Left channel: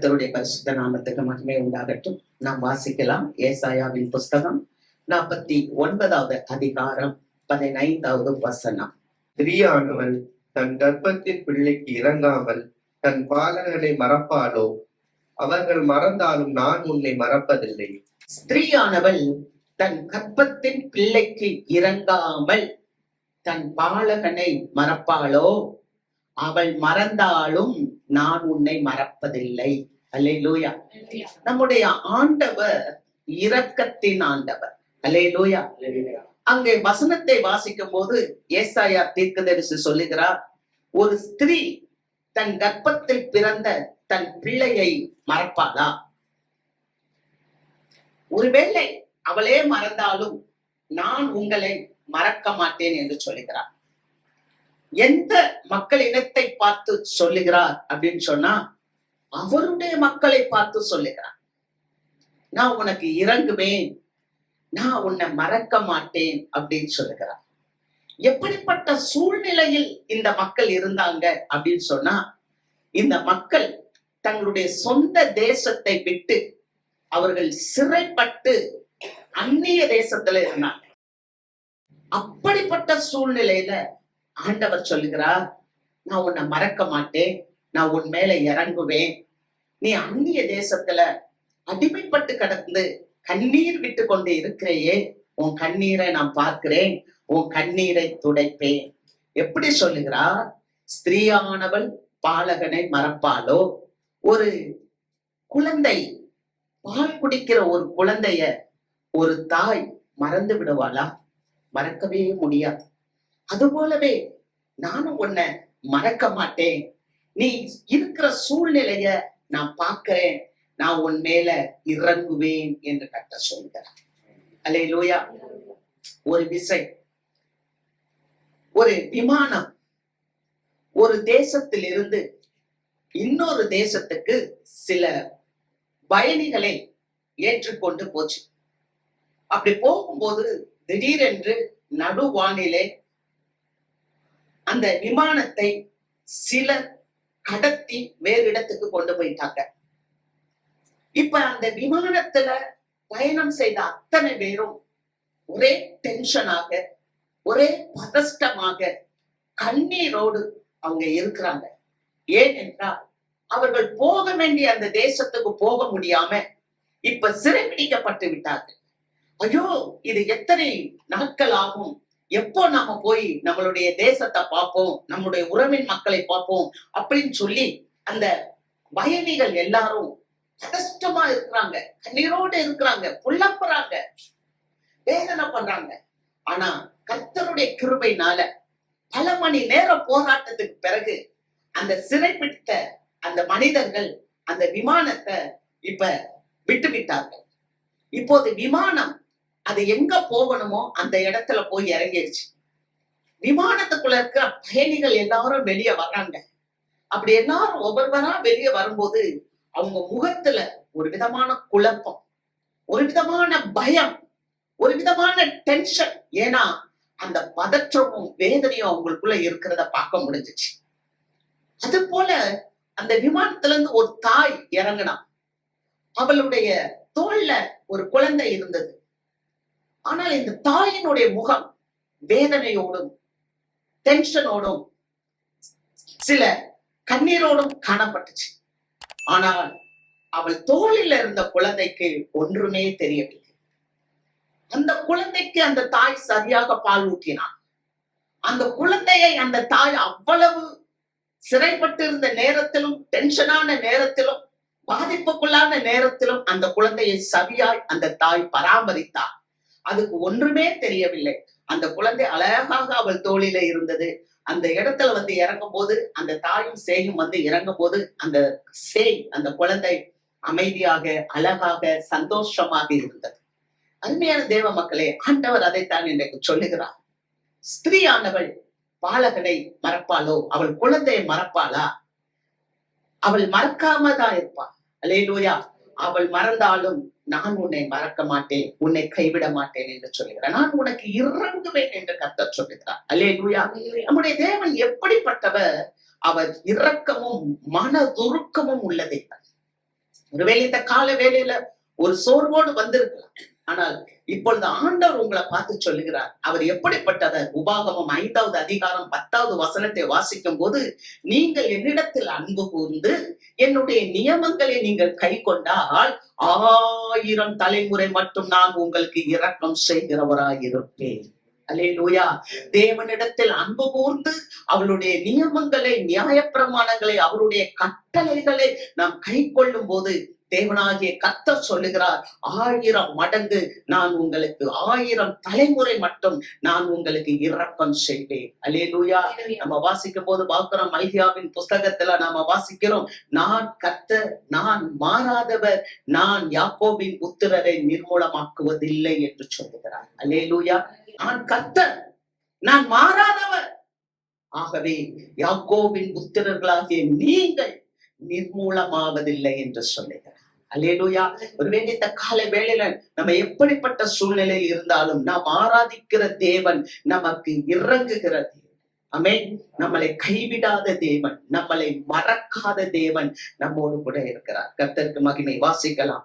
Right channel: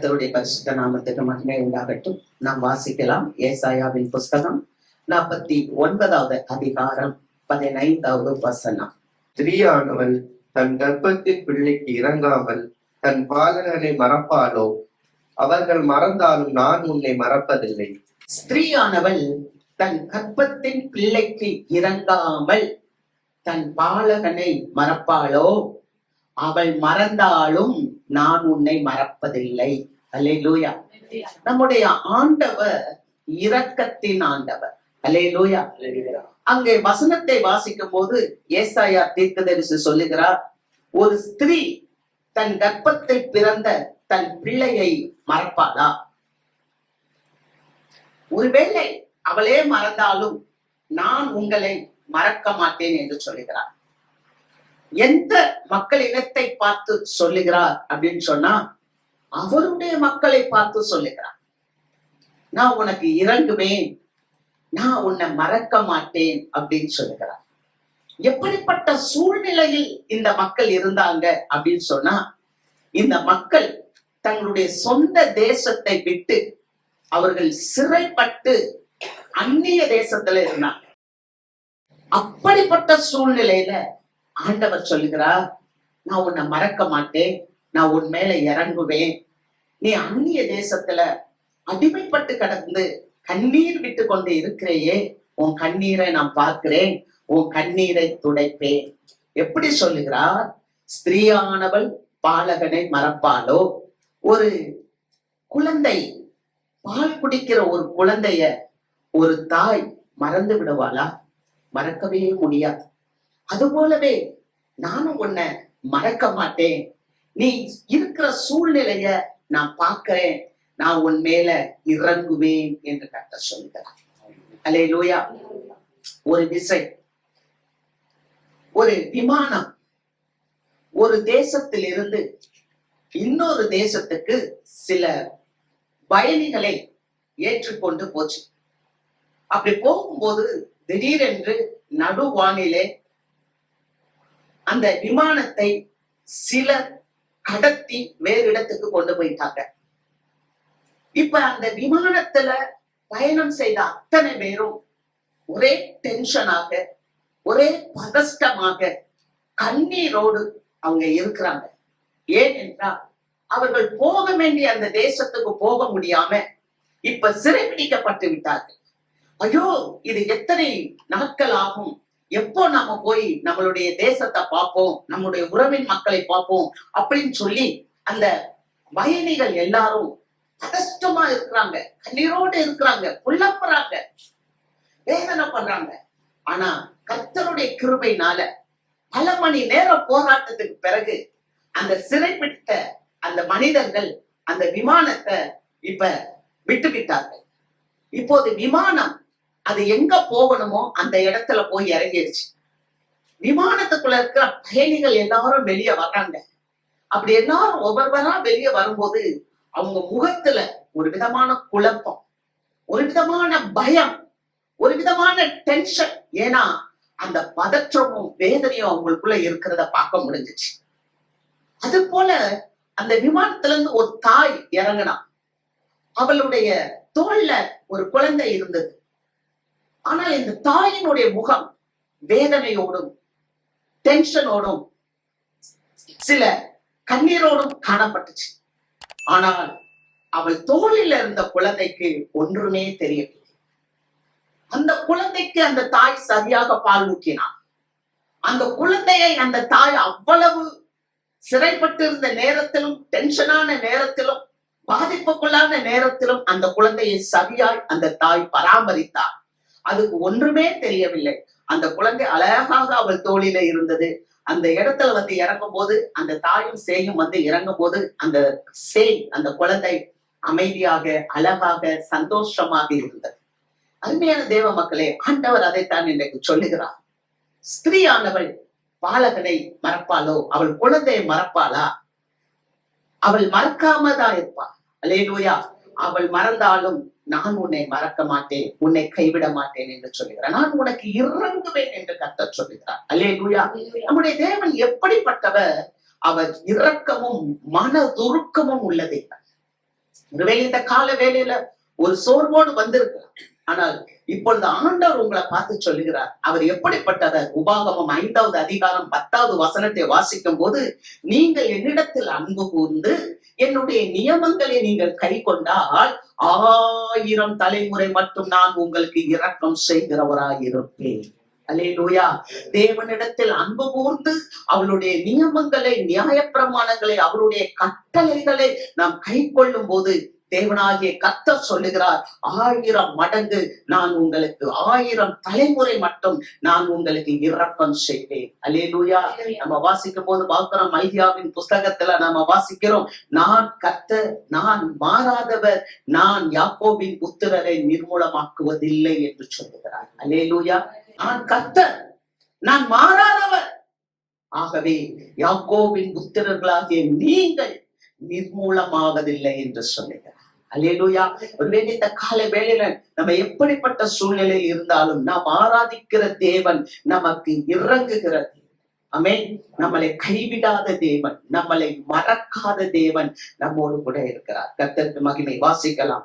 கர்த்தருடைய பரிசுத்த நாமத்துக்கு மகிமை உண்டாகட்டும். நாம் வாசிக்கலாம் ஏசாயாவின் புஸ்தகம் 49வது அதிகாரம் 15வது வசனம். ஸ்திரீயானவள் தன் கர்ப்பத்தின் பிள்ளைக்கு இறங்காமல் தன் பாலகனை மறப்பாளோ? அவர்கள் மறந்தாலும் நான் உன்னை மறப்பதில்லை. ஸ்திரீயானவள் தன் கர்ப்பத்தின் பிள்ளைக்கு இறங்காமல் தன் பாலகனை மறப்பாளோ? அவள் மறந்தாலும் நான் உன்னை மறப்பதில்லை. அல்லேலூயா. நம்முடைய ஆண்டவர் இரக்கத்தின் ஆண்டவர். அல்லேலூயா. அங்கே வசனத்தை வாசிக்கும் போது ஏசாயா தீர்க்கதரிசி சொல்லுகிறார், ஒரு ஸ்திரீ தன் கர்ப்பத்தில் பிறந்த தன் பிள்ளையை மறப்பாளா? ஒருவேளை அவளே மறந்தாலும் நான் உங்களை மறக்க மாட்டேன் என்று சொல்லுகிறார். எந்த மக்கள் இனத்தை பார்த்து சொல்லுகிறார் அப்படின்னு சொன்னா, அவருடைய மக்களை பார்த்து சொல்லுகிறார். நான் உனக்கு இறங்குவேன், நான் உன்னை மறக்க மாட்டேன் அப்படின்னு சொல்லுகிறார். எப்படிப்பட்ட சூழ்நிலையில் இந்த மக்கள் இருந்தாங்க அப்படின்னு சொன்னா, இந்த மக்கள் தங்களுடைய சொந்த தேசத்தை விட்டு அவர்கள் சிறைப்பட்டு அந்நிய தேசத்துல இருந்தாங்க. அப்படிப்பட்ட சூழ்நிலையில ஆண்டவர் சொல்லுகிறார், நான் உன்னை மறக்க மாட்டேன், நான் உன் மேல இறங்குவேன். நீ அந்நிய தேசத்துல அடிமைப்பட்டு கடந்து கண்ணீர் விட்டு கொண்டு இருக்கிறையே, உன் கண்ணீரை நான் பார்க்கிறேன், உன் கண்ணீரை துடைப்பேன். எப்படி சொல்லுகிறார்? ஸ்திரீயானவள் பாலகனை மறப்பாளோ? ஒரு குழந்தை, பால் குடிக்கிற ஒரு குழந்தைய ஒரு தாய் மறந்து விடுவாளா? மறக்கவே முடியாது. அது போலவே நானும் உன்னை மறக்க மாட்டேன். நீ இருக்கிற சூழ்நிலைய நான் பார்க்கிறேன், நான் உன் மேல இறங்குவேன் என்று கர்த்தர் சொல்கிறார். அல்லேலூயா. ஒரு விசை, ஒரு விமானம் ஒரு தேசத்திலிருந்து இன்னொரு தேசத்துக்கு சில பயணிகளை ஏற்றுக்கொண்டு போச்சு. அப்படி போகும்போது திடீரென்று நடுவானிலே அந்த விமானத்தை சிலர் கடத்தி வேறு இடத்துக்கு கொண்டு போயிட்டாங்க. இப்ப அந்த விமானத்துல பயணம் செய்த அத்தனை பேரும் ஒரே டென்ஷனாக, ஒரே பதஷ்டமாக, கண்ணீரோடு அவங்க இருக்கிறாங்க. ஏனென்றால் அவர்கள் போக வேண்டிய அந்த தேசத்துக்கு போக முடியாம இப்ப சிறைபிடிக்கப்பட்டு விட்டார்கள். ஐயோ, இது எத்தனை நாட்கள் ஆகும்? எப்போ நாம போய் நம்மளுடைய தேசத்தை பார்ப்போம், நம்முடைய உறவின் மக்களை பார்ப்போம் அப்படின்னு சொல்லி அந்த பயணிகள் எல்லாரும் கஷ்டமா இருக்கிறாங்க, கண்ணீரோடு இருக்கிறாங்க, புலம்புறாங்க, வேதனை பண்றாங்க. ஆனா கர்த்தருடைய கிருபையினால பல மணி நேர போராட்டத்துக்கு பிறகு அந்த சிறைப்பிடித்த அந்த மனிதர்கள் அந்த விமானத்தை இப்ப விட்டு விட்டார்கள். இப்போது விமானம் அது எங்க போகணுமோ அந்த இடத்துல போய் இறங்கிடுச்சு. விமானத்துக்குள்ள இருக்கிற பயணிகள் எல்லாரும் வெளியே வர்றாங்க. அப்படி எல்லாரும் ஒவ்வொருவரா வெளியே வரும்போது அவங்க முகத்துல ஒரு விதமான குழப்பம், ஒரு விதமான பயம், ஒரு விதமான டென்ஷன். ஏன்னா அந்த பதற்றமும் வேதனையும் அவங்களுக்குள்ள இருக்கிறத பார்க்க முடிஞ்சிச்சு. அது போல அந்த விமானத்துல இருந்து ஒரு தாய் இறங்கினா. அவளுடைய தோல்ல ஒரு குழந்தை இருந்தது. ஆனால் இந்த தாயினுடைய முகம் வேதனையோடும் டென்ஷனோடும் சில கண்ணீரோடும் காணப்பட்டுச்சு. ஆனால் அவள் தோளில் இருந்த குழந்தைக்கு ஒன்றுமே தெரியவில்லை. அந்த குழந்தைக்கு அந்த தாய் சரியாக பால் ஊற்றினாள். அந்த குழந்தையை அந்த தாய் அவ்வளவு சிறைப்பட்டிருந்த நேரத்திலும், டென்ஷனான நேரத்திலும், பாதிப்புக்குள்ளான நேரத்திலும் அந்த குழந்தையை சரியாய் அந்த தாய் பராமரித்தார். அதுக்கு ஒன்றுமே தெரியவில்லை. அந்த குழந்தை அழகாக அவள் தோளில இருந்தது. அந்த இடத்துல வந்து இறங்கும் போது அந்த தாயும் சேயும் வந்து இறங்கும் போது அந்த சேய், அந்த குழந்தை அமைதியாக, அழகாக, சந்தோஷமாக இருந்தது. அருமையான தேவ மக்களே, ஆண்டவர் அதைத்தான் இன்றைக்கு சொல்லுகிறார். ஸ்திரீயானவள் பாலகனை மறப்பாளோ? அவள் குழந்தையை மறப்பாளா? அவள் மறக்காம தான் இருப்பாள். அல்லேலூயா. அவள் மறந்தாலும் நான் உன்னை மறக்க மாட்டேன், உன்னை கைவிட மாட்டேன் என்று சொல்லுகிறார். நான் உனக்கு இறங்குவேன் என்று கர்த்தர் சொல்லுகிறார். அல்லேலூயா. நம்முடைய தேவன் எப்படிப்பட்டவர்? அவர் இரக்கமும் மனதுருக்கமும் உள்ளதை. ஒருவேளை இந்த கால வேளையில ஒரு சோர்வோடு வந்திருக்கலாம். ஆனால் இப்பொழுது ஆண்டவர் உங்களை பார்த்து சொல்லுகிறார். அவர் எப்படிப்பட்டவர்? உபாகமம் 5வது அதிகாரம் 10வது வசனத்தை வாசிக்கும் போது, நீங்கள் என்னிடத்தில் அன்பு கூர்ந்து என்னுடைய நியமங்களை நீங்கள் கை கொண்டால் 1000 தலைமுறை மட்டும் நான் உங்களுக்கு இரக்கம் செய்கிறவராயிருப்பேன். அல்லேலூயா. தேவனிடத்தில் அன்பு கூர்ந்து அவளுடைய நியமங்களை, நியாயப்பிரமாணங்களை, அவருடைய கட்டளைகளை நாம் கை கொள்ளும் போது தேவனாகிய கர்த்தர் சொல்லுகிறார், 1000 மடங்கு நான் உங்களுக்கு, 1000 தலைமுறை மட்டும் நான் உங்களுக்கு இரக்கம் செய்வேன். அல்லேலூயா. நம்ம வாசிக்கும் போது பார்க்கிறோம், ஐயாவின் புஸ்தகத்துல நாம வாசிக்கிறோம், நான் கர்த்தர், நான் மாறாதவர், நான் யாக்கோபின் புத்திரரை நிர்மூலமாக்குவதில்லை என்று சொல்லுகிறார். அல்லேலூயா. நான் கர்த்தர், நான் மாறாதவர், ஆகவே யாக்கோபின் புத்திரர்களாகிய நீங்கள் நிர்மூலமாவதில்லை என்று சொல்லுகிறார். அல்லேலூயா. ஒருவேளை இந்த கால வேளையில நம்ம எப்படிப்பட்ட சூழ்நிலையில் இருந்தாலும் நாம் ஆராதிக்கிற தேவன் நமக்கு இறங்குகிற தேவன். ஆமென். நம்மளை கைவிடாத தேவன், நம்மளை மறக்காத தேவன் நம்மோடு கூட இருக்கிறார். கர்த்தருக்கு மகிமை. வாசிக்கலாம்.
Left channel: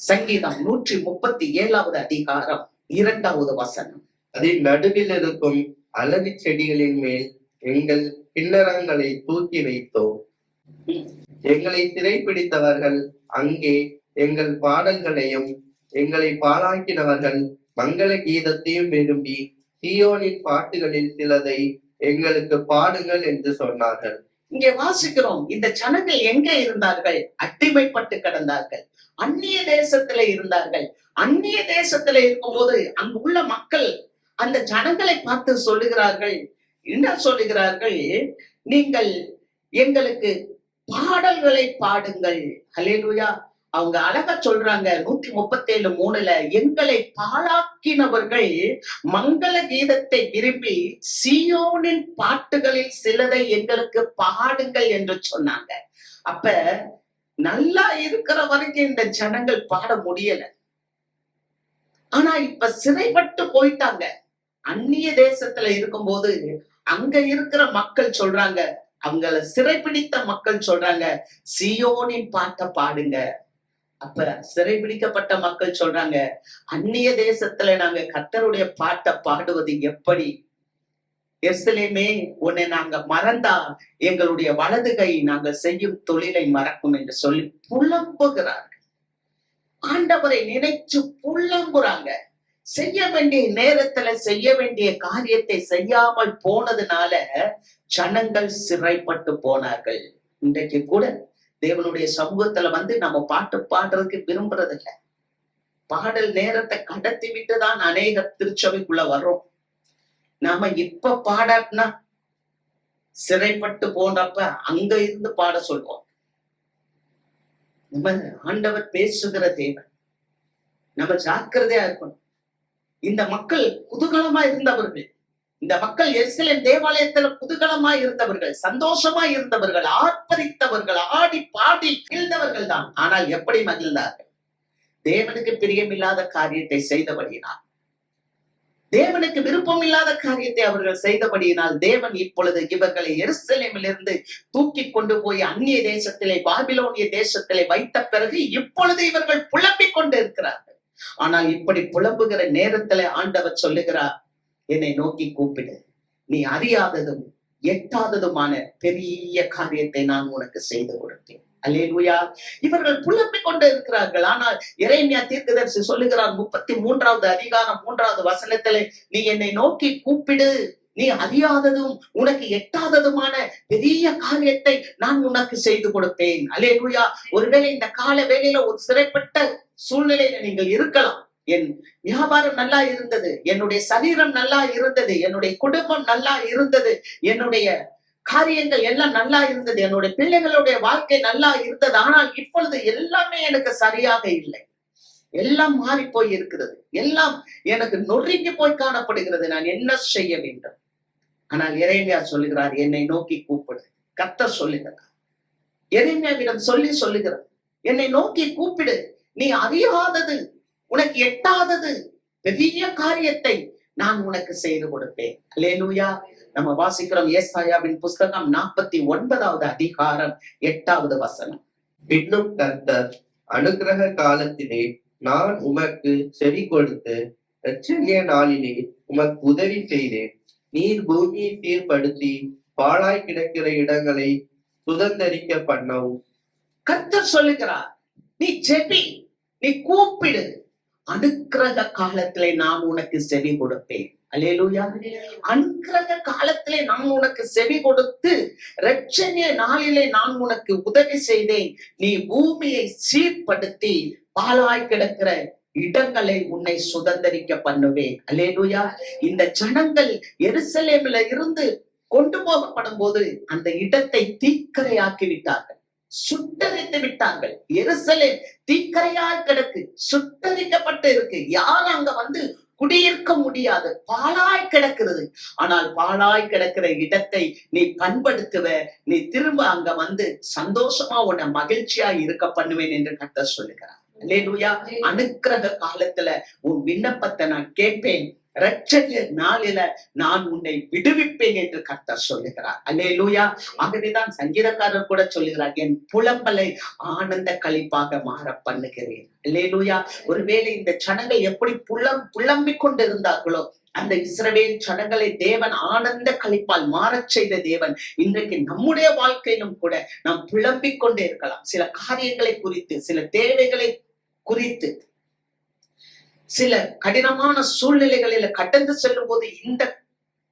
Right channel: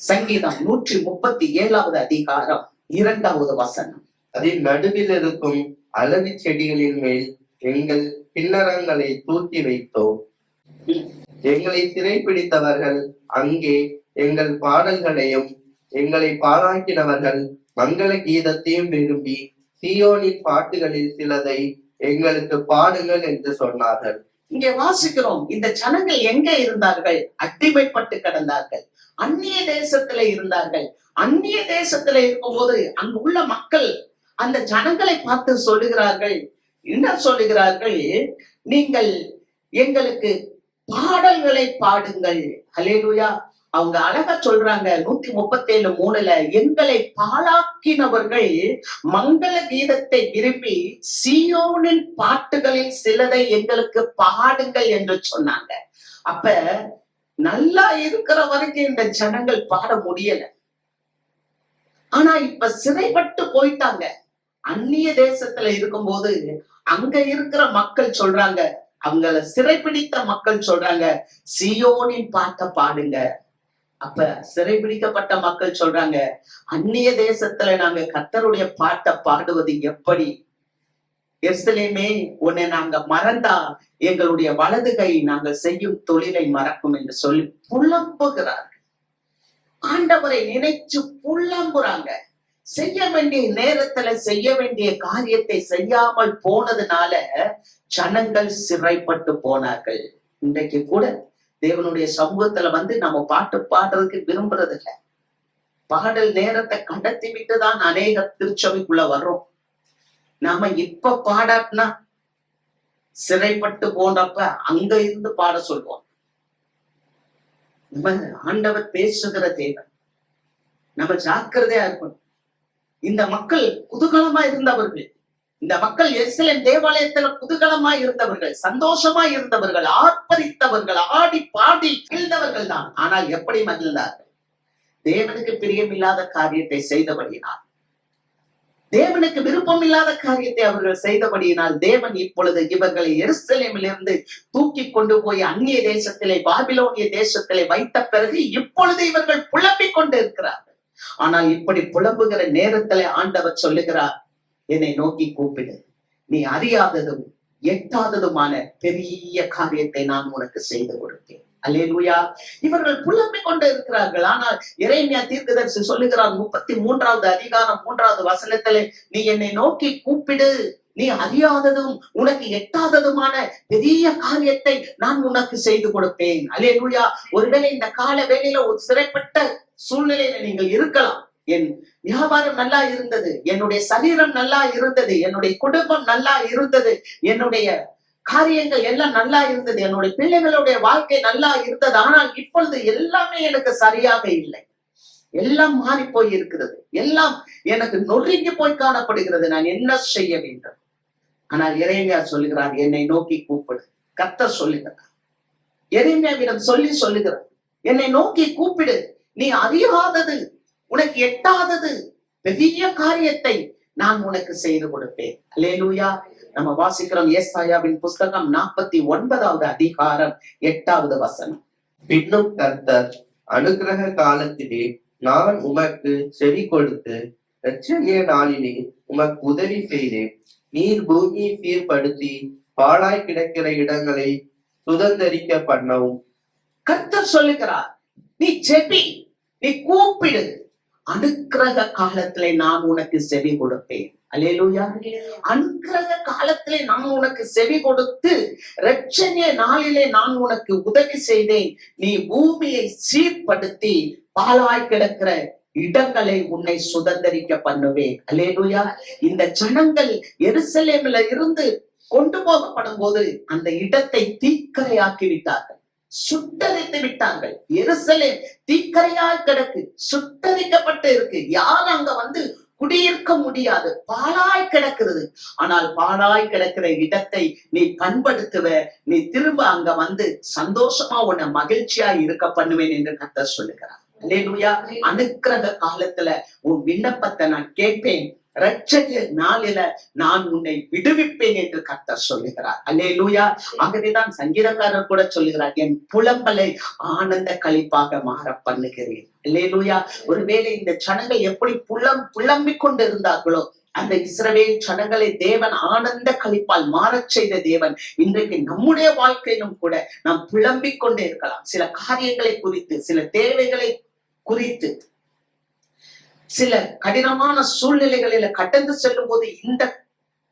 சங்கீதம் 137வது அதிகாரம் 2வது வசனம். அதில் நடுவில் இருக்கும் அலரி செடிகளின் மேல் எங்கள் கிண்ணறங்களை தூக்கி வைத்தோம். எங்களை சிறைப்பிடித்தவர்கள் அங்கே எங்கள் பாடல்களையும் எங்களை பாழாக்கினவர்கள் மங்கள கீதத்தையும் விரும்பி சீயோனின் பாட்டுகளில் சிலதை எங்களுக்கு பாடுங்கள் என்று சொன்னார்கள். இங்கே வாசிக்கிறோம், இந்த ஜனங்கள் எங்கே இருந்தார்கள்? அடிமைப்பட்டு கிடந்தார்கள். அந்நிய தேசத்துல இருந்தார்கள். அந்நிய தேசத்துல இருக்கும்போது அங்கு உள்ள மக்கள் அந்த ஜனங்களை பார்த்து சொல்லுகிறார்கள், என்ன சொல்லுகிறார்கள்? நீங்கள் எங்களுக்கு பாடல்களை பாடுங்கள். அல்லேலூயா. அவங்க அழகா சொல்றாங்க 137:3, எங்களை பாழாக்கினவர்கள் மங்கள கீதத்தை விரும்பி சீயோனின் பாட்டுகளில் சிலதை எங்களுக்கு பாடுங்கள் என்று சொன்னாங்க. அப்ப நல்லா இருக்கிற வரைக்கும் இந்த ஜனங்கள் பாட முடியல. ஆனா இப்ப சிறைப்பட்டு போயிட்டாங்க. அந்நிய தேசத்துல இருக்கும்போது அங்க இருக்கிற மக்கள் சொல்றாங்க, அவங்கள சிறைப்பிடித்த மக்கள் சொல்றாங்க, சீயோனின் பாட்டை பாடுங்க. அப்ப சிறைபிடிக்கப்பட்ட மக்கள் சொல்றாங்க, அந்நிய தேசத்துல நாங்க கர்த்தருடைய பாட்டை பாடுவது எப்படி? எருசலேமே, உன்னை நாங்க மறந்தா எங்களுடைய வலது கை நாங்கள் செய்யும் தொழிலை மறக்கும் என்று சொல்லி புலம்புகிறார்கள். ஆண்டவரை நினைச்சு புலம்புறாங்க. செய்ய வேண்டிய நேரத்துல செய்ய வேண்டிய காரியத்தை செய்யாமல் போனதுனால ஜனங்கள் சிறைப்பட்டு போனார்கள். இன்றைக்கு கூட தேவனுடைய சமூகத்துல வந்து நம்ம பாட்டு பாடுறதுக்கு விரும்புறது இல்லை. பாடல் நேரத்தை கடத்தி விட்டுதான் அநேக திருச்சபைக்குள்ள வர்றோம். நாம இப்ப பாடாட்டினா சிறைப்பட்டு போனப்ப அங்க இருந்து பாட சொல்லுவோம். நம்ம ஆண்டவர் பேசுகிற தேவன், நம்ம ஜாக்கிரதையா இருக்கணும். இந்த மக்கள் குதூகலமா இருந்தவர்கள். இந்த மக்கள் எருசலேம் தேவாலயத்துல குதூகலமா இருந்தவர்கள், சந்தோஷமா இருந்தவர்கள், ஆர்ப்பரித்தவர்கள், ஆடி பாடி மகிழ்ந்தவர்கள் தான். ஆனால் எப்படி மகிழ்ந்தார்கள்? தேவனுக்கு பிரியமில்லாத காரியத்தை செய்தபடியினால், தேவனுக்கு விருப்பம் இல்லாத காரியத்தை அவர்கள் செய்தபடியினால் தேவன் இப்பொழுது இவர்களை எருசலேமிலிருந்து தூக்கி கொண்டு போய் அந்நிய தேசத்திலே, பாபிலோனிய தேசத்திலே வைத்த பிறகு இப்பொழுது இவர்கள் புலம்பிக் கொண்டு இருக்கிறார்கள். ஆனால் இப்படி புலம்புகிற நேரத்திலே ஆண்டவர் சொல்லுகிறார், என்னை நோக்கி கூப்பிடு, நீ அறியாததும் எட்டாததுமான பெரிய காரியத்தை நான் உனக்கு செய்து கொடுத்தேன். அல்லேலூயா. இவர்கள் புலம்பிக் கொண்டு இருக்கிறார்கள். ஆனால் எரேமியா தீர்க்கதரிசி சொல்லுகிறார் 33வது அதிகாரம் 3வது வசனத்திலே, நீ என்னை நோக்கி கூப்பிடு, நீ அறியாததும் உனக்கு எட்டாததுமான பெரிய காரியத்தை நான் உனக்கு செய்து கொடுப்பேன். அல்லேலூயா. ஒருவேளை இந்த கால வேளையில ஒரு சிறைப்பட்ட சூழ்நிலையில நீங்கள் இருக்கலாம். என் வியாபாரம் நல்லா இருந்தது, என்னுடைய சரீரம் நல்லா இருந்தது, என்னுடைய குடும்பம் நல்லா இருந்தது, என்னுடைய காரியங்கள் எல்லாம் நல்லா இருந்தது, என்னுடைய பிள்ளைகளுடைய வாழ்க்கை நல்லா இருந்தது. ஆனால் இப்பொழுது எல்லாமே எனக்கு சரியாக இல்லை. எல்லாம் மாறி போய் இருக்கிறது, எல்லாம் எனக்கு நொறுங்கி போய் காணப்படுகிறது. நான் என்ன செய்ய வேண்டும்? ஆனால் எரேமியா சொல்லுகிறார், என்னை நோக்கி கூப்பிடு. கர்த்தர் சொல்லுகிறார், எரேமியாவிடம் சொல்லுகிறார், என்னை நோக்கி கூப்பிடு, நீ அறியாதது உனக்கு எட்டாதது பெரிய காரியத்தை நான் உனக்கு செய்து கொடுப்பேன். அல்லேலூயா. நம்ம வாசிக்கிறோம் ஏசாயாவின் புஸ்தகம் 49வது அதிகாரம் 8வது வசனம். பின்னும் கர்த்தர், அனுக்கிரக காலத்திலே நான் உமக்கு செவி கொடுத்து இரட்சணிய நாளிலே உமக்கு உதவி செய்தேன். நீர் பூமியை சீர்படுத்தி பாழாய் கிடக்கிற இடங்களை சுதந்தரிக்க பண்ணவும். கர்த்தர் சொல்லுகிறார், நீ ஜெபி, நீ கூப்பிடு, அனுக்கிரக காலத்திலே நான் உனக்கு செவி கொடுப்பேன். அல்லேலூயா. அனுக்கிரக காலத்திலே நான் உனக்கு செவி கொடுத்து இரட்சணிய நாளிலே நான் உனக்கு உதவி செய்தேன். நீ பூமியை சீர்படுத்தி பாழாய் கிடக்கிற இடங்களை உன்னை சுதந்தரிக்க பண்ணுவேன். அல்லேலூயா. இந்த ஜனங்கள் எருசலேமில இருந்து கொண்டு போகப்படும் போது அந்த இடத்தை தீக்கரையாக்கி விட்டார்கள், சுட்டரித்து விட்டார்கள். எருசலேம் தீக்கரையாய் கிடக்கு, சுட்டரிக்கப்பட்டு இருக்கு. யாரும் அங்க வந்து குடியிருக்க முடியாது, பாழாய் கிடக்கிறது. ஆனால் பாழாய் கிடக்கிற இடத்தை நீ பண்படுத்துவ, நீ திரும்ப அங்க வந்து சந்தோஷமா உன்னை மகிழ்ச்சியா இருக்க பண்ணுவேன் என்று கர்த்தர் சொல்லுகிறார். அல்லேலூயா. அனுக்கிரக காலத்துல உன் விண்ணப்பத்தை நான் கேட்பேன், இரட்சணிய நாளில நான் உன்னை விடுவிப்பேன் என்று கர்த்தர் சொல்லுகிறார். அல்லேலூயா. ஆகவேதான் சங்கீதக்காரர் கூட சொல்லுகிறார், என் புலம்பலை ஆனந்த களிப்பாக மாற பண்ணுகிறேன். அல்லேலூயா. ஒருவேளை இந்த ஜனங்கள் எப்படி புலம்பிக் கொண்டு இருந்தார்களோ, அந்த இஸ்ரவேல் ஜனங்களை தேவன் ஆனந்த களிப்பால் மாறச் செய்த தேவன் இன்றைக்கு நம்முடைய வாழ்க்கையிலும் கூட நாம் புலம்பிக் கொண்டே இருக்கலாம். சில காரியங்களை குறித்து, சில தேவைகளை குறித்து, சில கடினமான சூழ்நிலைகளில கடந்து செல்லும் போது இந்த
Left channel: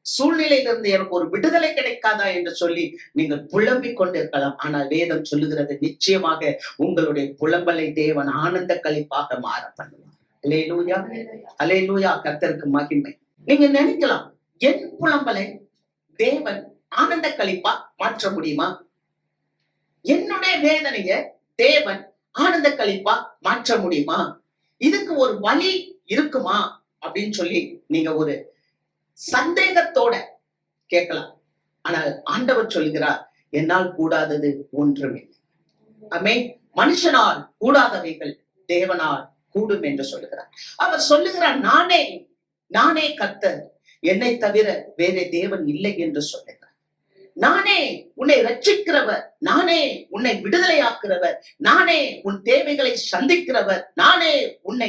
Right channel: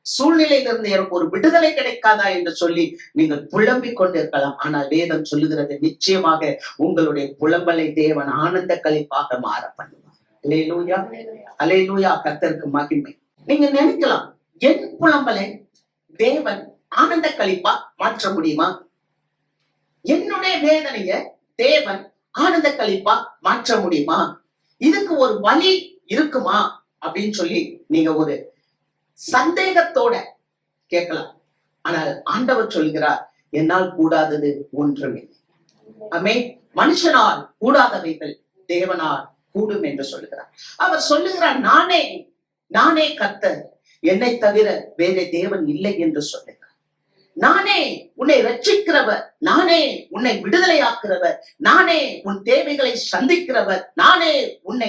சூழ்நிலையிலிருந்து எனக்கு ஒரு விடுதலை கிடைக்காதா என்று சொல்லி நீங்கள் புலம்பிக் கொண்டிருக்கலாம். ஆனால் வேதம் சொல்லுகிறது, நிச்சயமாக உங்களுடைய புலம்பலை தேவன் ஆனந்த களிப்பாக மாற பண்ணுவார். அல்லேலூயா. அல்லேலூயா. கர்த்தருக்கு மகிமை. நீங்க நினைக்கலாம், என் புலம்பலை தேவன் ஆனந்த களிப்பா மாற்ற முடியுமா? என்னுடைய வேதனைய தேவன் ஆனந்த களிப்பா மாற்ற முடியுமா? இதுக்கு ஒரு வழி இருக்குமா அப்படின்னு சொல்லி நீங்க ஒரு சந்தேகத்தோட கேட்கலாம். ஆனால் ஆண்டவர் சொல்கிறார், என்னால் கூடாதது ஒன்றுமே. ஆமென். மனுஷனால் கூடாதவைகள் தேவனால் கூடும் என்று சொல்லுகிறார். அவர் சொல்லுகிறார், நானே கர்த்தர், என்னை தவிர வேற தேவன் இல்லை என்று சொல்லுகிறார். நானே உன்னை ரட்சிக்கிறவர், நானே உன்னை விடுதலையாக்குறவர், நானே உன் தேவைகளை சந்திக்கிறவர், நானே உன்னை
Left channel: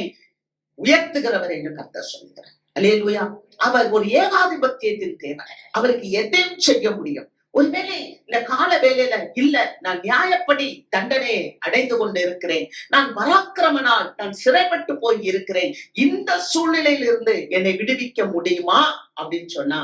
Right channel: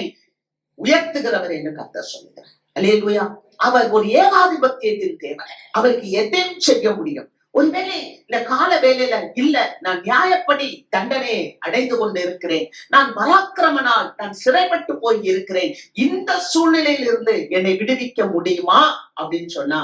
உயர்த்துகிறவர் என்று கர்த்தர் சொல்லுகிறார். அல்லேலூயா. அவர் ஒரு ஏகாதிபத்தியத்தின் தேவன், அவருக்கு எதையும் செய்ய முடியும். ஒருவேளை இந்த கால வேலையில இல்ல, நான் நியாயப்படி தண்டனை அடைந்து கொண்டு இருக்கிறேன், நான் பராக்கிரமனால் நான் சிறைப்பட்டு போய் இருக்கிறேன், இந்த சூழ்நிலையில் இருந்து என்னை விடுவிக்க முடியுமா அப்படின்னு சொன்னா,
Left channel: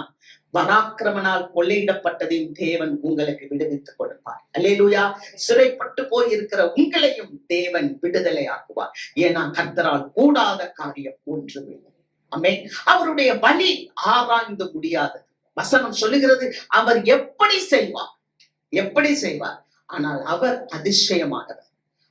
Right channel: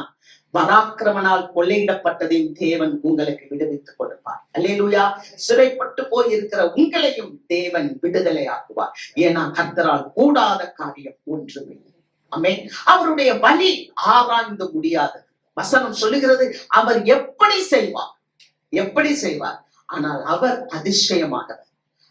பராக்கிரமனால் கொள்ளையிடப்பட்டதையும் தேவன் உங்களுக்கு விடுவித்துக் கொடுப்பார். அல்லேலூயா. சிறைப்பட்டு போய் இருக்கிற உங்களையும் தேவன் விடுதலை ஆக்குவார். ஏன்னா கர்த்தரால் கூடாத காரியம் ஒன்றுமில்லை. ஆமென். அவருடைய வழி ஆராய்ந்து முடியாது. வசனம் சொல்லுகிறது, அவர் எப்படி செய்வார், ஆனால் அவர் அதிசயமானவர்.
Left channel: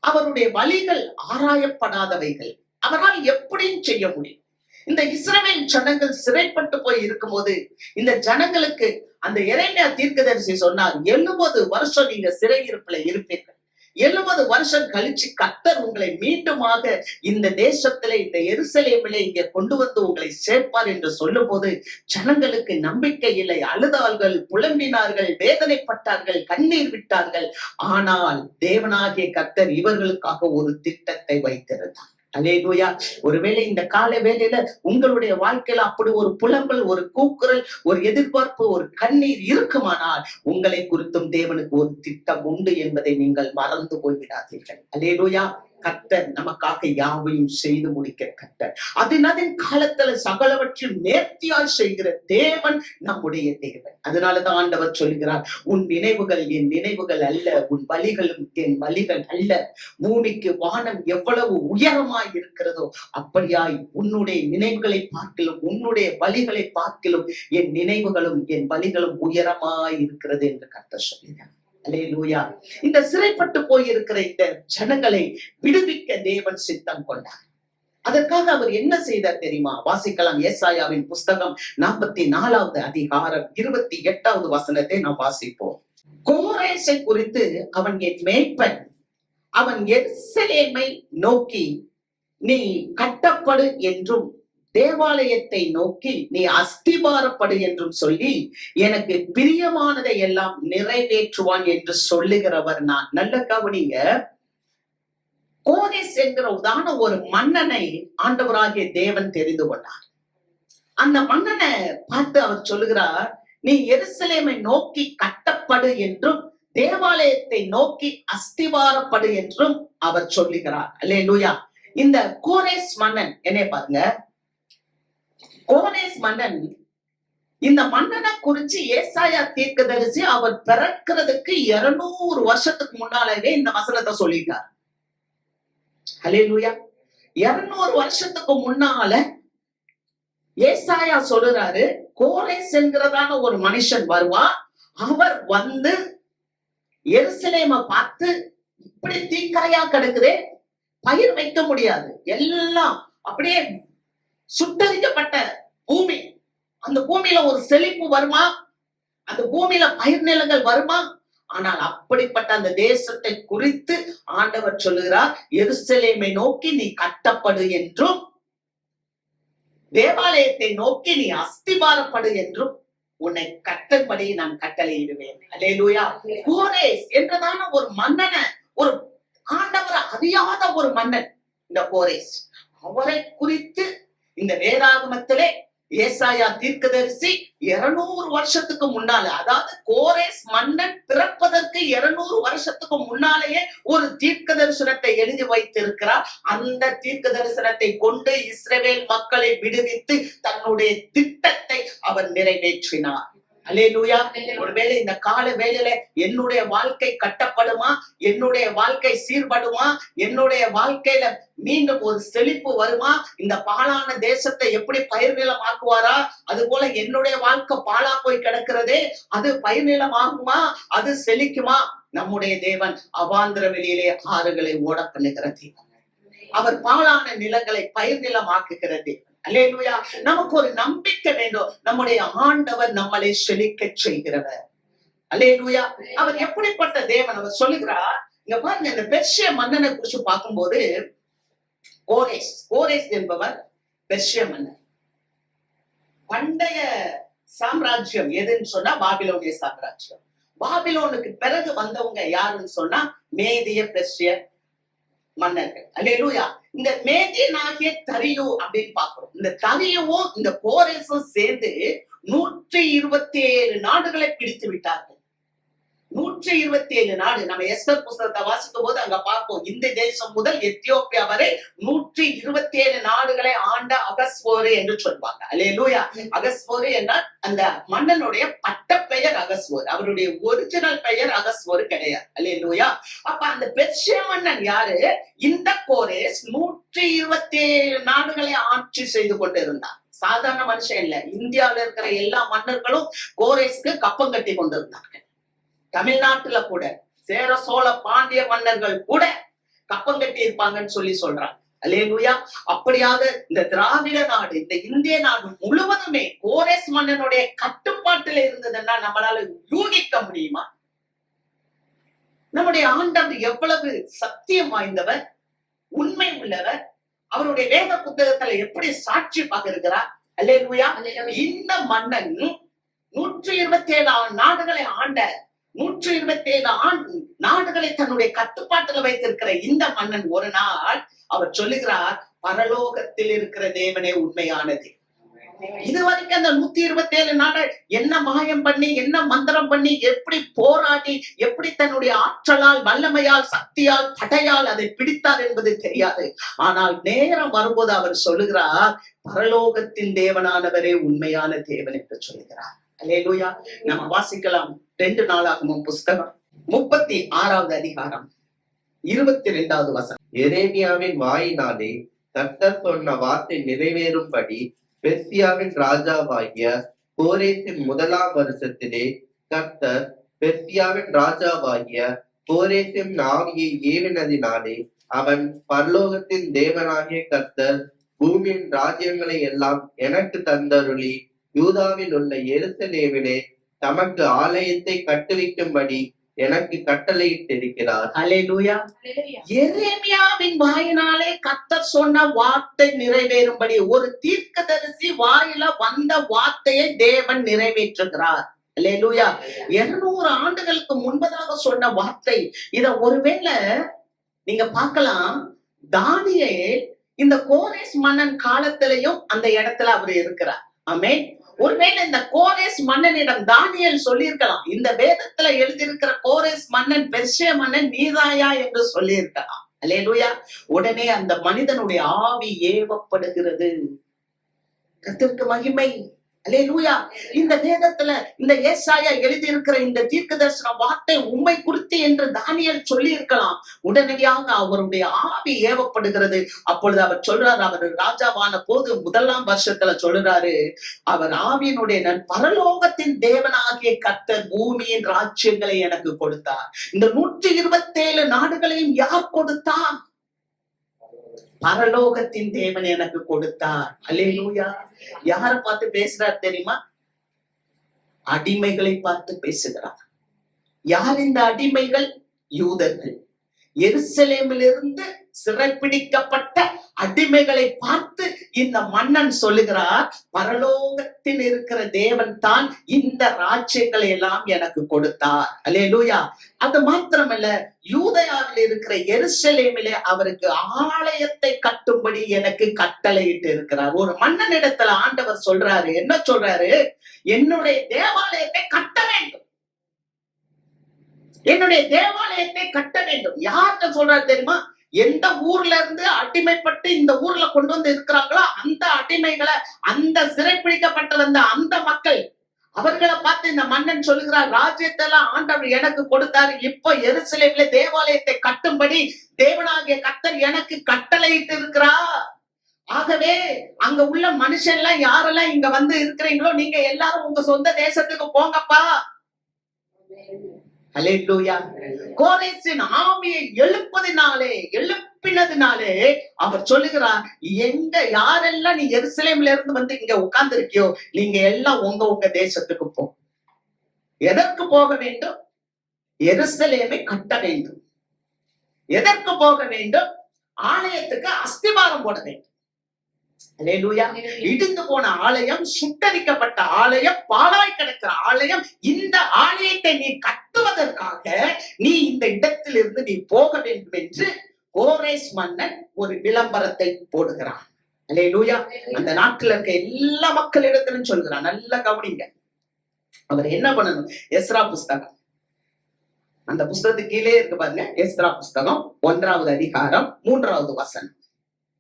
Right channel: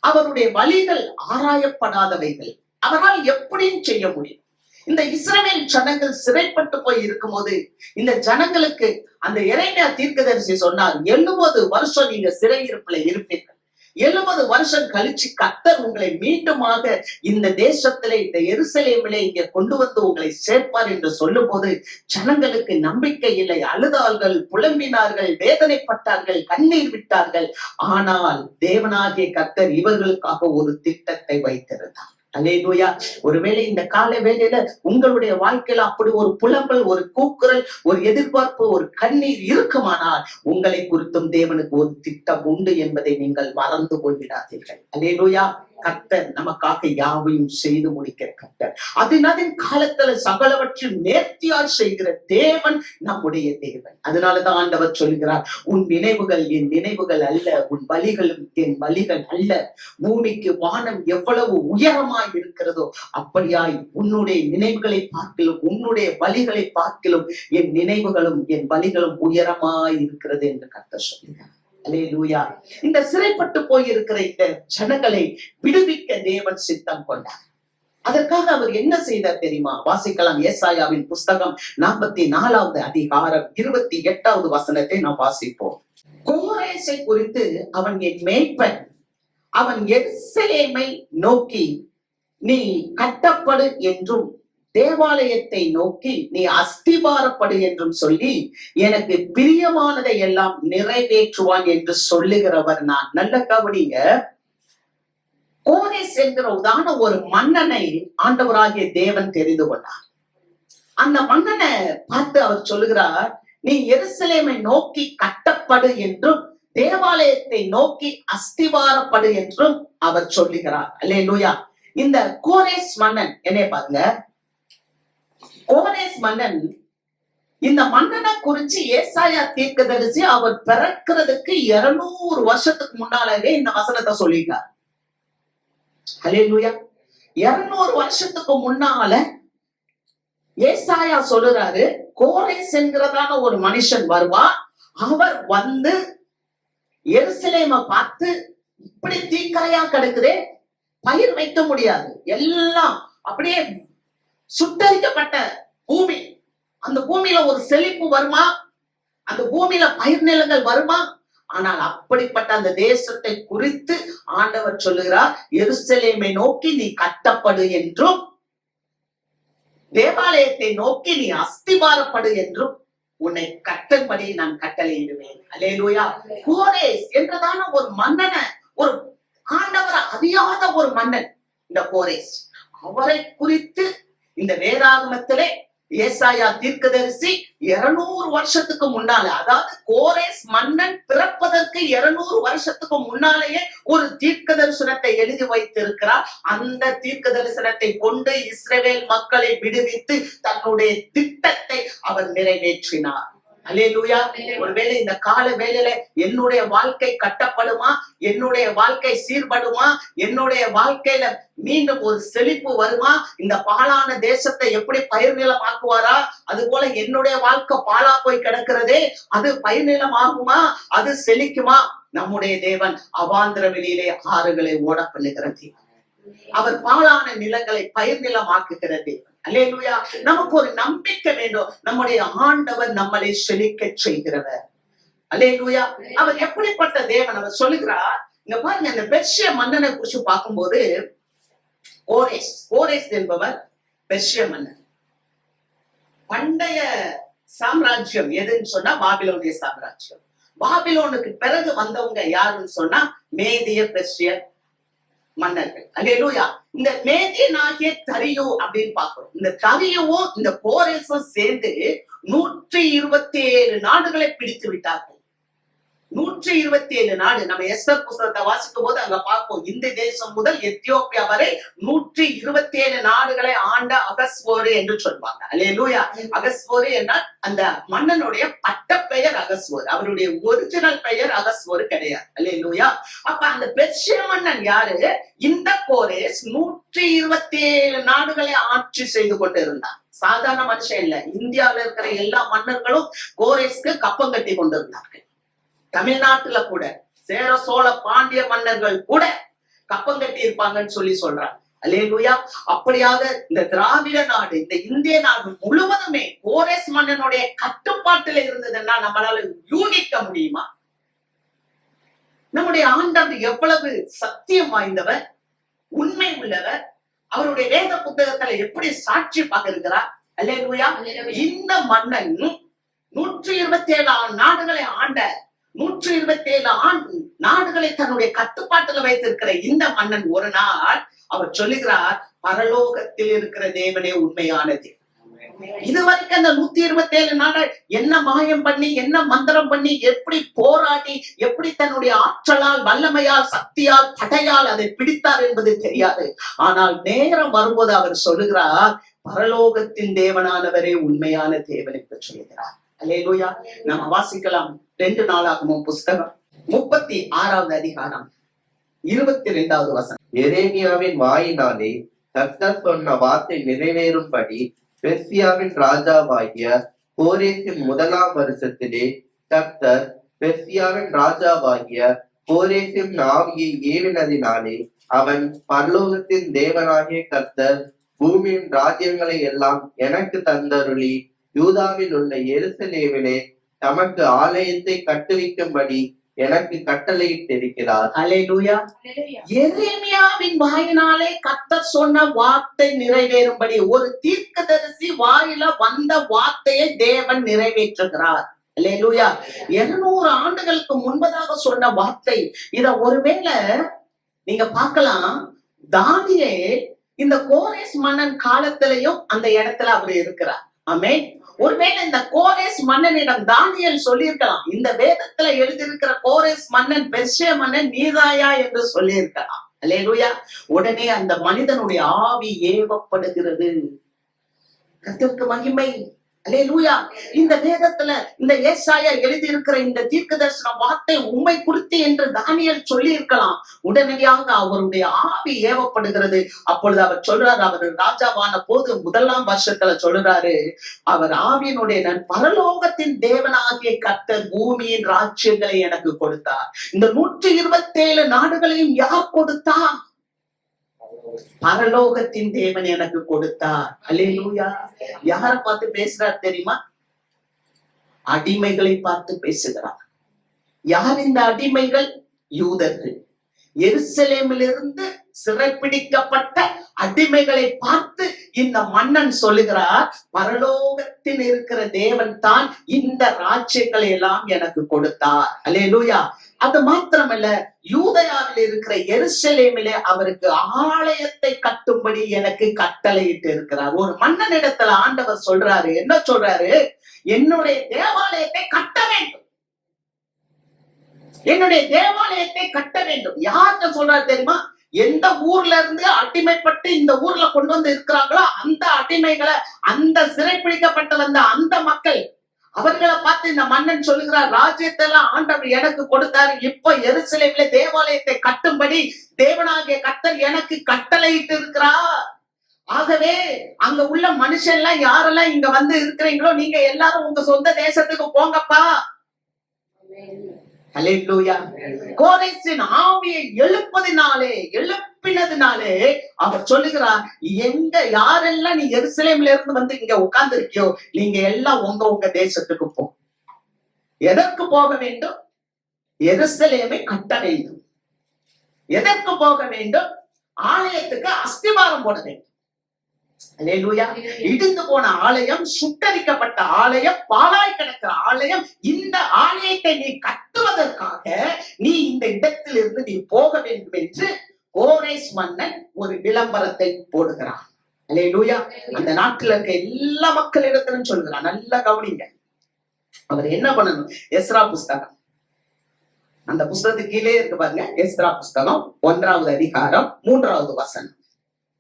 அவருடைய வழிகள் ஆராயப்படாதவைகள், அவரால் எப்படியும் செய்ய முடியும். இந்த இஸ்ரவேல் ஜனங்கள் சிறைப்பட்டு போய் இருக்கும்போது இந்த ஜனங்களுக்கு அந்த எரேமியா தீர்க்கதரிசி சொன்னார், 70 வருஷம் நீங்க சிறையிருப்புல இருப்பீர்கள், 70 வருஷம் கழிச்சு கர்த்தர் உங்களை மீண்டுமாக இந்த தேசத்திலே, இந்த எருசலேமிலே இங்க கொண்டு வந்து உங்களை சேர்ப்பார் என்று சொல்லும் போது ஜனங்களுக்கு நம்பிக்கை இல்லை. அழுதார்கள், புலம்பினார்கள், வேதனைப்பட்டார்கள், கண்ணீர் விட்டார்கள். ஆனால் தேவனாகிய கர்த்தர் இவர்களுக்காக ஒரு திட்டத்தை வைத்திருந்தார். அல்லேலூயா. ஒருவேளை இந்த கால வேளையில உங்களுடைய வாழ்க்கையில அப்படி ஒரு புலம்பல், ஒரு கூக்குரல், ஒரு எதிர்பார்ப்பு, ஒரு கண்ணீர் இருக்குமானால் உங்களை குறித்தும் தேவனுக்கு ஒரு திட்டம் உண்டு என்பதை நீங்கள் மறந்து போய்விடாதீர்கள். அல்லேலூயா. கர்த்தர் நமக்காக யாவையும் செய்து முடிக்கிற கர்த்தர், அதன் காலத்துல சகலவற்றில் நேர்த்தியால் செய்கிற தேவன் நம்முடைய தேவன். அதனாலதான் ஆண்டவர் சொல்கிறார், உன் நினைவுகள் என் நினைவுகள் அல்ல, உன் வழிகளும் என் வழிகள் அல்ல. பூமிக்கு வானம் எவ்வளவு உயரமாய் இருக்கிறதோ அப்படியாய் உன்னுடைய நினைவுகளை பார்க்கிலும் உன்னுடைய வழிகளை பார்க்கிலும் என் நினைவுகளும் என் வழிகளும் உயரமாய் இருக்கிறது என்று கர்த்தர் சொல்கிறார். அல்லேலூயா. இந்த சிறைப்பட்டு போயிருக்கிற இந்த ஜனங்களை விடுவிக்க தேவன் சித்தம் கொண்டார். அதற்காக அவர் என்ன செய்தார் தெரியுமா? வாசிக்கலாம். ஏசாயாவின் புஸ்தகம் 44வது அதிகாரம் 28வது வசனத்தை நாம் வாசிப்போம். கோரேசை குறித்து, அவன் என் மேய்ப்பன், அவன் எருசலேமை நோக்கி நீ கட்டப்படு என்றும் தேவாலயத்தை நோக்கி நீ அஸ்திபாரப்படு என்றும் சொல்லி எனக்கு பிரியமானதை எல்லாம் நிறைவேற்றுவான் என்று சொல்லுகிறவர் நான். நல்ல கவனிங்க. கோரேஸ் என்கிற உதான ஒரு மன்னனை ஆண்டவராகிய தேவன் தெரிந்து கொண்டார். அந்த மன்னனை பார்த்து அவர் சொல்லுகிறார், நீ எருசலேமை நோக்கி கட்டப்படு என்றும் தேவாலயத்தை நோக்கி அஸ்திவாரப்படு என்றும் அவர் சொல்லுகிறார். அல்லேலூயா. இந்த கோரேஸ் மன்னன் என்னைய பாருங்க, கோரேஸ் மன்னன், இந்த மன்னனை குறிச்சு ஏசாயா தீர்க்கதரிசி அவர் பிறக்கிறதுக்கு 200 வருஷத்துக்கு முன்னாலே இந்த வசனத்தை சொல்லிட்டார். அல்லேலூயா. 200 வருஷத்துக்கு முன்னால ஏசாயா சொல்லுறாரு, கோரேஸ் என்கிறதான ஒரு மனுஷன் வருவா, அவர் வந்து எருசலேமை பார்த்து, இப்படி தீக்கரையா கிடக்குதே, பயிர் வைக்க முடியாது, எல்லாம் அப்படியே சுட்டரிக்கப்பட்ட பூமி, அந்த பூமியில ஒரு செழிப்பு வருமா, அந்த பூமியில பயிர் நிலங்கள் வருமா? ஆனால் அப்படிப்பட்ட அந்த தேசத்தை குறித்து ஆண்டவர் சொல்லுகிறார், எருசலேமை நோக்கி நீ கட்டப்படு என்றும் தேவாலயத்தை நோக்கி நீ அஸ்திபாரப்படு என்றும் உன்னை கட்டப்படி நான் கட்டளையிடுவேன். அல்லேலூயா. கோரேஸ் என்றதான ஒரு மன்னனை, ஒரு ஆண்டவரை அறியாத ஒரு மன்னன் இந்த கோரேஸ், அவரை குறித்து இந்த வேதாகமத்திலே ஏசாயா தீர்க்கதரிசி 200 வருஷத்துக்கு முன்னால, அதாவது கோரேஸ் மன்னன் பிறப்பதற்கு 200 வருஷத்துக்கு முன்னாலேயே ஒரு தீர்க்க தரிசனத்தை எழுதி வைத்திருக்கிறார். அந்த தீர்க்க தரிசனத்தை கொண்டு இஸ்ரவேல் மக்களை விடுவித்து தன்னுடைய திட்டத்தை அவர் நிறைவேற்றினார். அல்லேலூயா. ஒருவேளை இந்த கால வேளையில என்னுடைய வாழ்க்கை கட்டப்படுமா, என்னுடைய வாழ்க்கை சீர்படுமா, என்னுடைய வாழ்க்கையில மீண்டும் ஒரு செழிப்பு வருமா, இந்த பாழான தேசத்தை எப்படி பயிர் நிலம் ஆக்குவாரா, அது போல என்னுடைய வாழ்க்கை பாழா போய் கிடக்கிறதே, அது பயிர் நிலம் ஆகுமா, அது செழிக்குமா? நம்முடைய தேவன் அவாந்திர வெளியிலே ஆறுகளை ஓட பண்ணுகிற தேவன். அவர் பாழான நிலங்களை பயிர் நிலம் ஆக்குகிற தேவன். அல்லேலூயா. நமக்கு ஒரு நம்பிக்கை வேண்டும், நம்முடைய ஆண்டவர் நம்மளை செழிக்க செய்கிறவர். அல்லேலூயா. அவர் எப்படிப்பட்ட தேவன்? அவர் சொல்லுகிறார், இங்க பாருங்க, இந்த பெர்ஷிய மன்னனை குறிச்சு பார்க்கும்போது, கோரேஸ் என்பவர் பெர்ஷிய மன்னன். பண்டைய சாம்ராஜ்யம் எதுன்னு சொன்னா பாபிலோனிய சாம்ராஜ்யம். பாபிலோனுக்கு பிறகு வந்தவங்க யாருன்னு சொன்னா மேதிய பெர்ஷிய மன்னர்கள். அல்லேலூயா. இந்த மேதியனாகிய தரியு அப்படின்னு பாக்குறோம். இந்த தரியுவும் இந்த கோரேசும் சேர்ந்து 127 நாடுகளை பிடித்து விட்டார்கள். 127 நாடு. நம்ம எஸ்தர் புஸ்தகத்தை வாசிக்கும் போது அங்க பார்ப்போம், இந்த தேசம் முதல் எத்தியோப்பியா வரை 127 நாடுகளை ஆண்ட அகஸ்வேரு என்று சொல்வாங்க. அல்லேலூயா. அகஸ்வேரு என்றால் அந்த மன்னனுடைய பட்ட பெயர் அகஸ்வேரு, அவருடைய ஒரிஜினல் பெயர் அகஸ்வேரு கிடையாது. அல்லேலூயா. அப்ப அந்த பெர்ஷிய மன்னன் யாரு? இந்த கோரேஸ் 127 நாடுகளை ஆட்சி செய்து கொண்டு இருந்தார். சாதாரண மனுஷன் இல்ல. இந்தியாவில இருக்கிற எல்லா மன்னர்களும் கோரேஸ்க்கு கப்பம் கட்டி கொண்டிருந்தார்கள். தமிழ்நாட்டுல கூட சேர சோழ பாண்டிய மன்னர்கள் கூட கப்பம் கட்டி இருப்பாங்கன்னு சொல்றாங்க. அல்லேலூயா. அப்படியாக இந்த திராவிட நாடு, இந்த இந்திய நாடு முழுவதுமே கோரேஸ் மன்னனுடைய கட்டுப்பாட்டில் இருந்ததுன்னா நம்மளால யூகிக்க முடியுமா? நம்முடைய ஆண்டவர் எவ்வளவு சத்தியம் வாய்ந்தவர், உண்மை உள்ளவர், அவருடைய வேத புத்தகத்துல எப்படி சாட்சி பார்க்கிறார். அல்லேலூயா. இந்த மன்னன் 127 நாடுகளை ஆண்ட, 127 நாடுகளை தன்னுடைய கட்டுப்பாட்டுல வைத்திருக்கிற இந்த மன்னன் ஒரு நாள் அவர் சொல்லுகிறார், பரலோகத்தில் இருக்கிற தேவனே உண்மையானது. இதுவரைக்கும் அந்த 127 நாடு என்ன மாயம் பண்ணி, என்ன மந்திரம் பண்ணி, எப்படி போராடி, எப்படி தன்னுடைய ஆற்றலால், வல்லமையால், சக்தியால், படையால் அதை பிடித்தார் என்பது தெரியாது. ஆனால் நேரம் வரும்போது அவர் சொல்லுகிறார், பரலோகத்தின் தேவனானவரே உண்மையான தேவன் என்று சொல்லுகிறார். அல்லேலூயா. நம்ம வாசிக்கலாம் 2 நாளாகமம் புஸ்தகம் 36வது அதிகாரம் 22வது வசனம். எரேமியாவின் வாயினாலே கர்த்தர் சொன்ன வார்த்தை நிறைவேறும்படி பெர்சியாவின் ராஜாவாகிய கோரேசின் 1ஆம் வருஷத்திலே கர்த்தர் பெர்சியாவின் ராஜாவாகிய கோரேசின் ஆவியை ஏவினதினாலே அவன், பரலோகத்தின் தேவனாகிய கர்த்தர் பூமியின் ராஜ்யங்களை எல்லாம் எனக்கு தந்தருளி யூதாவில் உள்ள எருசலேமிலே தமக்கு ஆலயத்தை கட்டுவிக்கும்படி எனக்கு கட்டளையிட்டிருக்கிறார். அல்லேலூயா. எரேமியாவின் வாயினாலே கர்த்தர் சொன்ன வார்த்தை நிறைவேறும்படி, ஒரு தீர்க்கதரிசி வாயில வந்த வார்த்தையை தேவன் நிறைவேற்றுகிறார். அல்லேலூயா. 200 ஆண்டுகளுக்கு முன்பதாக சொன்ன வார்த்தை. இத ஒருவேளை நீங்க பார்க்கலாம், தானியேல் இந்த கோரேஸ் மன்னன் காலத்திலையும் அந்த இடத்துல அவர் இருக்கிறார். ஆமென். ஒருவேளை இந்த கோரேஸ் மன்னனிடம் தானியேல் சொல்லியிருக்கலாம், இந்த வேதத்துல எழுதியிருக்கிற கோரேஸ் மன்னன் பெர்சியா மன்னன் நீதாயா என்று சொல்லியிருக்கலாம். அல்லேலூயா. உடனே அந்த மனிதனுடைய ஆவி ஏவப்படுகிறது. கர்த்தருக்கு மகிமை. அல்லேலூயா. இந்த வேதத்துல இந்த ஏசாயா எழுதி இருக்கிற இந்த தீர்க்கதரிசன வார்த்தை உம்மை குறித்து என்று தானியேல் சொல்லி இருக்கலாம். உடனடியாக அவருடைய ஆவி ஏவப்படுகிறது. அப்பொழுது அவர் சொல்றாரு, அவர் ராஜாவான போது 1ஆம் வருஷத்துல சொல்றாரு, அவர் ஆவியினுடைய பரலோகத்தின் தேவனாகிய கர்த்தர் பூமியின் ராஜ்யங்களை எனக்கு கொடுத்தார். இந்த 127 நாடுகளையும் யார் கொடுத்தார்? பரலோகத்தின் தேவன் எனக்கு கொடுத்தார். அல்லேலூயா. யார பார்த்து பேசுறார் தெரியுமா? அடிமைகளை பார்த்து பேசுகிறார். யார் இந்த அடிமைகள்? யூதர்கள். எருசலேமிலிருந்து சிறைப்பிடிக்கப்பட்ட அடிமைகளை பார்த்து இந்த மன்னன் சொல்லுகிறார், பரலோகத்தில் இருக்கிற தேவன் தான் இந்த ராஜ்யங்களை எல்லாம் எனக்கு கொடுத்தார். அல்லேலூயா. அது மாத்திரமல்ல, யூதயாவில் இருக்கிற எருசலேமிலே அவருக்கு ஆலயத்தை கட்டும்படி எனக்கு கட்டளையிட்டு இருக்கிறார். ஒரு மன்னனிடத்துல ஆண்டவர் சொல்றாரு, என்ன சொல்றாரு? என்னுடைய தேவாலயத்தை கட்ட வேண்டும், என்னுடைய தேவாலயத்தை கட்ட வேண்டும். யார்கிட்ட சொல்றாரு தெரியுமா? எந்த ஊர்ல இருந்து அடிமைப்பட்டு இந்த ஊர்ல கொண்டு வந்து இருக்கிறாங்களோ அந்த அடிமைகளை, அந்த சிறைப்பிடிக்கப்பட்ட வந்த அந்த மக்கள், அவர்களை பார்த்து இந்த மன்னன் சொல்லுகிறார், ராஜ்யத்தை எல்லாம் ஆண்டவர் எனக்கு கொடுத்தாரு, இப்ப எருசலேமிலே தேவாலயத்தை கட்டும்படி தேவனாகிய கர்த்தர் எனக்கு கட்டளையிட்டு இருக்கிறார். ஆகவே அங்க உள்ள மனுஷன் எல்லாம் யாரெல்லாம் இங்க வந்து இருக்கிறீங்களோ நீங்க எல்லாரும் உங்க சொந்த தேசத்துக்கு போங்கப்பா. அல்லேலூயா. கோரேசின் ஆவியை எழுப்பினதினாலே அவர் சொல்லுகிறார், எங்க யாரெல்லாம் நீ எருசலேம்ல இருந்து வந்து இங்க உட்கார்ந்து இருக்கியோ நீங்க எல்லாம் உங்க தேசத்துக்கு போ. எதற்கு போக வேண்டும்? எருசலேமை கட்ட வேண்டும். எதற்கு போக வேண்டும்? ஆலயத்துக்கு அஸ்திவாரம் போட வேண்டும். அல்லேலூயா. இடிந்து போன ஆலயம், சுட்டரிக்கப்பட்ட ஆலயம், பாழாய் கிடக்கிற ஆலயம், இந்த ஆலயத்தை நீ கட்டுவதற்காக நீ இந்த இடத்திலிருந்து நீ போக வேண்டும் என்று கோரேஸ் மன்னன் ஒரு விளம்பரத்தை போடுகிறான். அல்லேலூயா. அந்த நாட்டில் இருக்க எல்லா மக்களிடத்திலும் சொல்கிறான். நல்லா கவனிங்க. அவர் என்ன பண்ணணும்? எஸ்ரா புஸ்தகம், அந்த புஸ்தகத்துக்கு கீழே இருக்கு பாருங்க, எஸ்ரா புஸ்தகம் 1ஆவது அதிகாரம் 3ஆவது வசனம்.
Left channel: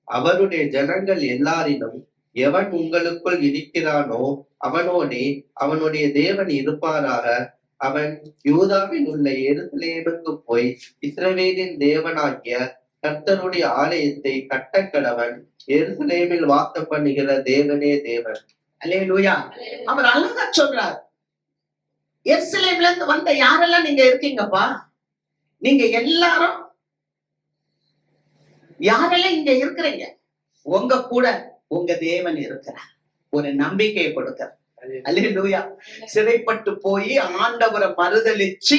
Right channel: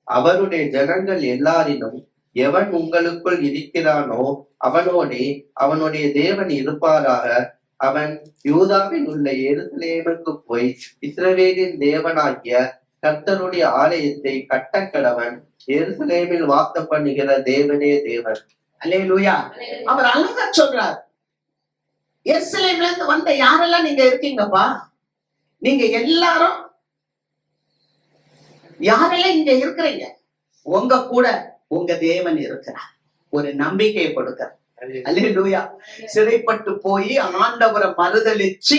அவருடைய ஜனங்கள் எல்லாரிலும் எவன் உங்களுக்குள் இருக்கிறானோ அவனோடே அவனுடைய தேவன் இருப்பாராக. அவன் யூதாவில் உள்ள எருசலேமுக்கு போய் இஸ்ரவேலின் தேவனாகிய கர்த்தருடைய ஆலயத்தை கட்டக்கடவன். எருசலேமில் வாசம் பண்ணுகிற தேவனே தேவன். அல்லேலூயா. அவர் அழகா சொல்றார், எருசலேம்ல இருந்து வந்த யாரெல்லாம் நீங்க இருக்கீங்கப்பா, நீங்க எல்லாரும் யாரெல்லாம் இங்க இருக்கிறீங்க, உங்க கூட உங்க தேவன் இருக்கிறார். ஒரு நம்பிக்கையை கொடுக்கிறார். அல்லேலூயா. சிறைப்பட்டு போய் ஆண்டவரை மறுதலிச்சு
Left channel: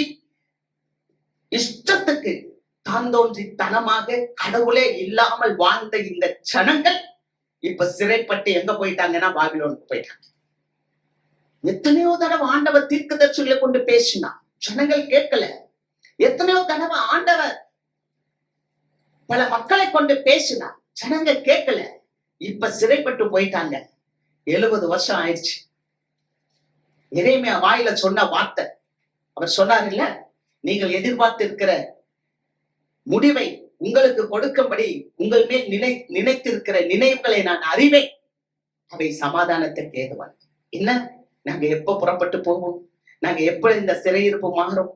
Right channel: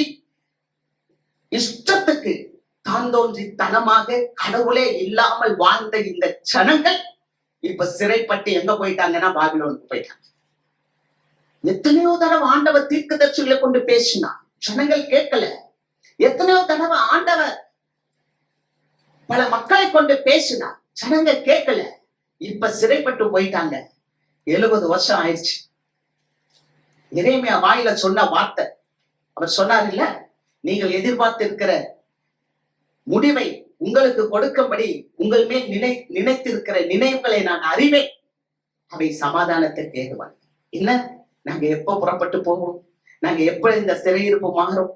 இஷ்டத்துக்கு தாந்தோன்றித்தனமாக கடவுளே இல்லாமல் வாழ்ந்த இந்த ஜனங்கள் இப்ப சிறைப்பட்டு எங்க போயிட்டாங்கன்னா பாபிலோனுக்கு போயிட்டாங்க. எத்தனையோ தடவை ஆண்டவர் தீர்க்கதரிசிகளை கொண்டு பேசினா ஜனங்கள் கேட்கல. எத்தனையோ தடவை ஆண்டவர் பல மக்களை கொண்டு பேசினா ஜனங்க கேட்கல. இப்ப சிறைப்பட்டு போயிட்டாங்க. 70 வருஷம் ஆயிடுச்சு. எரேமியா வாயில சொன்ன வார்த்தை, அவர் சொன்னார் இல்ல, நீங்கள் எதிர்பார்த்து இருக்கிற முடிவை உங்களுக்கு கொடுக்கும்படி உங்கள் மேல் நினைத்திருக்கிற நினைவுகளை நான் அறிவேன், அவை சமாதானத்திற்கு ஏதுவான். இல்ல, நாங்க எப்ப புறப்பட்டு போவோம்? நாங்க எப்ப இந்த சிறையிருப்பு மாறும்?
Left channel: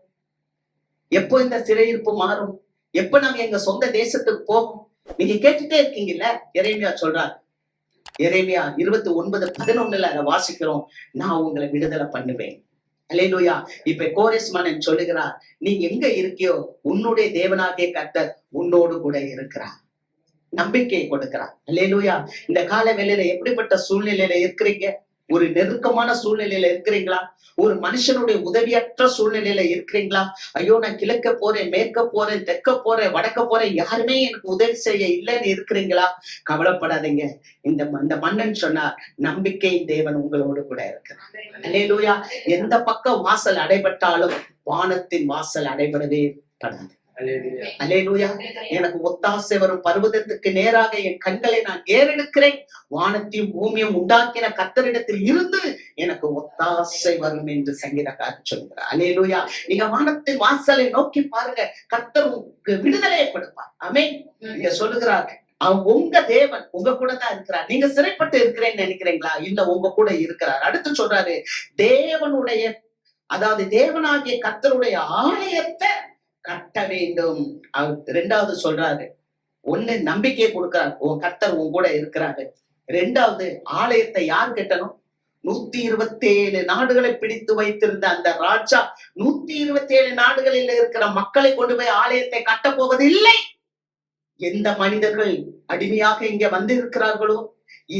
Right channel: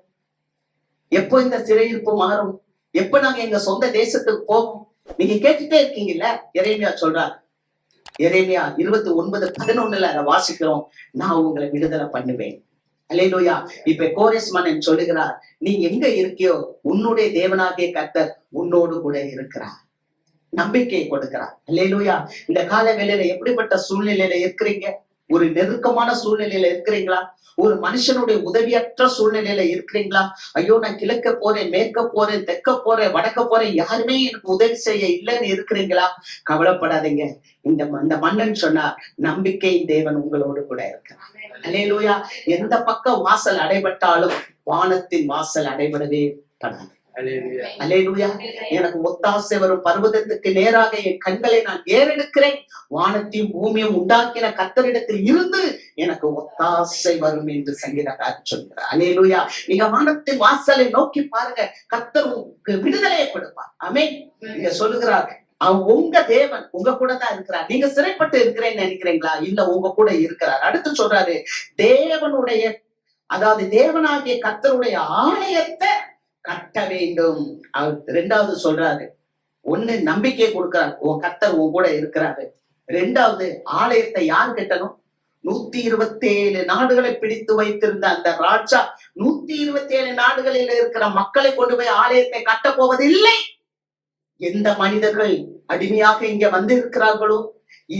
எப்போ இந்த சிறையிருப்பு மாறும்? எப்ப நாங்க எங்க சொந்த தேசத்துக்கு போவோம்? நீங்க கேட்டுட்டே இருக்கீங்கல்ல. எரேமியா சொல்றார், எரேமியா 29:11 அதை வாசிக்கிறோம், நான் உங்களை விடுதலை பண்ணுவேன். அல்லேலூயா. இப்ப கோரேஸ் மன்னன் சொல்லுகிறார், நீ எங்க இருக்கியோ உன்னுடைய தேவனாகிய கர்த்தர் உன்னோடு கூட இருக்கிறார். நம்பிக்கை கொடுக்கிறார். அல்லேலூயா. இந்த கால வேளையில எப்படிப்பட்ட சூழ்நிலையில இருக்கிறீங்க? ஒரு நெருக்கமான சூழ்நிலையில இருக்கிறீங்களா? ஒரு மனுஷனுடைய உதவியற்ற சூழ்நிலையில இருக்கிறீங்களா? ஐயோ, நான் கிழக்க போறேன், மேற்க போறேன், தெற்க போறேன், வடக்க போறேன், யாருமே எனக்கு உதவி செய்ய இல்லைன்னு இருக்கிறீங்களா? கவலைப்படாதீங்க. இந்த மன்னன் சொன்னார், நம்பிக்கையின் தேவன் உங்களோடு கூட இருக்கிறார். அல்லேலூயா. எந்த பக்கம் வாசல் அடைபட்டாலும் வானத்தின் வாசல் அடைபடவே படாது. அல்லேலூயா. எனக்கு ஒத்தாசை வரும் பர்வதத்துக்கு நேராக என் கண்களை நான் ஏறெடுக்கிறேன். வானத்தையும் பூமியும் உண்டாக்கின கர்த்தரிடத்தில் இருந்து எனக்கு ஒத்தாசை வரும் என்று சங்கீதக்காரர் சொல்கிறார். அல்லேலூயா. நீங்க வானத்தின் வாசலை நோக்கி பாருங்க, கர்த்தர் உங்களுக்கு விடுதலையை கொடுப்பார். ஆமென். நீங்க சொல்லுகிறார், அவன் உங்க தேவன் உங்க கூட தான் இருக்கிறார். நீங்க சிறைப்பட்டு இருக்கிறேன்னு நினைக்கிறீங்களா? இல்ல, உங்க கூட இருக்கிறார். அடுத்து சொல்றாரு, தேவனுடைய அதாவது தேவனாகிய கர்த்தருடைய ஆலயத்தை கட்ட வேண்டும். அவர் இரண்டாவது சொல்றாரு, ஒண்ணு நம்பிக்கையை கொடுக்கிறார், உன் கர்த்தர் உன் கூட இருக்கிறாரு. இரண்டாவது, ஆலயத்தை யார் கட்டணும்? 127 நாடுகளை பிடித்து வைத்திருந்த அந்த ராஜா 127 நாடுகளில் இருக்கிற மக்களை கொண்டு போய் ஆலயத்தை கட்ட போவது இல்லை. எந்த மனிதர்கள் அடிமையாக இங்க வந்து இருக்கிறார்களோ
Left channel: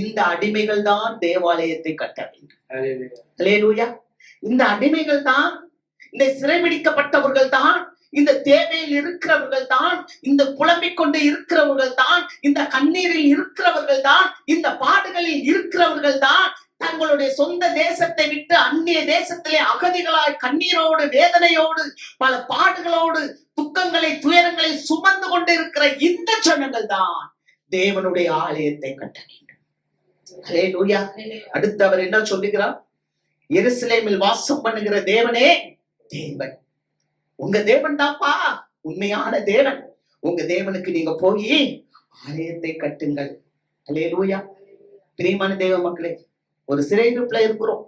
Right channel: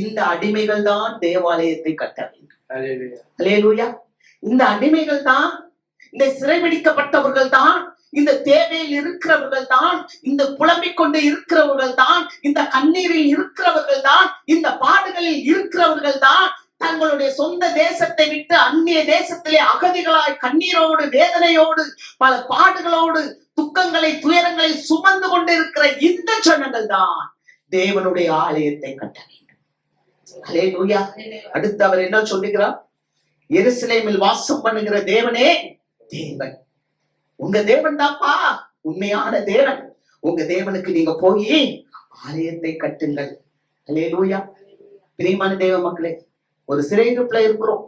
இந்த அடிமைகள் தான் தேவாலயத்தை கட்ட வேண்டும். அல்லேலூயா. இந்த அடிமைகள் தான், இந்த சிறைபிடிக்கப்பட்டவர்கள் தான், இந்த தேவையில் இருக்கிறவர்கள் தான், இந்த புலம்பிக் கொண்டு இருக்கிறவர்கள் தான், இந்த கண்ணீரில் இருக்கிறவர்கள் தான், இந்த பாடுகளில் இருக்கிறவர்கள் தான், தங்களுடைய சொந்த தேசத்தை விட்டு அந்நிய தேசத்திலே அகதிகளாய் கண்ணீரோடு வேதனையோடு பல பாடுகளோடு துக்கங்களை துயரங்களை சுமந்து கொண்டு இருக்கிற இந்த ஜனங்கள் தான் தேவனுடைய ஆலயத்தை கட்ட வேண்டும். அல்லேலூயா. அடுத்து அவர் என்ன சொல்லுகிறார்? எருசலேமில் வாசம் பண்ணுகிற தேவனே தேவன். உங்க தேவன் தான்ப்பா உண்மையான தேவன். உங்க தேவனுக்கு நீங்க போய் ஆலயத்தை கட்டுங்கள். அல்லேலூயா. பிரியமான தேவ மக்களே, ஒரு சிறையிருப்புல இருக்கிறோம்.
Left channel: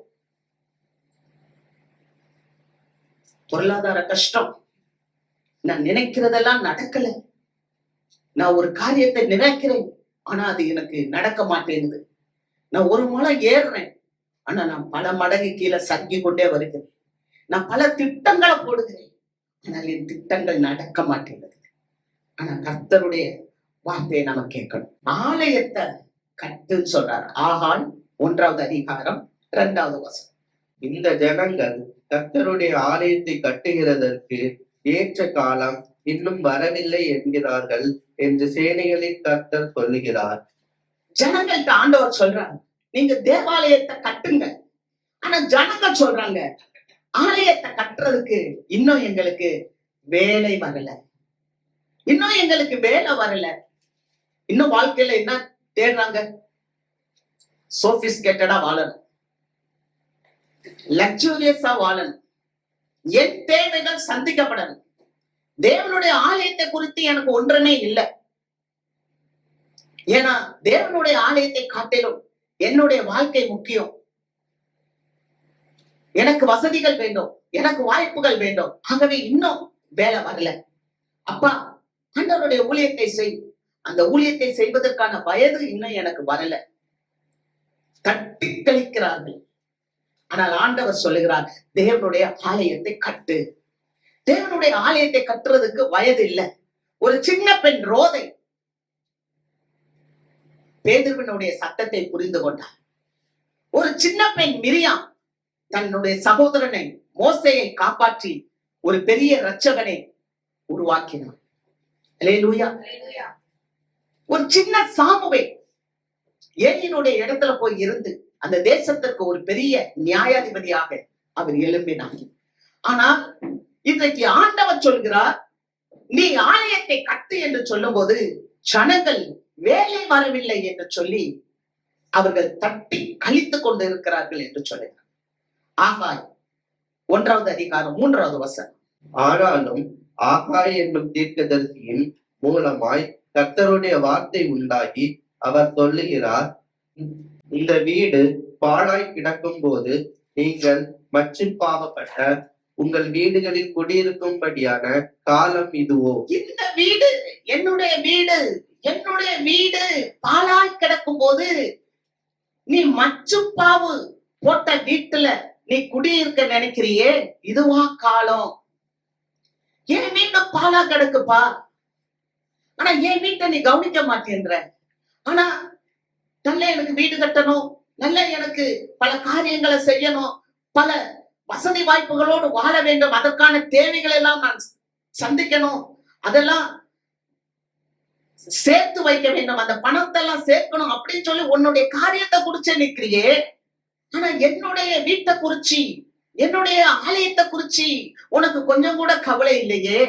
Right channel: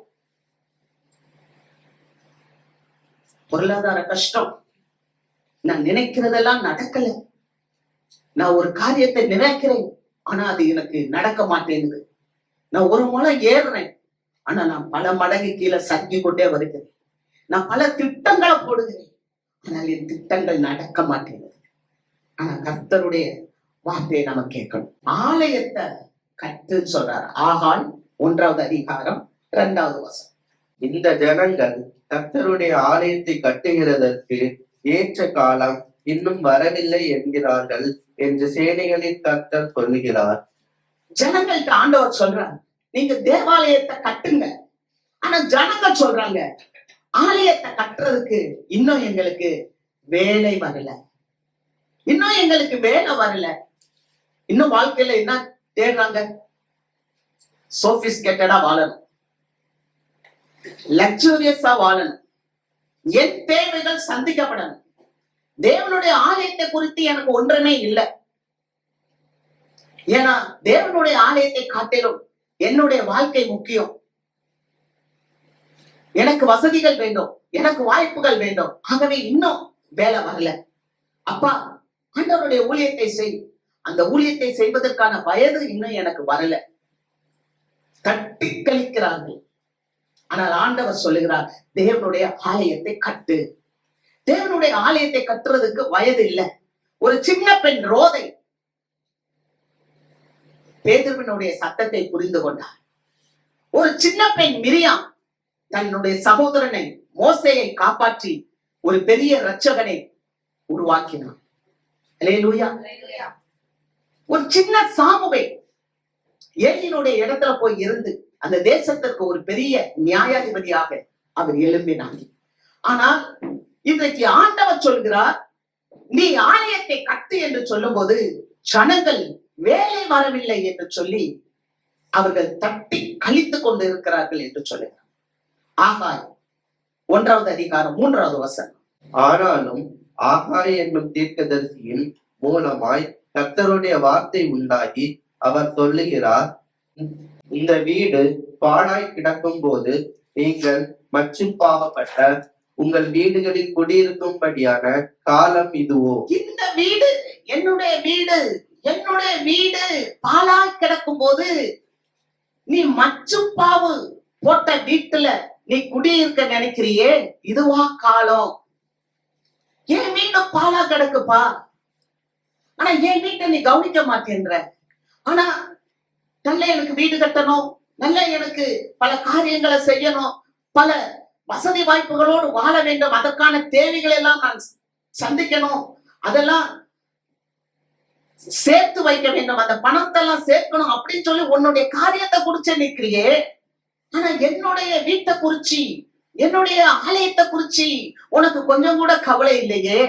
பொருளாதார கஷ்டம். நான் நினைக்கிறதெல்லாம் நடக்கல. நான் ஒரு காரியத்தை நினைக்கிறேன், ஆனா அது எனக்கு நடக்க மாட்டேங்குது. நான் ஒரு முறை ஏறுறேன், ஆனா நான் பல மடங்கு கீழே சறுக்கி கொண்டே வருகிறேன். நான் பல திட்டங்களை போடுகிறேன், ஆனால் என் திட்டங்கள் நடக்க மாட்டேங்குது. ஆனா கர்த்தருடைய வார்த்தையை நம்ம கேட்கணும். ஆலயத்தை கட்டுன்னு சொல்றாரு. ஆகால் 1வது அதிகாரம் 2வது வசனம். இந்த ஜனங்கள் கர்த்தருடைய ஆலயத்தை கட்டுகிறதற்கு ஏற்ற காலம் இன்னும் வரவில்லை என்கிறார்கள் என்று சேனைகளின் கர்த்தர் சொல்லுகிறார். ஜனங்கள்ட்ட ஆண்டவர் சொல்றாங்க, நீங்க தேவாலயத்தை கட்டுங்க. ஆனா ஜனங்க சொல்றாங்க, ஆலயத்தை கட்டுறதுக்கு இன்னும் எங்களுக்கு வேலை வரல, இன்னும் எங்களுக்கு வேலை வரல. இன்னும் வாழ்க்கையில என்ன தேடுறாங்க? சோபிஸ்கேட்டடா வாழணும், லக்ஸூரியஸா வாழணும், என் தேவைகள் சந்திக்கப்படணும். தேவனுடைய ஆலயத்தை குறித்து எனக்கு ஒன்றுமே இல்லை. ஏன்னா தேவனுடைய ஆலயத்தை காட்டிலும் என்னுடைய வாழ்க்கை முக்கியம். எனக்கு வசதிகள் வேண்டும், எனக்கு வாய்ப்புகள் வேண்டும். ஆகவே இன்னும் வேலை வரல. அப்பா, ஆண்டவருடைய ஊழியத்தை செய். அந்த ஊழியத்தை செய்வதற்கான வயது இன்னும் எனக்கு வரல. தட்டி கழிக்கிறார்கள். ஆனால் ஆண்டவர் சொல்லுகிறார், தேவனுடைய ஆலயத்தை கட்டு. தேவனுடைய ஆலயத்தை கட்டுறதுக்கு வயது இல்லை. ஒரு சின்ன பெண் ரோதை பேதுருவினுடைய சத்தத்தை புரிந்து கொண்டார். ஒரு சின்ன பெண் மிரியாம் தன்னுடைய சகோதரனை மோசேயை காப்பாற்றி ஒரு பெரிய இரட்சகனை உருவாக்கினார். அல்லேலூயா. ஒரு சின்ன சாமுவேல் ஏலியினுடைய இடத்துல போய் இருந்து அந்த தேசத்திற்கு ஒரு பெரிய நியாயாதிபதியாக அவர் எழும்பினார். ஆனால் இன்றைக்கு ஆண்டவர் சொல்கிறார், நீ ஆலயத்தை கட்டு என்று சொல்லும் போது ஜனங்கள் வேலை வரவில்லை என்று சொல்லி அவர்கள் தட்டி கழித்துக் கொண்டு இருக்கிறார்கள் என்று சொல்லுகிறார். ஆகாய் 1வது அதிகாரம் 3வது வசனம். ஆனாலும் ஆகாய் என்னும் தீர்க்கதரிசியின் மூலமாய் கர்த்தருடைய வார்த்தை உண்டாகி அவர் சொல்லுகிறார், இந்த வீடு பாழாய் கிடக்கும் போது நீங்கள் மற்றும் பாவப்பட்ட உங்கள் வீடுகளில் குடியிருக்கும்படியான காலம் இதுவோ? இந்த வீடு என்னுடைய வீடு, என்னுடைய வீடு பாழாய் கிடக்கும் போது நீ மச்சுப்பாவு போட்ட வீட்டுல நீ குடியிருக்க நினைக்கிறியே, இதுவா காலம்? என் வீடு பாழா கிடக்குப்பா, ஆனா என் வீட்டை நீ கவனிக்க மாட்டேன்ற. ஆனா நல்ல எனக்கு வீடு கட்டணும், நல்ல எனக்கு பல காரியங்களை செய்யணும், பல வசதி வாய்ப்புகளோடு வாழ வேண்டும், அதற்கான தேவைகள் எல்லாம் நான் சந்திக்கணும், அதெல்லாம் சேர்த்து வைக்க வேண்டும், அந்த பணத்தை எல்லாம் சேர்க்கணும் அப்படின்னு சொல்லி உன்னுடைய காரியத்தை குறிச்சு நிக்கிறியே. ஆனா என்னுடைய வீட்டை குறிச்சு, என்னுடைய ஆலயத்தை குறிச்சு உனக்கு கொஞ்சம் கூட கவலை இல்லையே.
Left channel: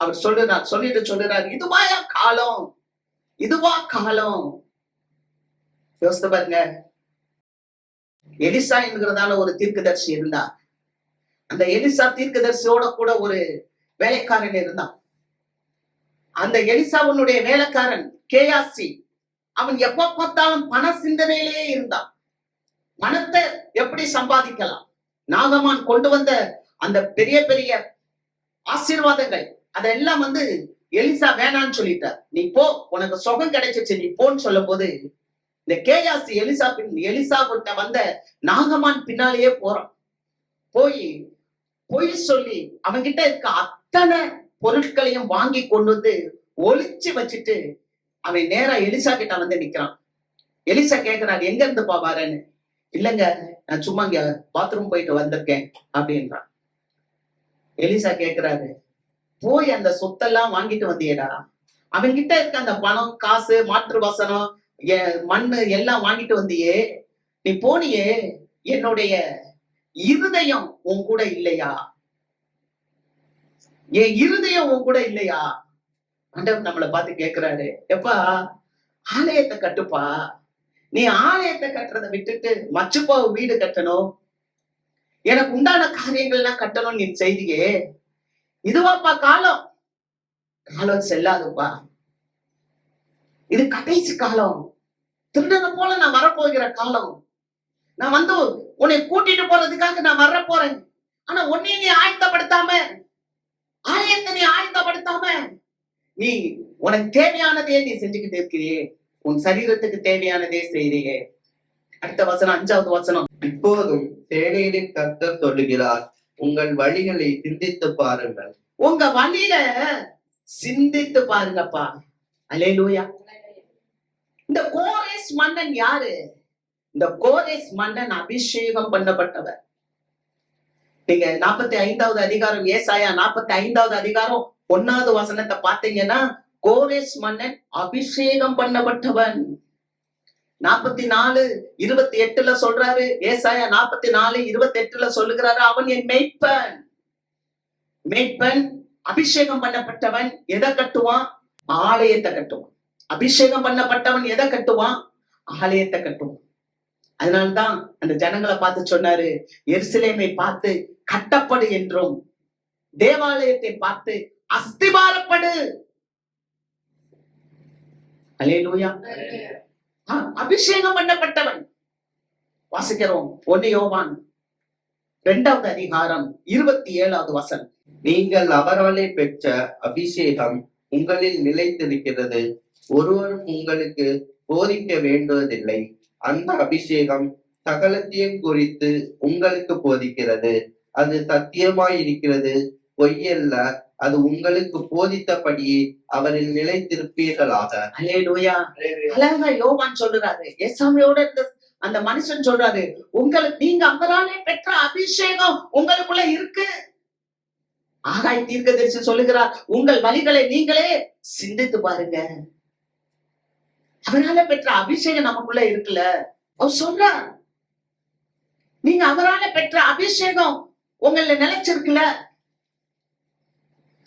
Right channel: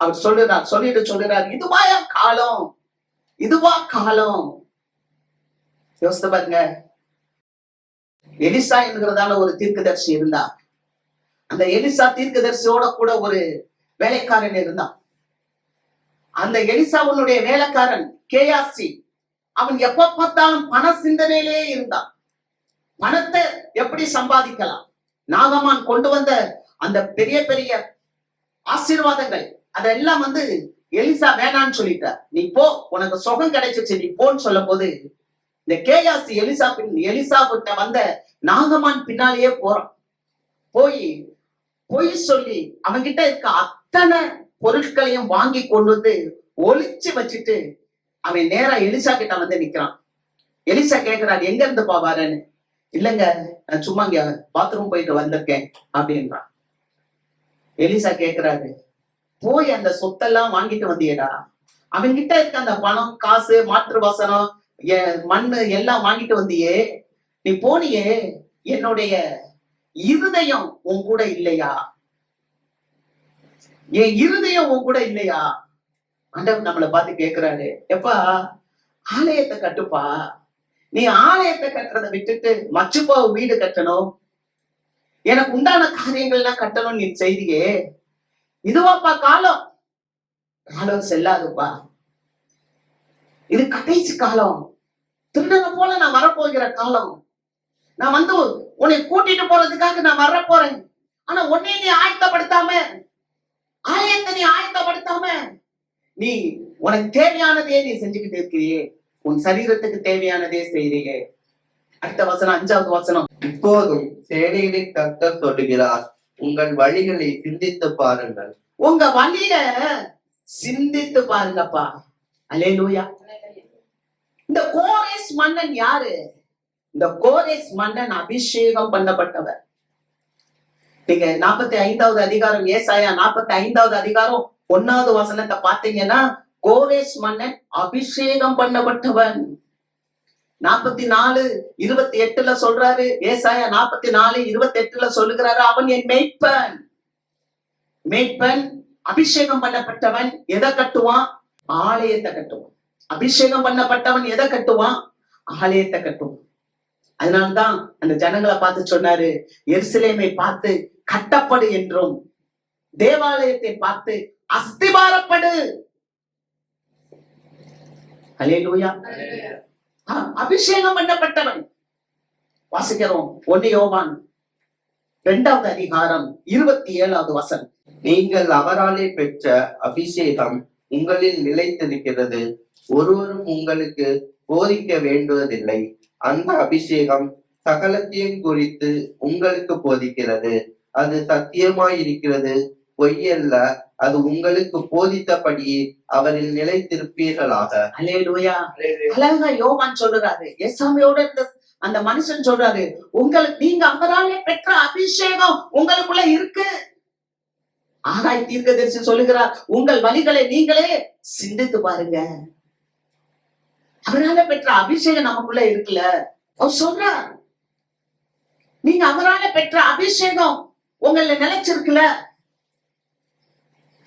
அவர் சொல்லிட்டு இதுவாயா காலம், இதுவா காலம். யோசித்து பாருங்க, எலிசா என்கிறதான ஒரு தீர்க்கதரிசி இருந்தா. அந்த எலிசா தீர்க்கதரிசியோட கூட ஒரு வேலைக்காரன் இருந்தான். அந்த எலிசாவுடைய வேலைக்காரன் கேயாசி, அவன் எப்ப பார்த்தாலும் பண சிந்தனையிலேயே இருந்தான். பணத்தை எப்படி சம்பாதிக்கலாம், நாகமான் கொண்டு வந்த அந்த பெரிய பெரிய ஆசீர்வாதங்கள் அதெல்லாம் எலிசா வேணான்னு சொல்லிட்டார். நீ போ, உனக்கு சுகம் கிடைச்சிச்சு, நீ போன்னு சொல்லும் போது இந்த கேயாசி எலிசா கிட்ட வந்த நாகமான் பின்னாலேயே போறான். பொய் சொல்லி அவன்கிட்ட இருக்க அத்தனை பொருட்களையும் வாங்கி கொண்டு வந்து ஒளிச்சு வச்சுட்டு அவன் நேரா எலிசா கிட்ட நிக்கிறான். எலிசா கேக்குறாரு, எங்க இருந்து பாவாரன்னு. இல்லங்க, நான் சும்மா இங்க பாத்ரூம் போயிட்டு வந்திருக்கேன் அப்படின்றான். எலிசா கேக்குறாரு, போய் அந்த சொத்தெல்லாம் வாங்கிட்டு வந்தியடா, அவன்கிட்ட இருக்க அந்த பணம் காசு மாற்று வசனம் மண்ணு எல்லாம் வாங்கிட்டு வந்தியே, நீ போனியே, என்னுடைய இருதயம் உன் கூட இல்லையா? என் இருதயம் உன் கூட இல்லையா? ஆண்டவர் நம்மளை பார்த்து கேட்கிறாரு, எப்பா ஆலயத்தை கட்டுப்பா, நீ ஆலயத்தை கட்டுறதை விட்டுட்டு மச்சுப்பா வீடு கட்டணும், எனக்கு உண்டான காரியங்கள்லாம் கட்டணும் நீ செய்தியே, இதுவாப்பா காலம். காலம் செல்லாதுப்பா, இது கடைசி காலம். திருடனை போல நான் வரப்போகிற காலம். நான் உன்னை கூட்டிட்டு போறதுக்காக நான் வரப்போறேன். ஆனா உன்னை நீ ஆயத்தப்படுத்தாம, ஆலயத்தை நீ ஆயத்தப்படுத்தாம, நீ உனக்கு தேவையானதே நீ செஞ்சுக்கிட்டு இருக்கிறியே, உன் சரீரத்துக்கு தேவையானதே செய்றியே. அடுத்த வசனம், 5வது வசனம். இப்போதும் சேனைகளின் கர்த்தர் சொல்லுகிறார், உங்கள் வழிகளை சிந்தித்து பாருங்கள். உங்க வழியில சிந்தித்து பாருங்கப்பா. அல்லேலூயா. இந்த கோரேஸ் மன்னன் யாரு? இந்த கோரேஸ் மன்னன் அபிஷேகம் பண்ணப்பட்டவர். நீங்க 45வது அதிகாரம், ஏசாயா 45வது அதிகாரம் 1வது வசனத்தை பார்த்தீங்கன்னா, கோரேஸ் மன்னன் அபிஷேகம் பண்ணப்பட்டவன். 44:28 சொல்றாரு, ஏசாயா 44:28 சொல்லுகிறாரு, அவன் என் மெய்ப்பன். மெய்ப்பன் அபிஷேகம் பண்ணப்பட்டவன் எதை கட்டுவான்? ஆலயத்தை கட்டுவான். அபிஷேகம் பண்ணப்பட்டவன் எதை கட்டுவான்? ஆலயத்தை கட்டுவான். அதனால்தான் அந்த ஜனங்களை பார்த்து சொன்னாரு, எருசலேமை பார்த்து கட்டப்படு என்றும், தேவாலயத்தை பார்த்து அஸ்திபாரப்படு. அல்லேலூயா. அபிஷேகம் பண்ணப்பட்டவன். வாசிக்கிறோம் 1 யோவான் 2வது அதிகாரம் 27வது வசனம். நீங்கள் அவராலே பெற்ற அபிஷேகம் உங்களில் நிலைத்திருக்கிறது, ஒருவரும் உங்களுக்கு போதிக்க வேண்டுவதில்லை. அந்த அபிஷேகம் சகலத்தையும் குறித்து உங்களுக்கு போதிக்கிறது, அது சத்தியமாயிருக்கிறது, பொய்யல்ல. அது உங்களுக்கு போதித்தபடியே அவரில் நிலைத்திருப்பீர்களாக. அல்லேலூயா. அழகா யோவான் சொல்றாரு, ஏசாமியோட இருந்த அந்த மனுஷன் சொல்றாரு, நீங்க அவராலே பெற்ற அபிஷேகம் உங்களுக்குள்ள இருக்கு. ஆகாய் தீர்க்கதரிசி சொல்லுகிறார், உங்கள் வழிகளை நீங்களே சிந்தித்து பாருங்க. அவரால பெற்ற அபிஷேகம் நமக்குள்ள இருக்குல்ல. அவர் சொல்றார், நீங்க அவரால பெற்ற அபிஷேகம் உங்கள நிலைச்சிருக்குல.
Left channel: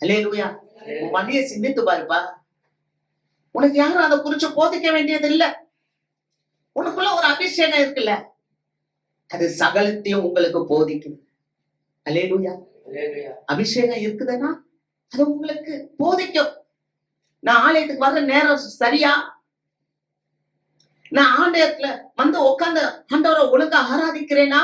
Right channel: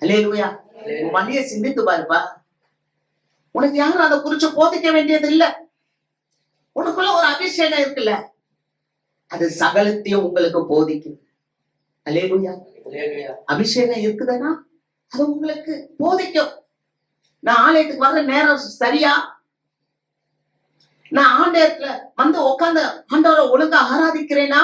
அல்லேலூயா. உன் வழியை சிந்தித்து பாருப்பா. உனக்கு யாரும் அதை குறிச்சு போதிக்க வேண்டியது இல்ல. உனக்குள்ள ஒரு அபிஷேகம் இருக்குல்ல, அது சகலத்தையும் உங்களுக்கு போதிக்கும். அல்லேலூயா. அபிஷேகம் இருக்குதுன்னா அது உங்களுக்கு போதிக்கும். நான் ஆலயத்துக்கு வர்ற நேரம் சரியா? நான் ஆலயத்துல உட்கார்ந்து ஆண்டவரை ஒழுங்கா ஆராதிக்கிறேனா?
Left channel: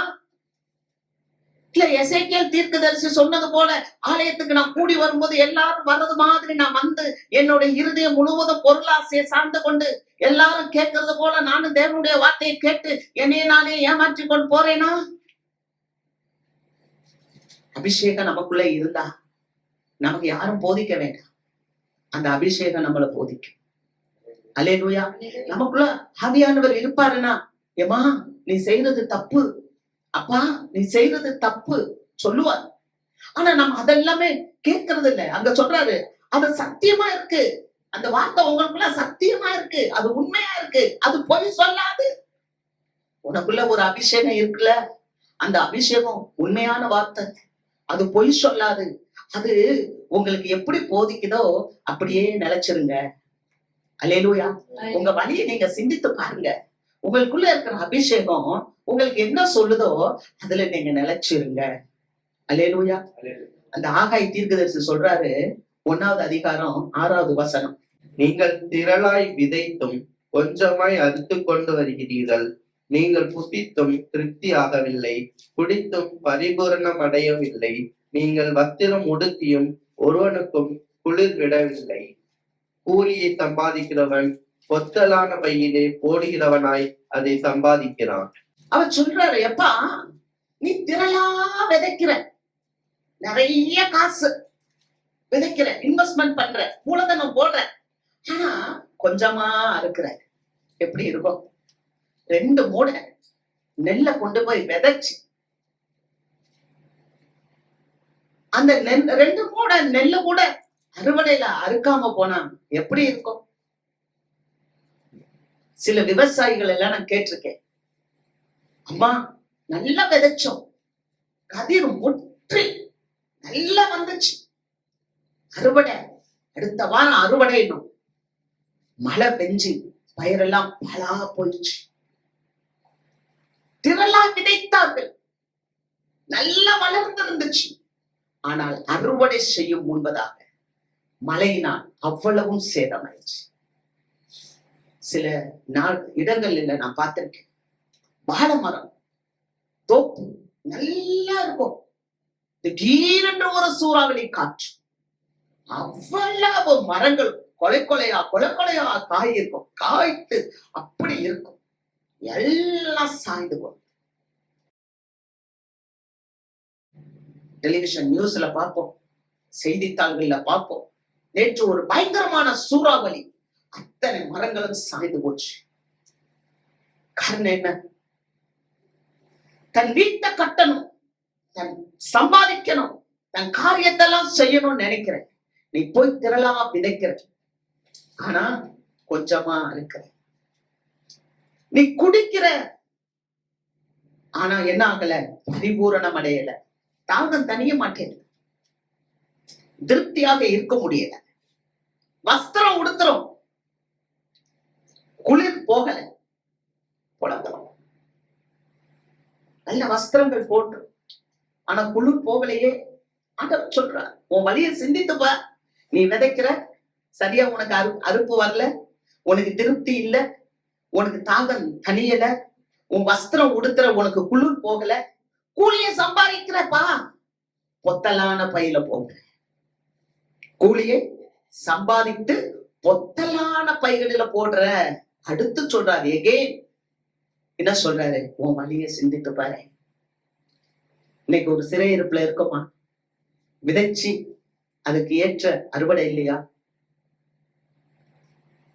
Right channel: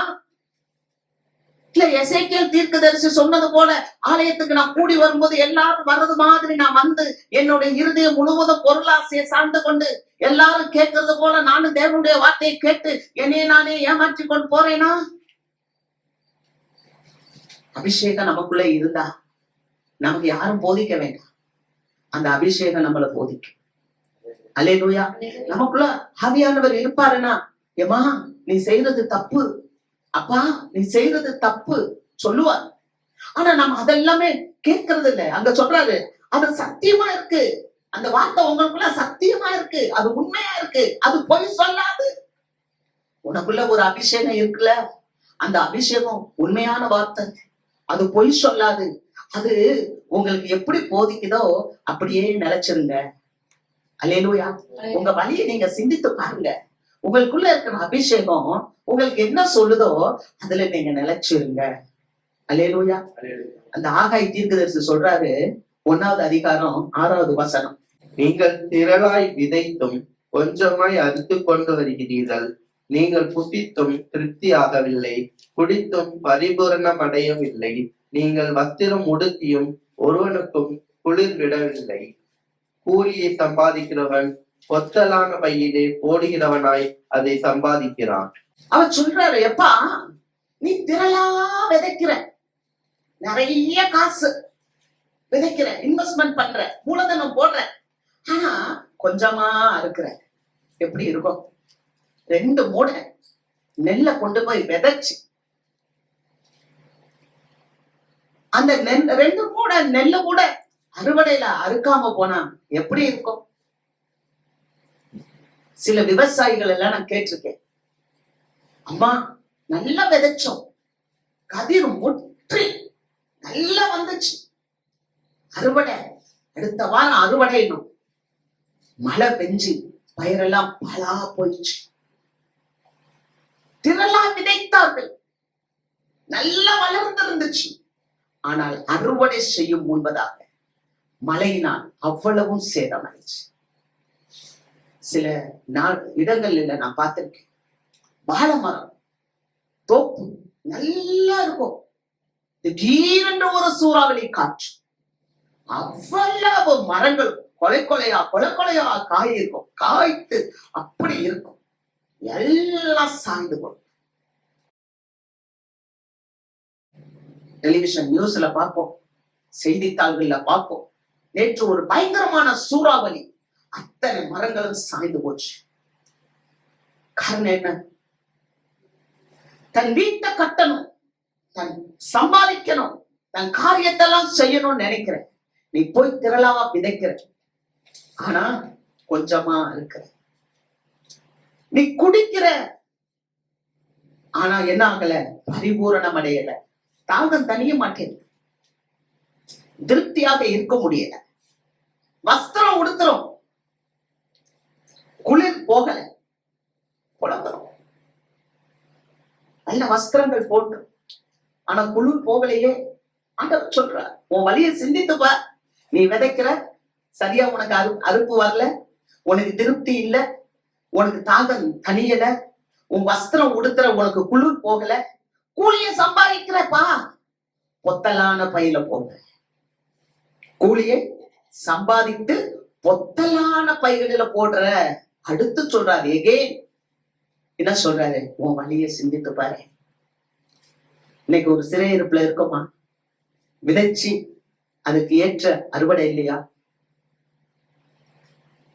இல்ல எசேக்கியேல் தீர்க்கதரிசி சொன்னது போல ஆலயத்துக்கு நான் கூடி வரும்போது எல்லாரும் வர்றது மாதிரி நான் என்னுடைய இருதயம் முழுவதும் பொருளாசையை சார்ந்து கொண்டு எல்லாரும் கேட்கறது போல நானும் தேவனுடைய வார்த்தையை கேட்டு என்னைய நானே ஏமாற்றி கொண்டு போறேனா? அபிஷேகம் நமக்குள்ள இருந்தா நமக்கு யாரும் போதிக்க வேண்டாம், அந்த அபிஷேகம் நம்மளை போதிக்கும். அல்லேலூயா. நமக்குள்ள ஆவியானவர் இருப்பாருன்னா, ஏமா நீ செய்யறது தப்பு, அப்பா நீ செய்யறது தப்பு சொல்லுவார். ஆனா நம்ம அதெல்லாமே கேட்கறது இல்லை. அங்க சொல்றாரு, அது சத்தியமா இருக்கு, அந்த வார்த்தை உங்களுக்குள்ள சத்தியமா இருக்கு, அது உண்மையா இருக்கு, அது பொய் சொல்லாது. உனக்குள்ள ஒரு அபிஷேகம் இருக்குல்ல, அந்த அபிஷேகம் உண்மையான வார்த்தை, அது பொய் சொல்லாது, அது உங்களுக்கு எப்படி போதிக்குதோ அப்படியே நிலைச்சிருங்க. அல்லேலூயா. உங்க வழியை நீங்க சிந்தித்து பாருங்க. உங்களுக்குள்ள இருக்கிற அபிஷேகம் உங்களுக்கு என்ன சொல்லுதோ அதுல நீங்க நிலைச்சிருங்க. அல்லேலூயா. அந்த ஆகாய் தீர்க்கதரிசி சொல்றாரு, 1வது அதிகாரம் 6வது வசனம். நீங்கள் திரளாய் விதைத்தும் கொஞ்சமாய் அறுத்து கொண்டு வருகிறீர்கள். நீங்கள் புசித்தும் திருப்தி ஆகவில்லை, குடித்தும் பரிபூரணம் அடையவில்லை. நீங்கள் வஸ்திரம் உடுத்தியும் ஒருவனுக்கும் குளிர் விடவில்லை. கூலியை சம்பாதிக்கிறவன் பொத்தலான பையிலே போடுகிறவனாய் அதை சம்பாதிக்கிறான். அவர் சொல்றாரு, எப்பா நீ திரளா விதைக்கிற, நிறைய காசு விதைக்கிற, இன்வெஸ்ட்மெண்ட் பண்ற, மூலதனம் போடுற, ஆனா கொஞ்சமா இருக்கிற. எப்படி இருக்கும்? 2 மூடை நெல்லை கொண்டு போய் விதைச்சு அந்த 2 மூடை நெல்லை கூட அறுவடையில அறுக்காம போனா எப்படி இருக்கும்? சில விவசாயிகள் எல்லாம் நான் கேட்டிருக்கேன், அம்மா நல்லா விதைச்சோம், கதிர் முற்றி நல்லா வந்துச்சு, அறுவடை அடுத்த வாரம் அறுவடைனும் மழை பெஞ்சு பயிரெல்லாம் பலா போயிடுச்சு. திரளா விதைத்தார்கள், நல்லா வளர்ந்து இருந்துச்சு, ஆனால் அறுவடை செய்யும் முன்பதாக மழையினால் அவ்வளவும் சேதமாயிடுச்சு. சில இடங்கள்ல நான் பார்த்திருக்கேன், வாழை மரம் தோப்பு நல்லா இருக்கும், திடீரென்று ஒரு சூறாவளி காற்று, அவ்வளவு மரங்கள் கொலை கொலையா காய் இருக்கும், காய்த்து அப்படி இருக்கும், எல்லாம் சாய்ந்து போகும். டெலிவிஷன் நியூஸ்ல பார்ப்போம், செய்தித்தாள்கள்ல பார்ப்போம், நேற்று ஒரு பயங்கரமான சூறாவளி, அத்தனை மரங்களும் சாய்ந்து போச்சு. காரணம் என்ன? தன் வீட்டை கட்டணும், தன் சம்பாதிக்கணும், தன் காரியத்தெல்லாம் செய்யணும்னு நினைக்கிறேன். நீ போய் திரளா விதைக்கிற, ஆனா கொஞ்சமா இருக்கிற. நீ குடிக்கிற, ஆனா என்ன ஆகல? பரிபூரணம் அடையல, தாகம் தனிய மாட்டேன், திருப்தியாக இருக்க முடியல, வஸ்திரம் உடுத்துறோம், குளிர் போகல, புலம்புறோம். நல்ல வஸ்திரங்கள் போட்டு ஆனா குளிர் போகலையே. ஆண்டவர் சொல்ற, உன் வழியை சிந்தித்துப்பா. நீ விதைக்கிற, சரியா உனக்கு அறுப்பு வரல, உனக்கு திருப்தி இல்ல, உனக்கு தாகம் தனியல, உன் வஸ்திரம் உடுத்துற, உனக்கு குளிர் போகல, கூலியை சம்பாதிக்கிறப்பா, பொத்தலான பையில போடுற. கூலியை சம்பாதித்து பொத்தலான பைகளில போடுற. அடுத்து சொல்றாரு, எகேன் என்ன சொல்றாரு? உன் வழியை சிந்தித்து பாரு. இன்னைக்கு ஒரு சிறையிருப்புல இருக்கோமா? விதைச்சு அதுக்கு ஏற்ற அறுவடை இல்லையா?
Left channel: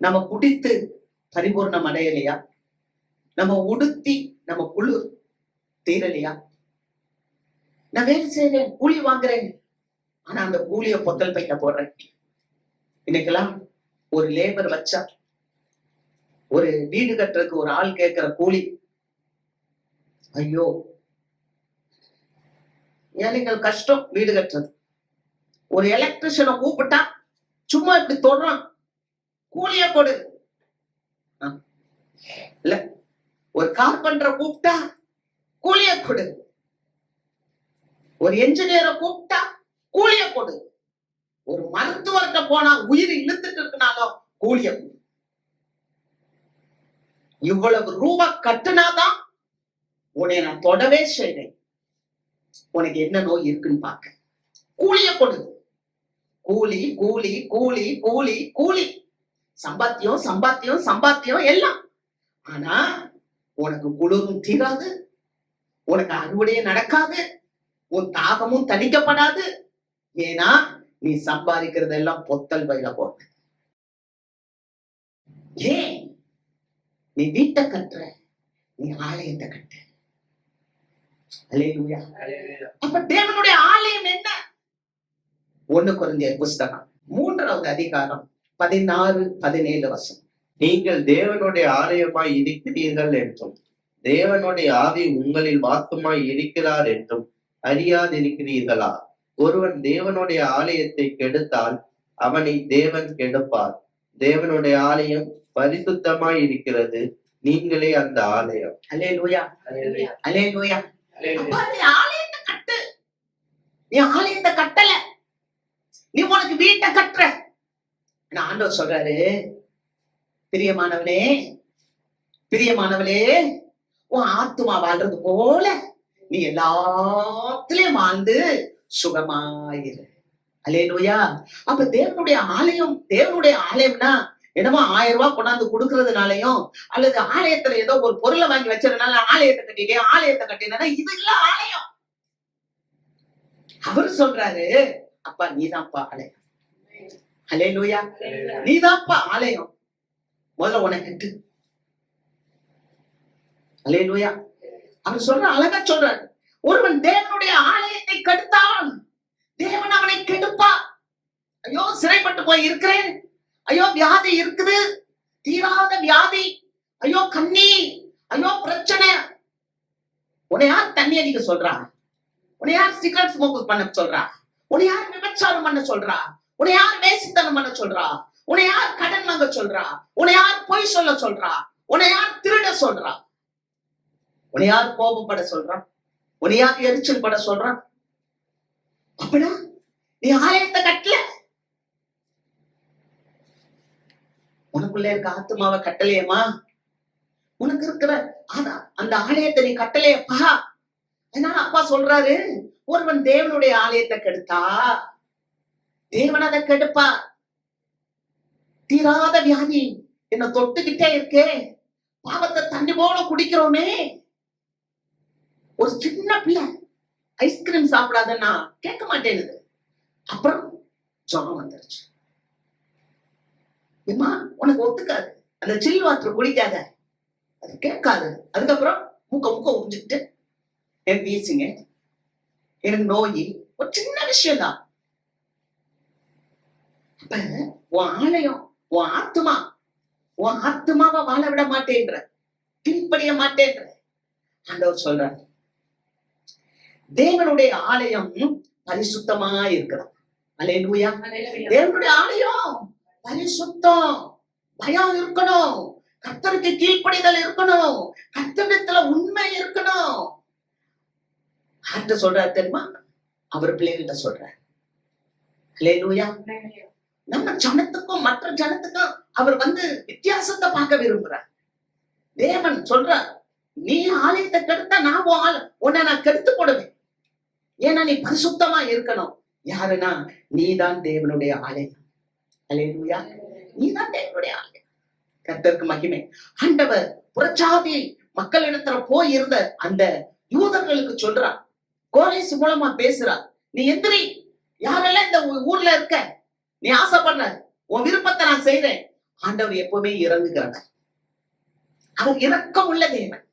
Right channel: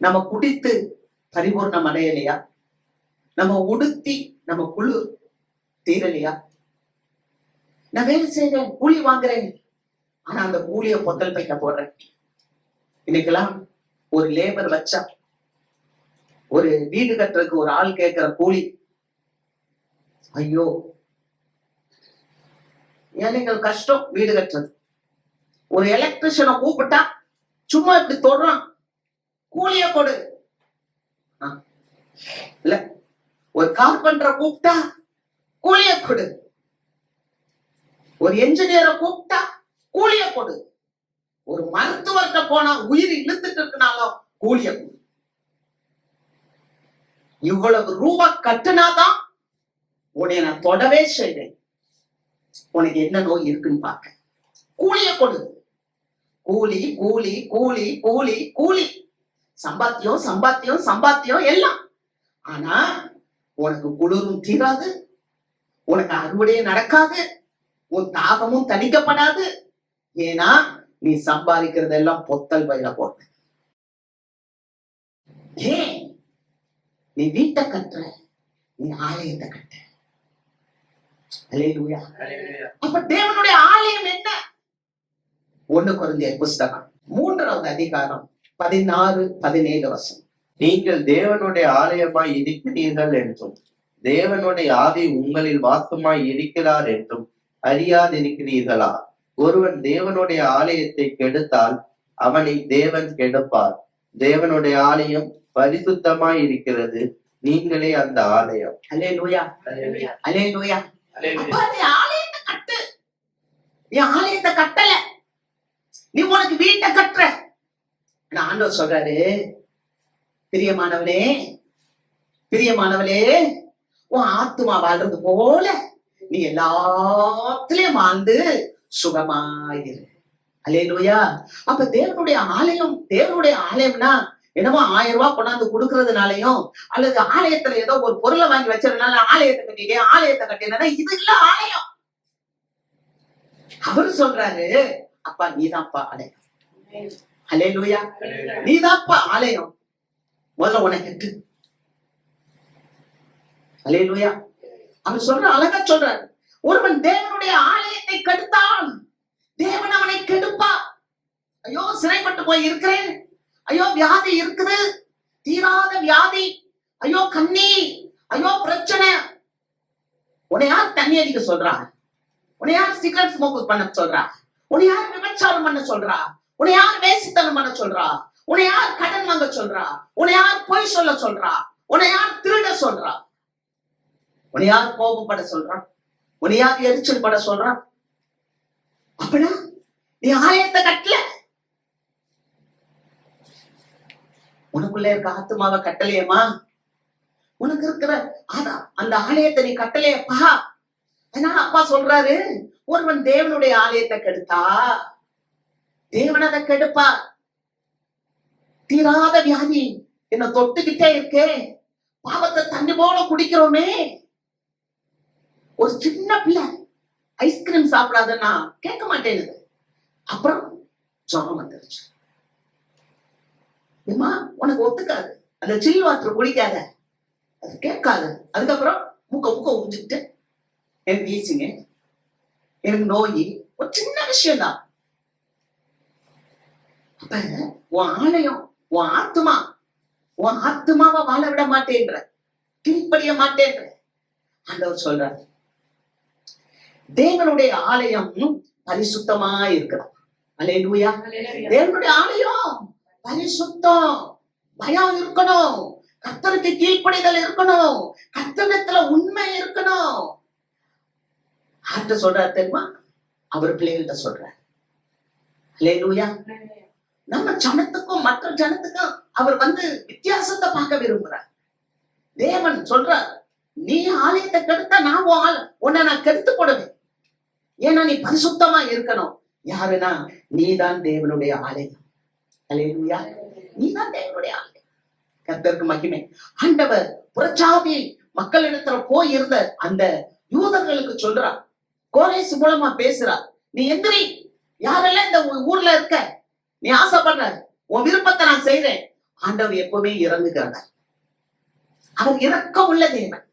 நம்ம குடித்து பரிபூர்ணம் அடையலையா? நம்ம உடுத்தி நம்ம குழு தீரலையா? நான் வேலை செய்யறேன், கூலி வாங்குறேன், ஆனா அந்த கூலிய பொத்தல் பைக்க போடுறேன். இன்னைக்கெல்லாம் ஒரு லேபர் வச்சா, ஒரு வீடு கட்டுறதுக்கு ஒரு ஆள் கேட்கிற கூலி, ஐயோ ஏன் நீங்கள் கஷ்டம் வீடு கட்டுறது. ஒரு எலக்ட்ரிஷியனை கூப்பிட்டா சும்மா இப்படி தொடுறான், கூலிய கொடு. இல்ல, ஒரு கார்பெண்டரை கூப்பிட்டா கூலிய கொடு, ஒரு என்ஜினியரை கூப்பிட்டா கூலிய கொடு, ஒரு மருத்துவர்கிட்ட போனா உயிர் இழுத்துட்டு இருக்கனாலும் கூலிய கொடு. இவ்வளவு ரூபா கட்டுனாதான் உன்னை நான் தொடவே செய்வேன். உனக்கு என்ன நோய் இருக்குன்னு பார்க்க கூலிய கொடு. கூலி கூலி கூலி கூலி கூலி, சம்பாத்தியம் சம்பாத்தியம் சம்பாத்தியம் எல்லாம். ஆனா உனக்கு குளிரும் தீராது, உனக்கு அறுவடையே நடக்காது, உன் தாகமும் தணிக்கப்படாது. ஏன்னா நீ சம்பாதிக்கிறதெல்லாம் பொத்தல் பையில போட்ட. ஏன்? நீ வீட்டை கட்டுற, நீ ஆலயத்தை கட்ட. அல்லேலூயா. அப்ப தேவனுடைய ஆலயம் என்ன? 1 கொரிந்தியர் புஸ்தகம் 3வது அதிகாரம் 16-17 வசனம். நீங்கள் தேவனுடைய ஆலயமாய் இருக்கிறீர்கள் என்றும் தேவனுடைய ஆவி உங்களில் வாசமாய் இருக்கிறார் என்றும் அறியாதிருக்கிறீர்களா? ஒருவன் தேவனுடைய ஆலயத்தை கெடுத்தால் அவனை தேவன் கெடுப்பார். தேவனுடைய ஆலயம் பரிசுத்தமாய் இருக்கிறது, நீங்களே அந்த ஆலயம். அல்லேலூயா, அல்லேலூயா. அப்ப நீ ஆலயத்தை கட்டு. நீ ஆலயத்தை கட்டல, நீ உனக்கு வீட்டை கட்டுற. ஆனா ஆண்டவர் சொல்றாரு, பிரியமானவனே, பிரியமானவளே, உன் ஆத்துமா வாழ்றது போல நீ எல்லாத்திலயும் வாழ்ந்து சுகமாயிரு. அல்லேலூயா. அப்ப தேவனுடைய ஆலயம், தேவனுடைய ஆலயம்னா என்னமோ 1000 ரூபாய் கொண்டாந்து கொடுக்கறதுனாலயும் அல்லது ஆலயத்துல ஏதோ ஒரு பொருளை வாங்கி வச்சதுனால ஆலயத்தை கட்டிட்டேன், ஆலயத்தை கட்டினா இது இல்ல ஆலயம். அவரு சொல்றாரு, அப்பா நீதான்ப்பா ஆலயம். அல்லேலூயா. நீதான்ப்பா ஆலயம். முதல்ல உனக்கு கட்டு. அல்லேலூயா. அவர் சொல்ற அழகா சொல்றார், ஒருவன் தேவனுடைய ஆலயத்தை கெடுத்தான் தேவன் அவனை கெடுப்பா. ஐயோ சிறைப்பட்டு போய் இருக்கிறேன், ஐயோ வியாதி இருக்குது, தீராத வியாதி, ஐயோ கண்ணீர், ஐயோ பிரச்சனை. உன்னை யார் தண்ணி அடிக்க சொல்றா? உன்னை யார் சிகரெட் ஸ்மோக் பண்ண சொல்றா? உன்னை யார் விபச்சாரம் பண்ண சொல்றா? உன்னை யார் வேசித்தனம் பண்ண சொல்றா? உன்னை யார் கடன் வாங்க சொல்றா? உன்னை யார் பொய் சொல்ல சொல்றா? உன்னை யார் திருட சொல்றா? உன்னை யார் கோபப்பட சொல்றா? உன்னை யார் எரிச்சல் பட சொல்றா? அப்படா நீ ஆலயத்தை கட்டல, உனக்குள்ள இருக்க ஆத்துமாவை கட்டலையேமா, உனக்கு இருக்கிற அந்த ஆலயத்தை நீ கட்டலையப்பா. ஆனா அப்பா சொல்றாரு, ஒருவன் தேவனுடைய ஆலயத்தை கெடுத்தா தேவன் அதை கெடுப்பா. தீராத வியாதி என்ன தொட்டுக்கிட்டே இருக்கே, பாவத்தை தண்ணி போல குடிக்கிறோமே. ஒரு சின்ன பிள்ளை ஐஸ்கிரீம் சாப்பிடாதன்னா கேட்க மாட்டேன்னு, அப்புறம் ஜுரம் வந்துருச்சு. ஏமா உனக்கு ஒத்துக்காது, அந்த சில் வாட்டர் குடிக்காத, அது கேட்காது. அதுக்கப்புறம் முக்க உறிஞ்சுக்கிட்டு எனக்கு வீசிங்க, எனக்கு நோய், ஒரு சின்ன விஷயம் தான். அப்ப உன் ஆலயம், உன் ஆத்துமாவை வாழ விட மாட்டேன்ற, கீழ்ப்படிய மாட்டேன்ற. ஆண்டவர் சொல்றார், தேவனுடைய ஆலயம் பரிசுத்தமா இருக்கிறார். அல்லேலூயா. தேவனுடைய ஆலயம் பரிசுத்தம், பயம் இருக்கணும், கர்த்தருக்கு கீழ்ப்படிதல் இருக்கணும், கர்த்தரிடத்துல உண்மை இருக்கணும். ஆட்ட சொல்றார் தெரியுமா? அவர் பிள்ளைகிட்ட சொல்றார். அல்லேலூயா. நம்ம ஜனத்துக்கும் மற்ற ஜனத்துக்கும் அவர் வித்தியாசத்தை பார்க்க விரும்புறார். தேவன் சொல்றார், நீ ஆலயத்தை கெடுத்தா நான் உன்னை நான் கெடுத்து போடுவேன். ஏன்னா நீ பரிசுத்தமா இருக்கணும். யாருன்னா நீதான் தேவனுடைய ஆலயம். அல்லேலூயா. நீதான் தேவனுடைய ஆலயம். கர்த்தருக்கு மகிமை. ஆண்டவர் புறஜாதி மக்களிடத்துல போய் இருந்த அந்த யூதர்களுக்கு சொல்றார், கோரேஸ் மூலமா பேசுறார், நீ எந்திரி, யாரெல்லாம் இந்த ஊர்ல இருக்க, நீ ஆசைப்படுற உன் விருப்பத்தை நான் செய்றேன். ஆண்டவர் எப்பவுமே இறங்குகிறார். அவர் இரக்கம் உள்ள தேவன்.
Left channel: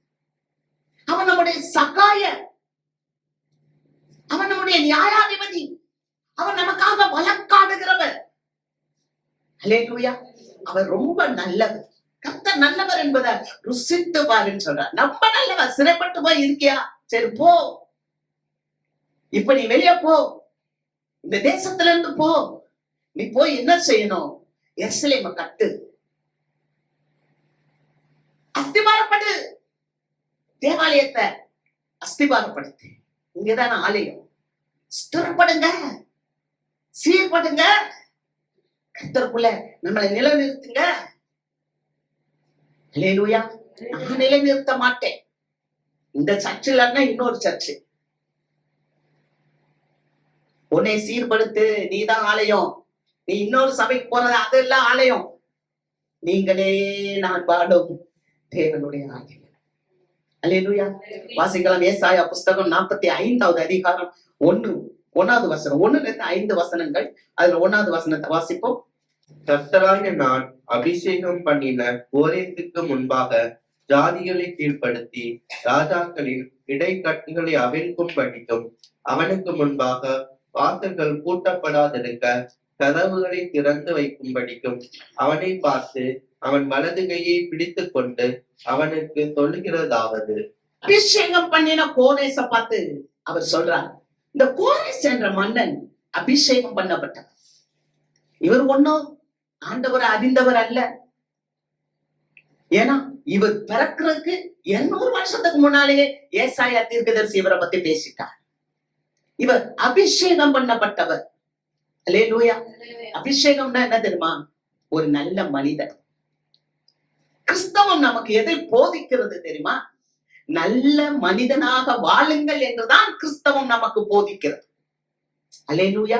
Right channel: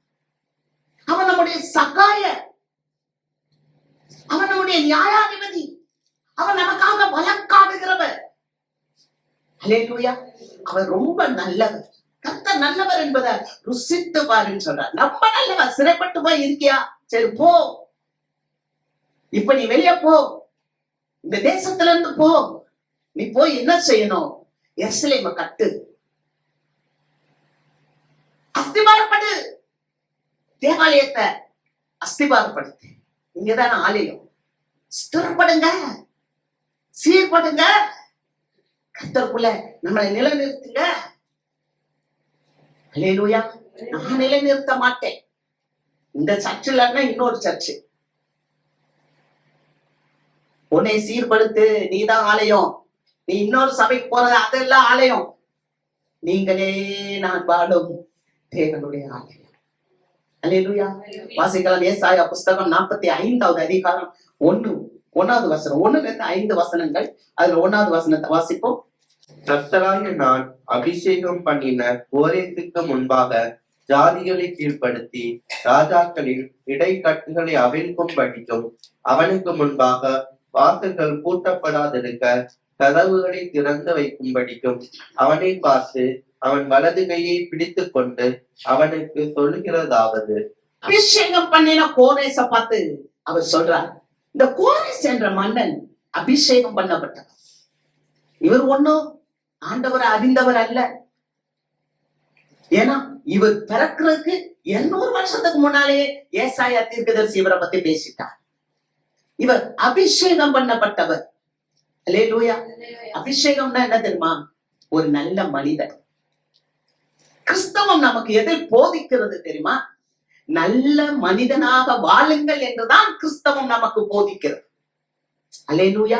அவன் நம்முடைய சகாய, அவன் நம்முடைய நியாயாதிபதி, அவன் நமக்காக வழக்காடுகிறவர். அல்லேலூயா. அவர் ரொம்ப நல்லவர். கர்த்தர் நல்லவர் என்பதை ருசித்து பாருன்னு சொல்றார். நம்ம நல்லவர். சிறைப்பட்டு போய் இருக்கியா? சரி போ, இப்ப நீ வெளியே போ, இந்த தேசத்துல இருந்து போ. நீ போய் என்ன செய்யணும்? எருசலேமை கட்டு, அஸ்திபாரப்படு, தேவாலயத்தை அஸ்திபாரப்படுத்து. இங்கதான் ஆலயம். ஸ்திரப்படுங்க, சீர்படுங்க, கர்த்தருக்குள்ள நம்மளை நிலைநிறுத்துங்க. அல்லேலூயா. நான் நிலைநிறுத்த மாட்டேன். இந்த சர்ச் இல்லைன்னா இன்னொரு சர்ச்சு. உன்னை சீர்படுத்து, நீதான் ஆலயம். நீ இன்னொரு சபைக்கு போறது அதெல்லாம் ஆலயம். நீங்களே நான் வாழும் தேவனுடைய ஆலயம். அல்லேலூயா. வாசிக்கலாம் ஏசாயா புஸ்தகம் 45வது அதிகாரம் 1வது வசனம், 1-5 வசனங்கள். அதுல 1வது வசனத்தை வாசிப்போம். கர்த்தராகிய நான் அபிஷேகம் பண்ணின கோரேசுக்கு முன்பாக ஜாதிகளை கீழ்ப்படுத்தி ராஜாக்களின் இடைக்கட்டுகளை அவிழ்க்கும் படிக்கும், அவனுக்கு முன்பாக வாசல்கள் பூட்டப்படாதிருக்க கதவுகளை திறந்து வைக்கும் படிக்கும் அவனை பார்த்து அவன் வலது கையை பிடித்துக் கொண்டு அவனுக்கு சொல்லுகிறதாவது. அபிஷேகம் பண்ணின கோரேச பார்த்து அவர் சொல்றார், இந்த கோரேஸ் என்ற மன்னன் அபிஷேகம் பண்ணப்பட்டவர். இவர் ஒன்னும் ஆண்டவர் அறிந்தவர் அல்ல. ஏன்னா இவர் பிறக்கிறதுக்கு 200 வருஷத்துக்கு முன்னாலேயே ஏசாயா தீர்க்கதரிசி இவரை பத்தி பேசிட்டார். இவர் அபிஷேகம் பண்ணப்பட்டவர். அல்லேலூயா. அபிஷேகம்னா என்ன தெரியுமா? ஒரு நல்ல மனிதன். கிறிஸ்தவம் நமக்கு எதை போதிக்கிறது தெரியுமா? நல்ல மனிதனாக வாழுங்கள் என்றுதான் கிறிஸ்தவம் நமக்கு போதிக்கிறது. அல்லேலூயா.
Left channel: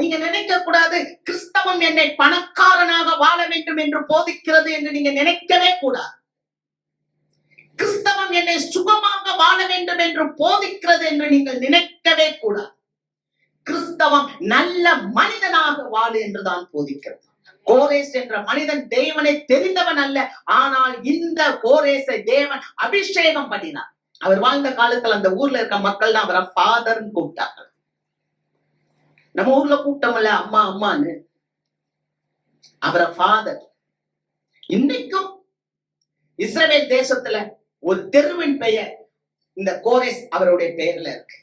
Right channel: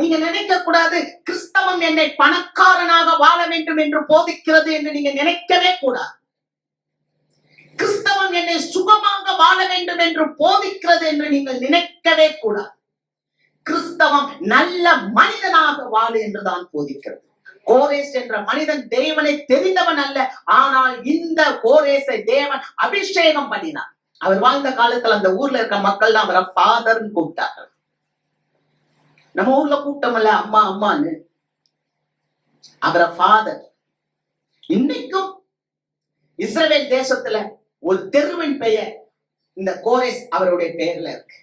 நீங்க நினைக்க கூடாது கிறிஸ்தவம் என்னை பணக்காரனாக வாழ வேண்டும் என்று போதிக்கிறது என்று நீங்க நினைக்கவே கூடாது. கிறிஸ்தவம் என்னை சுகமாக வாழ வேண்டும் என்று போதிக்கிறது என்று நீங்கள் நினைக்கவே கூடாது. கிறிஸ்தவம் நல்ல மனிதனாக வாழு என்றுதான் போதிக்கிறது. கோரேஸ் என்ற மனிதன் தேவனை தெரிந்தவன் அல்ல. ஆனால் இந்த கோரேசை தேவன் அபிஷேகம் பண்ணினார். அவர் வாழ்ந்த காலத்துல அந்த ஊர்ல இருக்க மக்கள் அவரை ஃபாதர்ன்னு கூப்பிட்டார்கள். நம்ம ஊர்ல கூப்பிட்டோம்ல அம்மா அம்மான்னு, அவரை ஃபாதர். இன்னைக்கும் இஸ்ரவேல் தேசத்துல ஒரு தெருவின் பெயர் இந்த கோரேஸ் அவருடைய பெயர்ல இருக்கு.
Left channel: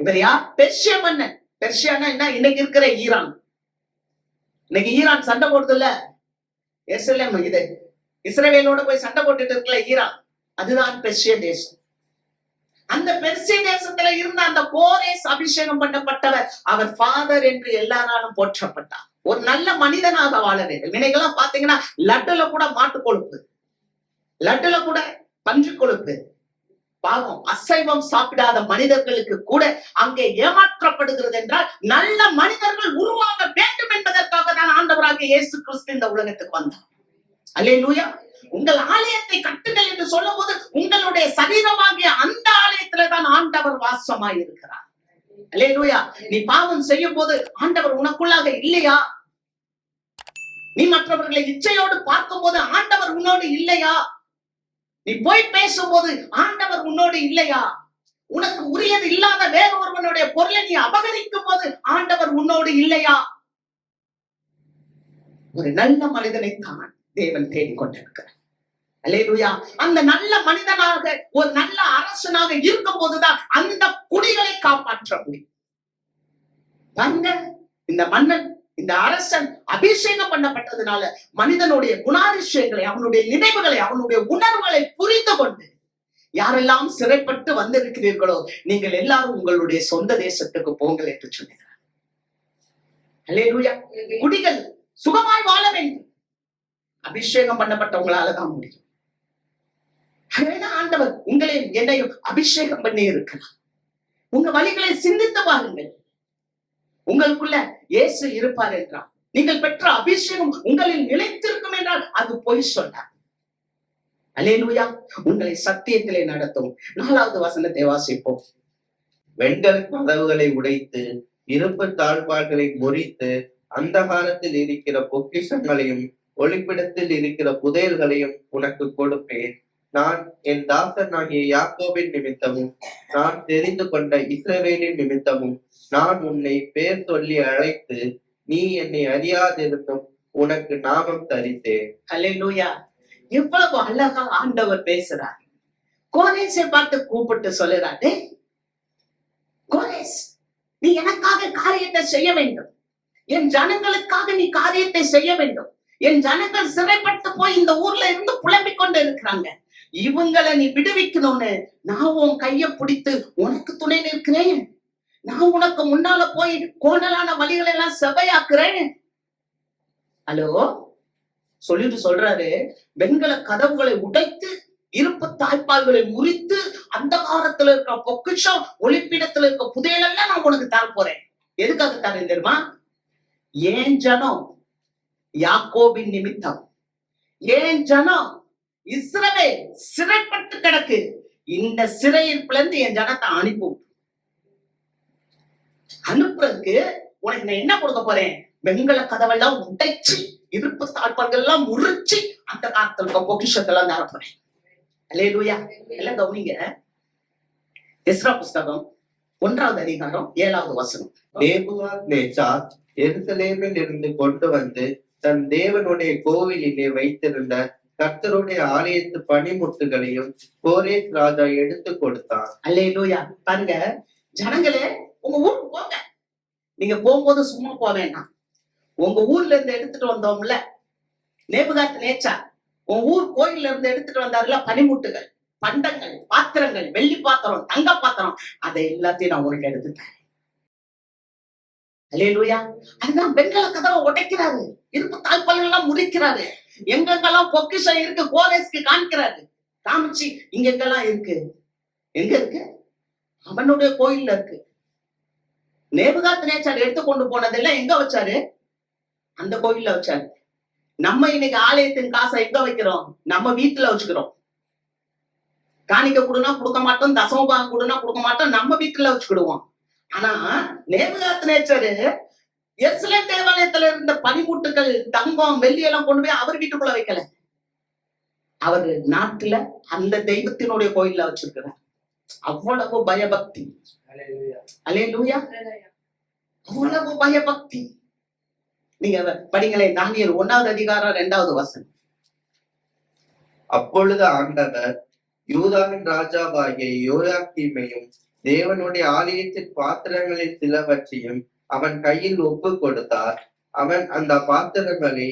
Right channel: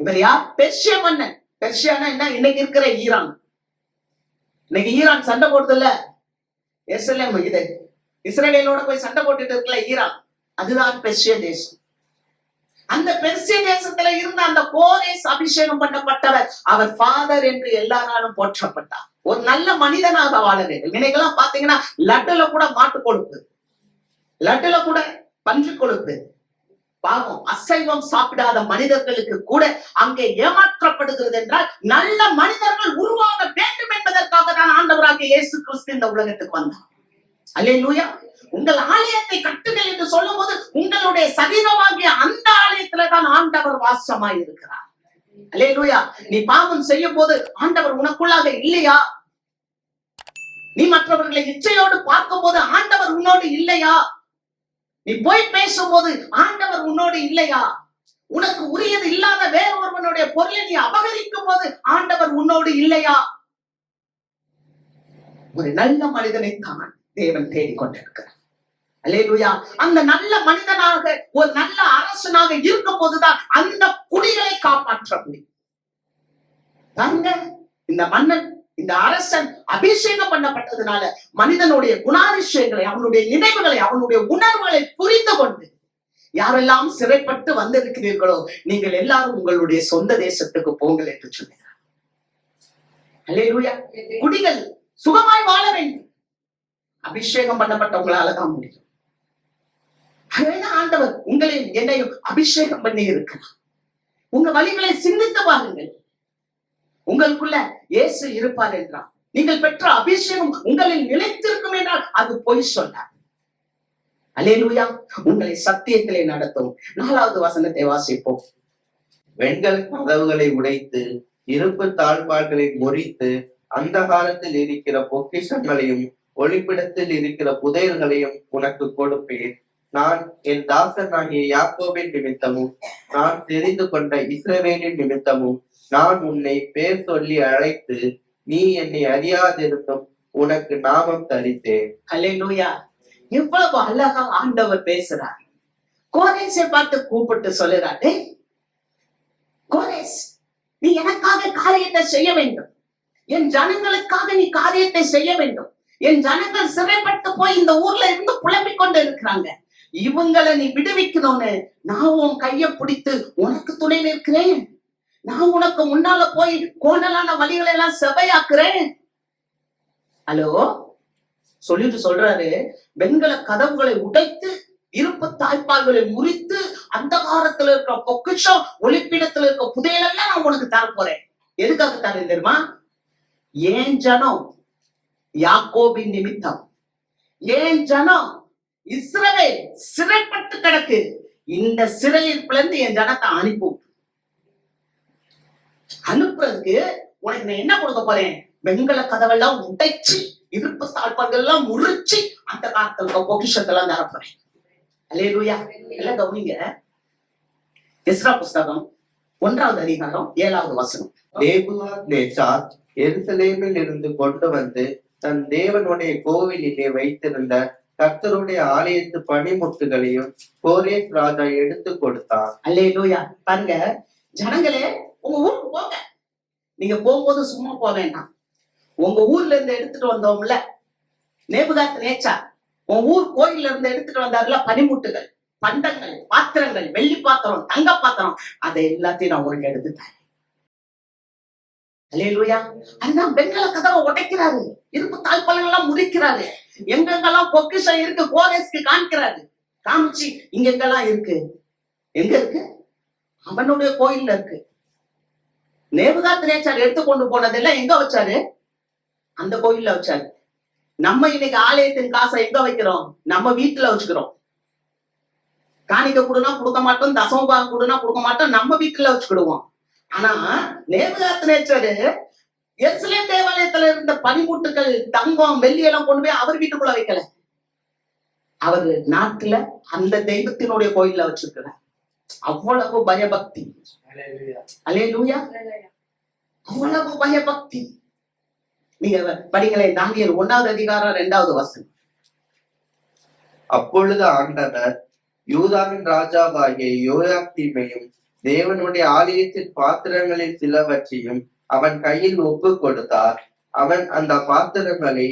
இவர் யார்? பெர்ஷிய மன்னன். பெர்ஷியானா என்ன? இன்னைக்கு இருக்கிற ஈரான். இன்னைக்கு ஈரான் சண்டை போடுது இல்ல, எருசலேம் இது இஸ்ரவேலோட போய் சண்டை போட்டுட்டு இருக்கல ஈரான், அதுதான் பெர்ஷிய தேசம். அந்த பெர்ஷிய தேசத்துல இருந்த அந்த கோரேஸ் அபிஷேகம் பண்ணப்பட்டவர். அவர் ஃபாதர் என்று எல்லாராலும் போற்றப்பட்டார். ஒரு நல்ல மனிதனாக வாழ வேண்டும். இன்னைக்கெல்லாம் பாத்தீங்கன்னா லட்டுல கூட மாட்டு கொழுப்பு, லட்டுல கூட பன்றி கொழுப்பு. பாவம், அசைவம் சாப்பிடாத மனிதர்களுக்கு கூட அங்கே ஏமாற்றப்படுகிறது என்றால் நல்ல மனிதர்கள் உருவாக வேண்டும் என்பதற்காக தான் ஆண்டவராகிய இயேசு கிறிஸ்து இந்த உலகத்துக்கு வந்தார். அல்லேலூயா. உங்கள் ஆலயத்தை கட்டுங்கள் என்று சொல்லும் போது உங்களுடைய சரீரமாகிய அந்த ஆலயத்துலதான் ஆண்டவர் வாசமாய் இருக்கிறார். அல்லேலூயா. நீ பாவம் செய்யும் போது ஆண்டவர் உனக்குள்ளாக இல்லையா? நீ மற்றவர்களை இச்சையோடு பார்க்கும் போது ஆண்டவர் உன்னோடு இல்லையா? நீ போய் பேசும்போது ஆண்டவர் உன்னோடு இல்லையா? உனக்கு உரியது இல்லாத வேற ஒருவனுடைய பொருளை நீ அபகரிக்கும் போது ஆண்டவர் உன்னோடு இல்லையா? ஒரு நல்ல மனிதனை தான் தேவன் தேடிக்கொண்டிருக்கிறார். அல்லேலூயா. அந்த நல்ல மனிதனாக ஒரு நல்ல அரசனாக இருக்கும் போதுதான் அந்த குடிகளை காப்பாற்ற முடியும். இந்த மன்னன், இந்த அரசன் அபிஷேகம் பண்ணப்பட்டதுனால மனிதனுடைய குணாதிசயங்களை, அவனுடைய நினைவுகளை, அவனுடைய உணர்வுகளை புரிந்து கொண்டு யாரெல்லாம் சிறைப்பட்டு வந்திருக்கிறீர்களோ நீங்கள் எல்லாரும் உங்களுடைய சொந்த தேசத்துக்கு போங்கள் என்று சொன்னார். அல்லேலூயா. குடிகள் சுகமாய் வாழ வேண்டும். அபிஷேகம் பண்ணப்பட்டவங்களாலதான் முடியும். ஆண்டவர் உங்களையும் என்னையும் அபிஷேகம் பண்ணி இருக்கிறார். உங்க வழிகளை சிந்தித்து பாருங்கள். உங்களுக்குள்ள இயேசு இருப்பார் என்றால், நீங்கள் பெற்ற அபிஷேகம் உங்களில் நிலைத்திருக்கும் என்றால் அது பொய் சொன்னார். அல்லேலூயா. உங்களை சத்தியத்திலே நடத்தும். 4வது வசனத்தை வாசிப்போம். வெண்கல கதவுகளை உடைத்து இருப்பு தாழ்பால்களை முறித்து அந்த காலத்தில் இருக்கிற பொக்கிஷங்களையும் ஒளிப்பிடத்தில் இருக்கிற புதையல்களையும் உனக்கு கொடுப்பேன். நான் என் தாசனாகிய யாக்கோபின் நிமித்தமும் நான் தெரிந்து கொண்ட இஸ்ரவேலின் நிமித்தமும் நான் உன்னை பேர் சொல்லி அழைத்து நீ என்னை அறியாதிருந்தும் உனக்கு நாமம் தரித்தேன். அல்லேலூயா. எவ்வளவு அழகா ஆண்டவர் பேசுறார். கோரேசை பார்த்து கூப்பிட்டு சொல்லுறாரு, கோரேஸ், நீ எனக்காக காரியத்தை செய்ய வேண்டும். என் ஜனங்களுக்காக நீ காரியத்தை செய்ய வேண்டும். என் ஜனங்கள் சிறைப்பட்டு போய் இந்த ஊர்ல இருந்து புலம்பிக் கொண்டு இருக்கிறாங்க. இவங்களை நீ விடுவிக்கணும்னு நான் உன் கைய பிடித்து உனக்கு துணை நிற்கிறேன். நான் உனக்கு முன்னால போய் கோணலான வழிகளை எல்லாம் செவையாக்குறேன். ஹலோ சொல்லிட்டு சொல்றாரு, வெண்கல கதவுகளை உடைத்து இருப்பு தாய்ப்பால்களை முறித்து அந்த காலத்துல இருக்க பொக்கிஷம் ஒளிப்பிடத்துல இருக்க புதையலெல்லாம் நான் உனக்கு தர போறேன். எதுக்காக தரேன் தெரியுமா? ஏன் ஜனம் யாக்கோபின் நிமித்தம், ஏன் ஜனம் இஸ்ரவேல் சிறைப்பட்டு கிடக்கு. இந்த சிறையில இருந்து என் ஜனத்தை அனுப்புறதுக்கு உனக்கு நான் என்ன கொடுக்க போறேன்? வெண்கல கதவெல்லாம் உடைச்சு இருப்பு தாழ்பால்கள் எல்லாம் முறிச்சு அந்த காலத்துல பொக்கிஷத்தெல்லாம் தர போறேன். அல்லேலூயா. எல்லாம் கவனிங்க. எஸ்ரா புஸ்தகம் 1வது அதிகாரம் 7வது வசனம். நேபுகாத்நேச்சார் எருசலேமில் இருந்து கொண்டு வந்து தன் தேவனுடைய கோவிலிலே வைத்திருந்த கர்த்தருடைய ஆலயத்து பணிமுட்டுகளையும் கோரேஸ் ராஜா எடுத்து கொடுத்தான். அல்லேலூயா. பாருங்க ஜனங்களே, உங்க ஊருக்கு போங்க. நீங்க போகும்போது சும்மா போக வேண்டாம். உங்க ஊர்ல இருந்து எடுத்துட்டு வந்தோம்ல நேபுகாத் நேச்சார், உன் ஊர் கோயில்ல இருந்து எடுத்துட்டு வந்தாருல பனிமுட்டுகள், பண்டங்கள், பாத்திரங்கள், வெள்ளி பாத்திரம், தங்க பாத்திரம், அதை எல்லாத்தையும் நான் உனக்கு எடுத்துட்டேன். அல்லேலூயா. அதுதான் வெண்கல கதவை உடைக்கிறாரு, இருப்பு தாழ்பாளர்கள் எல்லாம் முடிக்கிறாரு, எங்கெங்கெல்லாம் பொக்கிஷம் இருக்கு கோரேஸ்க்கு காமிக்கிறாரு. காமிச்சு இங்கெங்கெல்லாம் இருக்கு. எங்க இருக்கு? அவனுடைய கோயில்ல இருக்கு. நேபுகாத் நேச்சார் எடுத்து கொண்டு போனதெல்லாம் எங்க வச்சாரு? அந்த கோயில்ல வச்சாரு. நம்ம இன்னைக்கு ஆலயத்தின் காசை எங்க வைக்கிறோம்? நம்ம வீட்டுல வச்சுக்கிறோம். காணிக்க கொடுனா கொடுக்க மாட்டோம், தசமபாகம் கொடுனா கொடுக்க மாட்டோம், நம்ம வீட்டுல வச்சுக்கிடுவோம். ஆனா நேபுகாத் நேச்சார் எருசலேம் தேவாலயத்துல இருந்த பனிமுட்டுகள், தங்கம், வெள்ளி எல்லாம் கொண்டு போய் அவர் வீட்டுக்குள்ள வைக்கல. அவர் நாட்டுல அந்த தெய்வத்தினுடைய கோயில்ல வச்சிருக்கிறார். அவ்வளவு பயபக்தி. அல்லேலூயா. அவ்வளவு பயபக்தி. நீங்க படிங்களேன், தானியேல் 1வது அதிகாரம் 2வது வசனம். அப்பொழுது ஆண்டவர் யூதாவின் ராஜாவாகிய யோயாக்கீமையும் தேவனுடைய ஆலயத்தின் பாத்திரங்களில் சிலவற்றையும் அவன் கையில் ஒப்பு கொடுத்தார். அவன் அந்த பாத்திரங்களை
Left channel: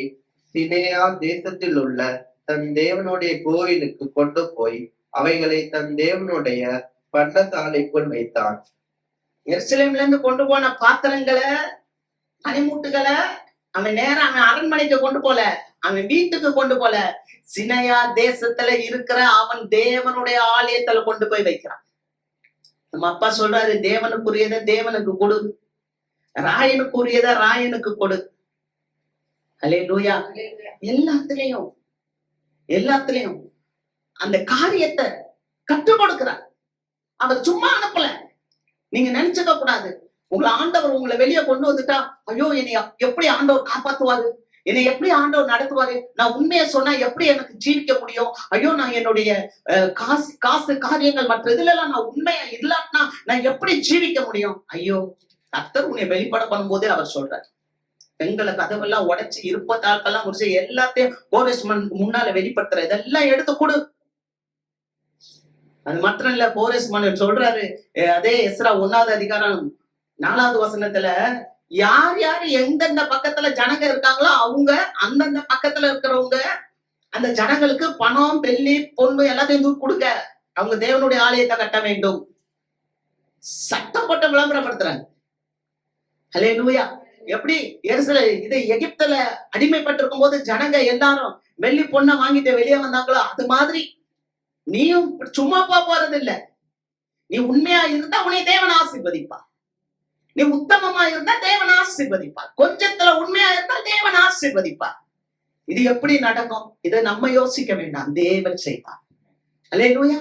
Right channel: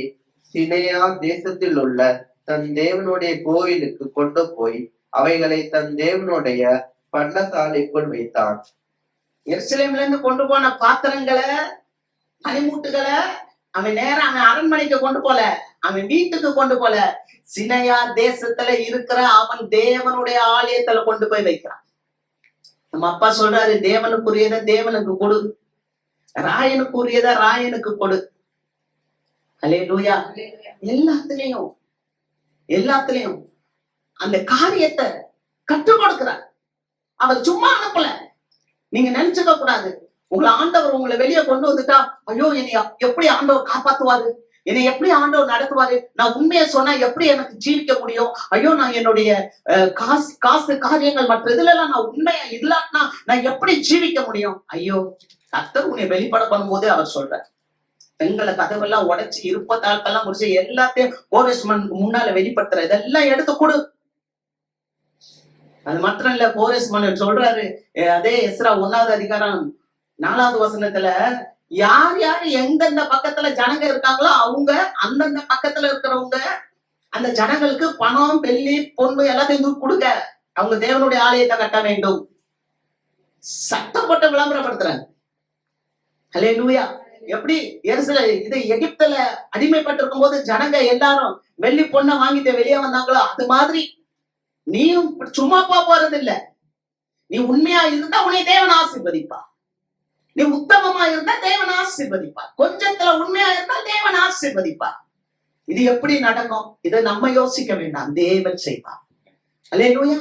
சினேயா தேசத்தில் உள்ள தன் தேவனுடைய கோயிலுக்கு கொண்டு போய் அவைகளை தன் தேவனுடைய பண்டசாலைக்குள் வைத்தான். எருசலேம்ல இருந்து கொண்டு போன பாத்திரங்களை, பனிமுட்டுகளை அவன் நேரம் அவன் அரண்மனைக்கு கொண்டு போல, அவன் வீட்டுக்கு கொண்டு போல, சினையா தேசத்துல இருக்கிற அவன் தேவனுடைய ஆலயத்துல கொண்டு போய் வைக்கிறான். நம்ம அப்பா சொல்றாரு, தேவனுக்குரியத தேவனுக்கு கொடு, ராயனுக்குரியத ராயனுக்கு கொடு. அல்லேலூயா. எல்லாத்துலயும் அந்த காரியத்தை கற்றுக் கொடுக்கிறார். அவர் சும்மா அனுப்பல. நீங்க நினைச்சுக்க கூடாது, உங்களை ஆண்டவர் உங்களை வெளியே கொண்டு வந்துட்டா, ஐயோ என்னை எப்படி ஆண்டவர் காப்பாத்துவாரு, என்னை எப்படி ஆண்டவர் நடத்துவாரு, நான் உண்மையை சொன்னா எப்படி எனக்கு ஜீவிக்க முடியும், ஐயோ நான் என்னுடைய காசு காரியங்கள் மற்ற இதுல எல்லாம் நான் உண்மையா இல்லாட்டினா நான் எப்படி ஜீவிக்க முடியும். ஐயோ, கர்த்தர் உன்னை வெளிப்பட பண்ணும்போதே அவர் சொல்றார், பெண்களை கதவெல்லாம் உடைச்சு இருப்பத்தாட்கள்லாம் முடிச்சு எல்லாத்தையும் கோரேஸ்மனுக்கு முன்னால வெளிப்படுத்துற இதெல்லாம் எடுத்து கொடு. அது மாத்திரம் இல்ல, கோரேஸ்மன் சொல்றாரு, அதே எஸ்ரா 1வது அதிகாரம் 4வது வசனத்துல, யார் யாரு எந்தெந்த பக்கத்துல ஜனங்க இருக்காங்களோ அவங்க அந்தந்த பக்கத்துல இருக்கிறவங்க அந்த ஜனங்களுக்கு பணம், வெள்ளி, பொண்ணு எல்லாத்தையும் கொடுங்க, அவங்க தேவனுடைய ஆலயத்தை கட்ட வேண்டும். சட்டம் போட்டு விளம்பரப்படுத்துறாங்க. அல்லேலூயா. எப்படி இது எகிப்துல அடிமைப்பட்டிருக்கும் போது ஜனங்க எல்லாரும் வெள்ளி பொண்ணை வாங்கிட்டு வெளியே வந்தாங்களோ, அது மாதிரி நீயும் சும்மா போறது இல்ல. நீ உண்மையா இருந்தா உன்னை தேவன் ஆசீர்வதிப்பா. நீ உத்தமமா இருந்தா தேவன் ஆசீர்வதிப்பா. கொஞ்சத்துல உண்மையா இருந்தா தேவன் ஆசீர்வதிப்பா. இது எப்படி நடக்கும்? இதை நம்ம யோசிக்க வேண்டாம், தேவன் செய்வார். அல்லேலூயா.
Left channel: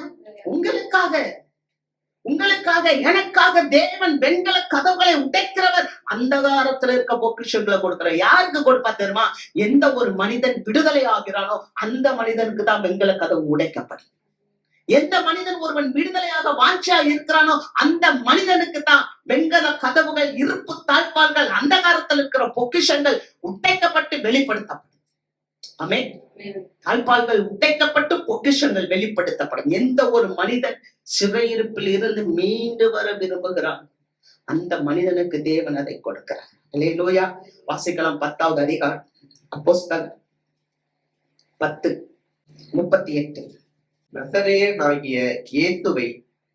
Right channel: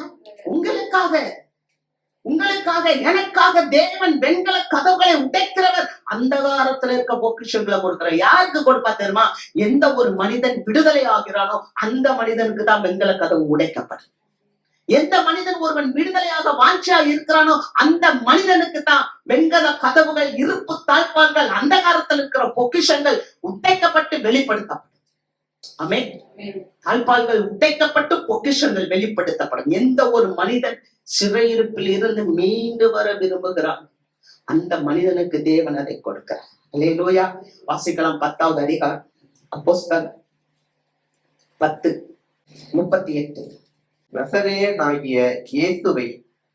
உங்களுக்காக எனக்காக தேவன் வெண்கல கதவுகளை உடைக்கிறவர். அந்தகாரத்துல இருக்க பொக்கிஷங்களை கொடுக்கிற யாருக்கு கொடுப்பா தெரியுமா? எந்த ஒரு மனிதன் விடுதலை ஆகிறானோ அந்த மனிதனுக்கு தான் வெண்கல கதவு உடைக்கப்படும். எந்த மனிதன் ஒருவன் விடுதலையாக வாஞ்சா இருக்கிறானோ அந்த மனிதனுக்கு தான் வெண்கல கதவுகள், இருப்பு தாழ்பால்கள், அந்தகாரத்தில் இருக்கிற பொக்கிஷங்கள் உடைக்கப்பட்டு வெளிப்படுத்தப்படும். ஆமென். தாழ்பால்கள் உடைக்கப்பட்டு பொக்கிஷங்கள் வெளிப்படுத்தப்படும். எந்த ஒரு மனிதன் சிறையிருப்பில் இருந்து மீண்டு வர விரும்புகிறான் அந்த மனிதனுக்கு தேவன் அதை கொடுக்கிறார். அல்லேலூயா. வாசிக்கலாம் 10வது அதிகாரம் அப்போஸ்தலர் 10:38. நசரேயனாகிய இயேசுவை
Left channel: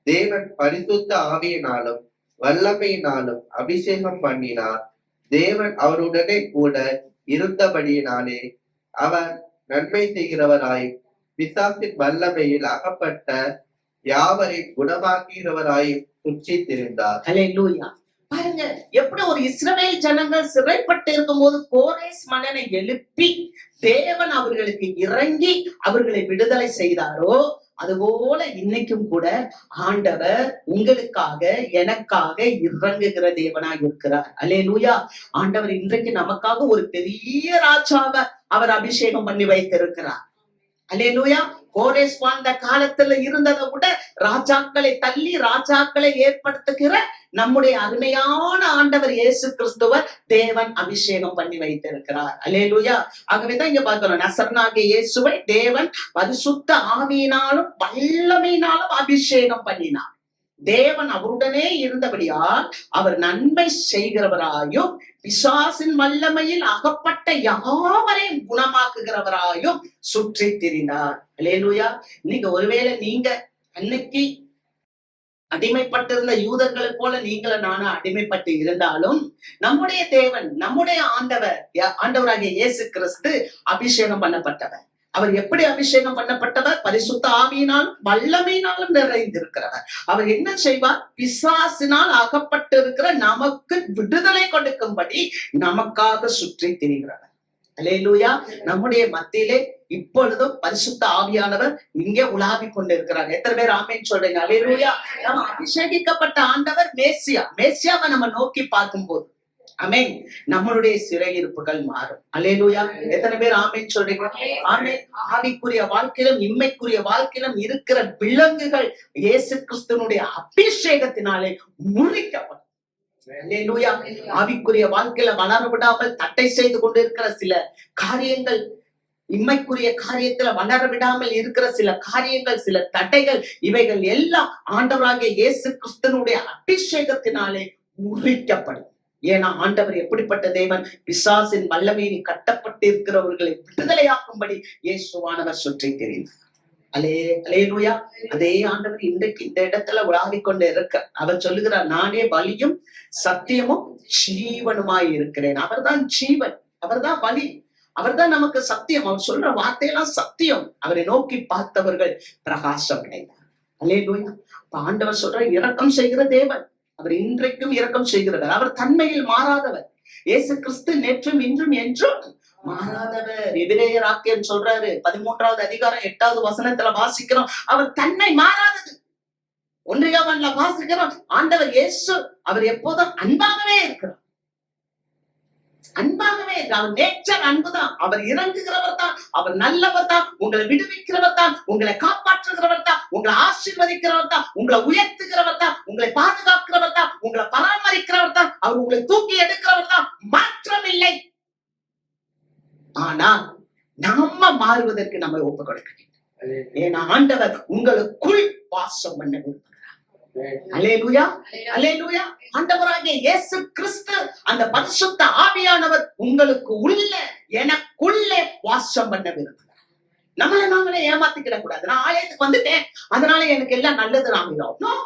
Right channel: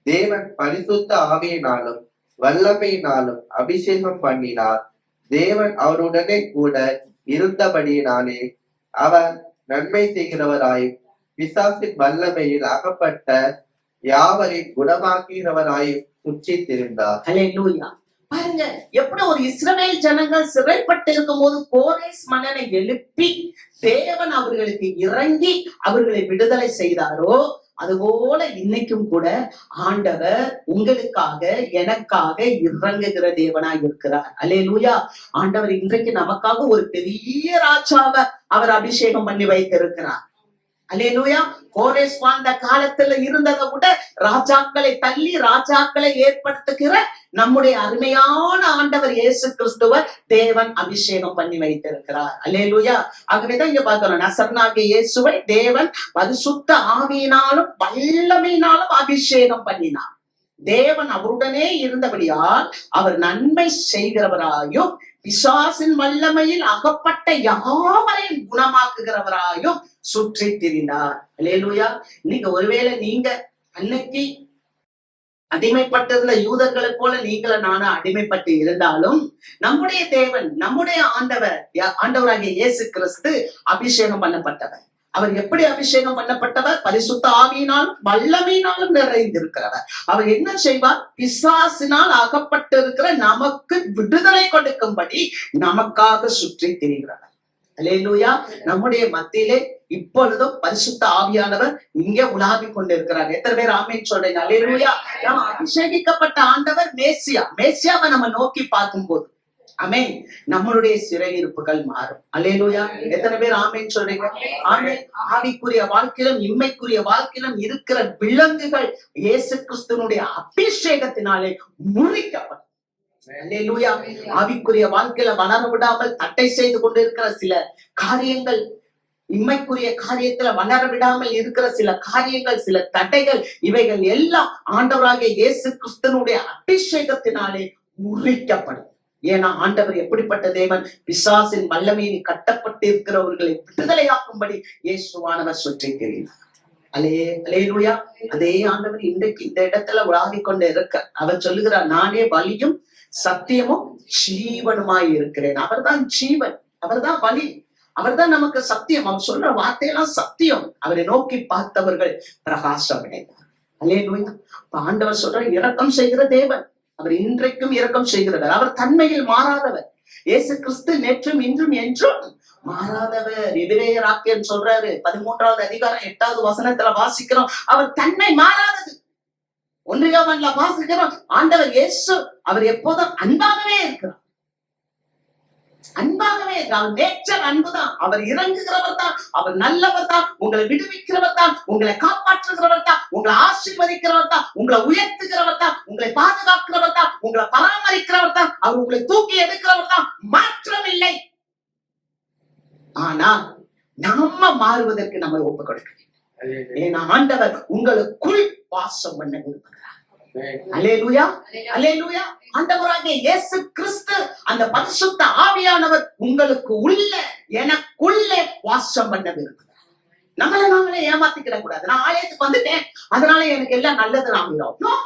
தேவன் பரிசுத்த ஆவியினாலும் வல்லமையினாலும் அபிஷேகம் பண்ணினார். தேவன் அவருடனே கூட இருந்தபடியினாலே அவர் நன்மை செய்கிறவராயும் பிசாசின் வல்லமையில் அகப்பட்ட யாவரை குணமாக்குகிறவராயும் சுற்றி திரிந்தார். அல்லேலூயா. பாருங்க, எப்படி ஒரு இஸ்ரவேல் ஜனங்கள் சிறைப்பட்டு இருக்கும் போது கோரேஸ் மன்னனை எழுப்பி தேவன் அவர்களுக்கு இறங்கி அவர்களை விடுதலை செய்தாரோ, அதுபோல இன்னைக்கும் கூட ஆண்டவர் உங்களுக்காக எனக்காக இறங்குகிற தேவனாய் இருக்கிறார். அல்லேலூயா. ஆண்டவர் இன்றைக்கு நமக்காக ஒரு பெரிய ராஜாவை அவர் அபிஷேகம் பண்ணி வைத்திருக்கிறார். அல்லேலூயா. கோரேஸ் வாழ்ந்த காலத்துல இருந்ததை விட ராஜாக்களை தள்ளி ராஜாக்களை ஏற்படுத்துகிற நம்முடைய அருமையான ஆண்டவர் இயேசு கிறிஸ்துவ தேவன் அபிஷேகம் பண்ணி வைத்திருக்கிறார். அல்லேலூயா. ஆகவேதான் இங்க பார்க்கிறோம், நசரனாகிய இயேசுவை தேவன் பரிசுத்த ஆவியினாலும் வல்லமையினாலும் அபிஷேகம் பண்ணினார். தேவன் அவருடனே இருந்தபடியால் அவர் நன்மை செய்கிறவராயும் பிசாசின் வல்லமையில் அகப்பட்ட யாவரையும் குணமாக்குகிறவராயும் சுற்றி திரிந்தார். அல்லேலூயா. நீங்க ஒருவேளை நீங்க அன்னைக்கு அடிமைப்பட்டிருந்த யூதர்களைப் போல நீங்களும் நானும் அடிமைப்பட்டு இருந்தாலும் நம்முடைய தேவன், நம்முடைய ஆண்டவராகிய இயேசு கிறிஸ்து அபிஷேகம் பண்ணப்பட்டவர். அவர் எப்படி அபிஷேகம் பண்ணப்பட்டவர்? பரிசுத்த ஆவியினாலும் வல்லமையினாலும் நிறைந்திருக்கிறவர். அவர் என்ன செய்வார்? பிசாசினால் அகப்பட்டு இருக்கிற நமக்கு விடுதலை கொடுக்கும்படி நமக்காக சுற்றி திரிகிறவர். அல்லேலூயா. நம்முடைய மத்தியிலே இப்பொழுதும் பரிசுத்த ஆவியானவர் இங்கே உலாவிக் கொண்டிருக்கிறார். எத்தனை பேர் ஆமென் சொல்றீங்க? அல்லேலூயா. நம்ம அபிஷேகிக்கப்பட்ட ஆண்டவர் மேசியாவை நம்ம நோக்கி பார்க்கும்போது ஆமென், நம்மளுடைய சிறையிருப்புகள் மாறும். அல்லேலூயா. எத்தனை பேர் ஆமென் சொல்றீங்க? ஆமென். ஆவிக்குரிய வாழ்க்கையிலும் இம்மைக்குரிய வாழ்க்கையிலும் இருக்கிற விலங்குகள் இயேசு கிறிஸ்துவினுடைய அபிஷேகத்தினாலே முறிக்கப்படும். அல்லேலூயா. ஆவிக்குரிய வாழ்க்கையில வளர விடாமல் தட்டை செய்து கொண்டிருக்கிற சில காரியங்கள், இம்மைக்குரிய காரியத்துல வளர விடாமல் இருக்கிற சில காரியங்கள், சில தடைகள், இவைகள் எல்லாம் ஆண்டவராகிய இயேசு கிறிஸ்துவினுடைய அபிஷேகத்தினாலே முறிக்கப்படும். ஏன்னா ஆண்டவர் எப்படிப்பட்ட தேவன்? பிசாசின் வல்லமையில் கட்டப்பட்டு இருக்கிறவர்களை விடுதலையாக்கும்படி இயேசுவானவர் சுற்றி திரிந்தார். அல்லேலூயா. அதே ஆண்டவர் இன்றைக்கு இந்த இடத்துல உலாவிக் கொண்டு இருக்க அவர் சொல்லுகிறார், நானே வழியும் சத்தியமும் ஜீவனுமாய் இருக்கிறேன். அவர்தான் ஜீவன், அவர்தான் வழி, அவர்தான் நமக்கு சத்தியம். அவர் சொல்ற வார்த்தையெல்லாம் சத்தியம். அவரை நோக்கி பார்த்தவர்கள் பிரகாசம் அடைந்தார். அல்லேலூயா. ஆண்டவர் சொல்ற இரக்கம் செய்கிற தேவன், அவர் இன்றைக்கும் இரக்கம் செய்கிறவர். அவர் தன்மையில் மாறாதவர். இயேசு கிறிஸ்து நேற்றும் இன்றும் என்றும் மாறாதவர். எபிரேயராக்கியன் சொல்றாரு, 13வது அதிகாரம் 8வது வசனத்துல வாசிக்கிறோம், அவர் தன்மை மாறாதது. 1 யோவான்ல வாசிக்கிறோம், ஆண்டவர் இயேசு அவர் எப்போதும் அன்பாகவே இருக்கிறார். அன்பாகவே அவர் நேச்சர் அன்புதான். அவர் இறங்குகிறவர் தான், அவர் நல்லவர் தான், உங்களை விடுவிக்கிறவர் தான், உங்களை காப்பாற்றுகிறவர் தான், உங்களை ஆசீர்வதிக்கிறவர் தான், உங்களை உயர்த்துகிறவர் தான், உங்களை பாதுகாக்கிறவர் தான், உங்களை பராமரிக்கிறவர் தான், அவர் உங்களை தூக்கி எடுக்கிறவர் தான். மாற்றம் இல்லை. ஆனா நம்ம மாறுவதற்கு நம்ம ஒப்பு கொடுக்க வேண்டும். ஏன்னா ஆண்டவர் உங்களுக்குள் வாசம் பண்ண விரும்புகிறார். அல்லேலூயா. அல்லேலூயா. ஆண்டவராகிய இயேசு கிறிஸ்து அந்த பரிசுத்த ஆவியானவர் உங்களுக்கு உள்ள, எனக்குள்ளே வாசம் பண்ண விரும்புகிறார். நம்மளை நாங்களே ஏமாத்திக்கிட கூடாது. நான் ஆலயத்துக்கு வந்துட்டேன், அதனால எனக்கு எல்லாம் நல்லது நாமிடும்.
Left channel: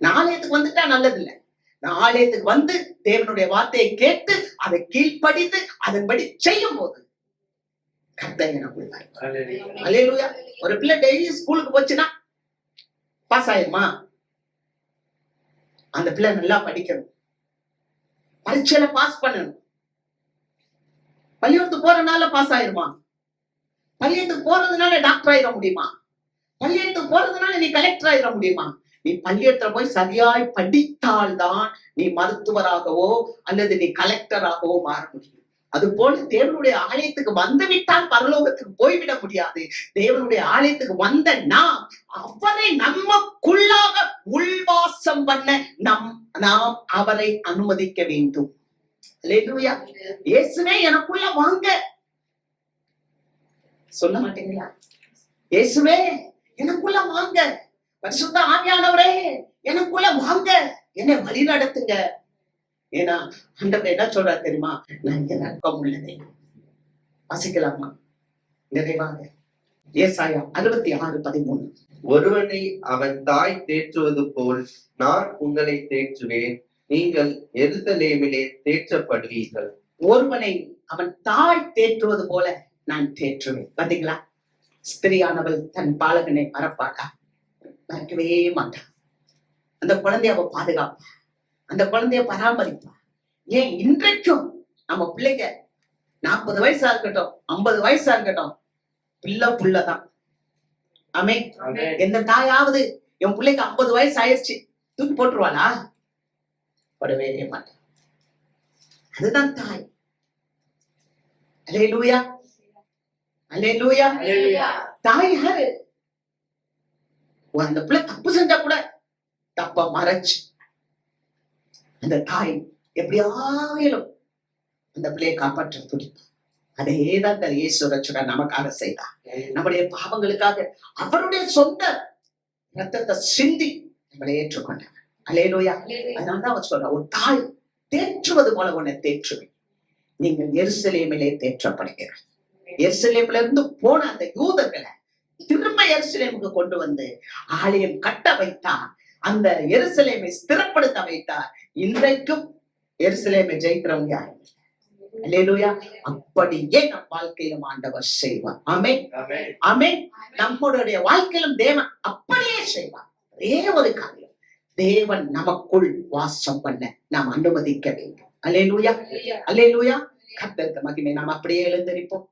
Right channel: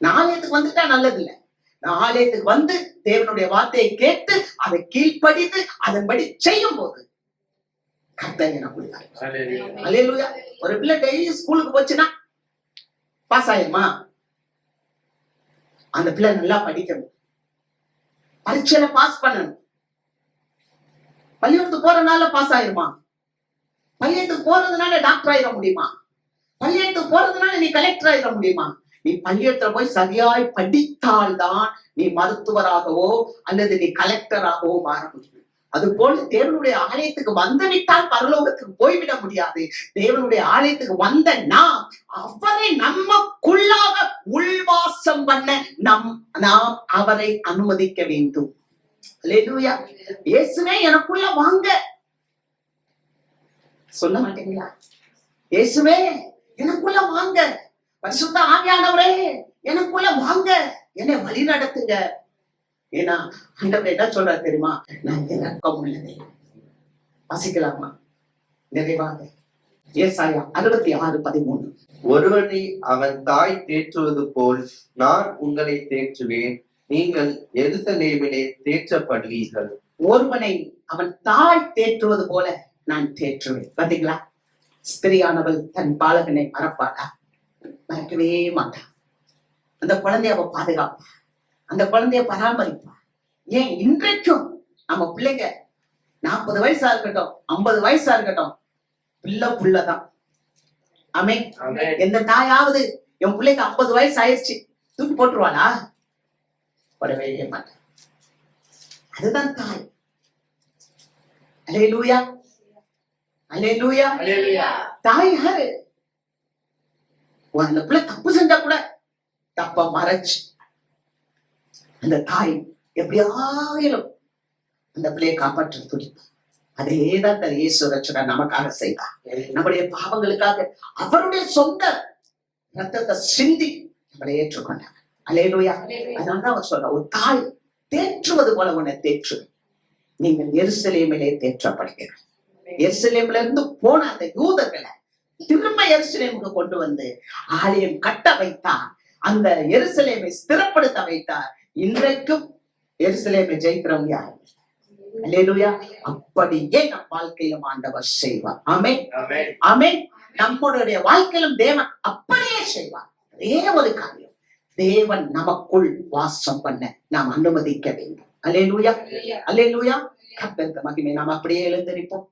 நான் ஆலயத்துக்கு வந்துட்டா நல்லது இல்லை. நான் ஆலயத்துக்கு வந்து தேவனுடைய வார்த்தையை கேட்டு அதை கீழ்ப்படித்து அதன்படி செய்யும் போது கர்த்தர் எனக்கு கொடுத்தார். அல்லேலூயா. ஒரு பிள்ளை டெய்லி ஸ்கூலுக்கு போச்சுன்னா பாஸ் ஆயிருமா? அந்த பிள்ளை நல்லா படிக்கணும், பரீட்சையில பாஸ் பண்ணணும். பள்ளிக்கூடத்துக்கு போறதுனால பாஸ் ஆயிருமா? பள்ளிக்கூடத்துக்கு போறதுனால டாக்டர் ஆயிட முடியுமா? பள்ளிக்கூடத்துக்கு போறதுனால நீ கலெக்டர் ஆயிட முடியுமா? நீ பள்ளிக்கூடத்துல போய் சரியாய் படித்தால்தான் நீ மருத்துவராகவோ அல்லது நீ கலெக்டராகவோ மாற முடியும். அது போல தேவனுடைய ஆலயத்துக்கு வந்து விட்டால் பரலோகத்துக்கு போய்விட முடியாது. தேவனுடைய ஆலயத்துக்கு வந்த நாம் அவரை நமக்குள்ளாக உள்வாசம் பண்ண நாம் அவரை அனுமதிக்க வேண்டும். அல்லேலூயா. இயேசுவே எனக்குள்ள வாங்க சொல்ல மாட்டீங்களா? இயேசுவே எனக்குள்ள வாங்க, பரிசுத்த ஆவியானவரே எனக்குள்ள வாங்க, என்னை வழி நடத்துங்க. ஏன்னா ஆண்டவர் என்ன சொல்றாரு தெரியுமா? நான் இரக்கம் உள்ளதை வாசிக்கலாமா நிறைவாக? ஏசாயா 66:13. ஒருவனை அவன் தாய் தேற்றுவது போல் நான் உங்களை தேற்றுவேன், நீங்கள் எருசலேமிலே தேற்றப்படுவீர்கள். ஒருவனை அவன் தாய் தேற்றுவது போல நான் தேற்றுவேன். பாத்தீங்களா? ஸ்திரியானவள் தன் பாலகனை மறப்பாளா? மறக்கவே மாட்டான். அந்த குழந்தைய அவ பாதுகாப்பா, அந்த குழந்தைய பராமரிப்பா. ஏன் இன்றைக்கும் நம்ம பிள்ளைங்க 40 வயசா இருக்கட்டும், 50 வயசா இருக்கட்டும், புள்ளதான். ஆமென். எந்த தாயாவது என் பிள்ளைக்கு 50 வயசு ஆயிடுச்சு தூக்கி போட்டுருவாளா? போடவே மாட்டான். அதுதான் தாய். அல்லேலூயா. அல்லேலூயா. தாய் யாரு? அந்த பிள்ளை தப்பு செஞ்சா கூட தப்ப மறைச்சு அந்த தாய் எப்படியாயிலும் அந்த பிள்ளையை காப்பாற்ற துடிப்பார். அதேதான் இயேசு ரட்சகர் நமக்காக செய்தார். நம்முடைய பாவங்களுக்காக அவருடைய சொந்த ரத்தத்தை சிந்தி நம்மளை ஏற்றுக்கொண்டாங்க. அல்லேலூயா. அதனாலதான் அவர் சொல்ற, ஒரு தாய் தேற்றுவது போல உன்னை தேற்றுவேன். நீங்கள் எருசலேமிலே தேற்றப்படுகிறார். எருசலேம்ல இருந்து போன அந்த யூதர்களை திரும்ப எருசலேமுக்கு கொண்டு வந்து ஆலயம் கட்ட வைத்தார். அந்த எருசலேமை ஸ்திரப்படுத்த வைத்தார். இன்றைக்கும் எருசலேமை ஜெயிக்கிறவங்க யார்? அல்லேலூயா. அப்படியே நம் வாழ்க்கையிலும் ஆண்டவர் செய்வார். ஆமென், ஆமென். நம்மளுடைய வாழ்க்கையிலும் தேவன் அப்படியே செய்வார். ஒரே ஒரு காரியம், தேவன் நமக்குள் வாசம் பண்ண நாம் அனுமதிக்க வேண்டும். அல்லேலூயா, அல்லேலூயா. கர்த்தருக்கு மகிமை. நாம் அப்படியே எழுந்திருப்போம்.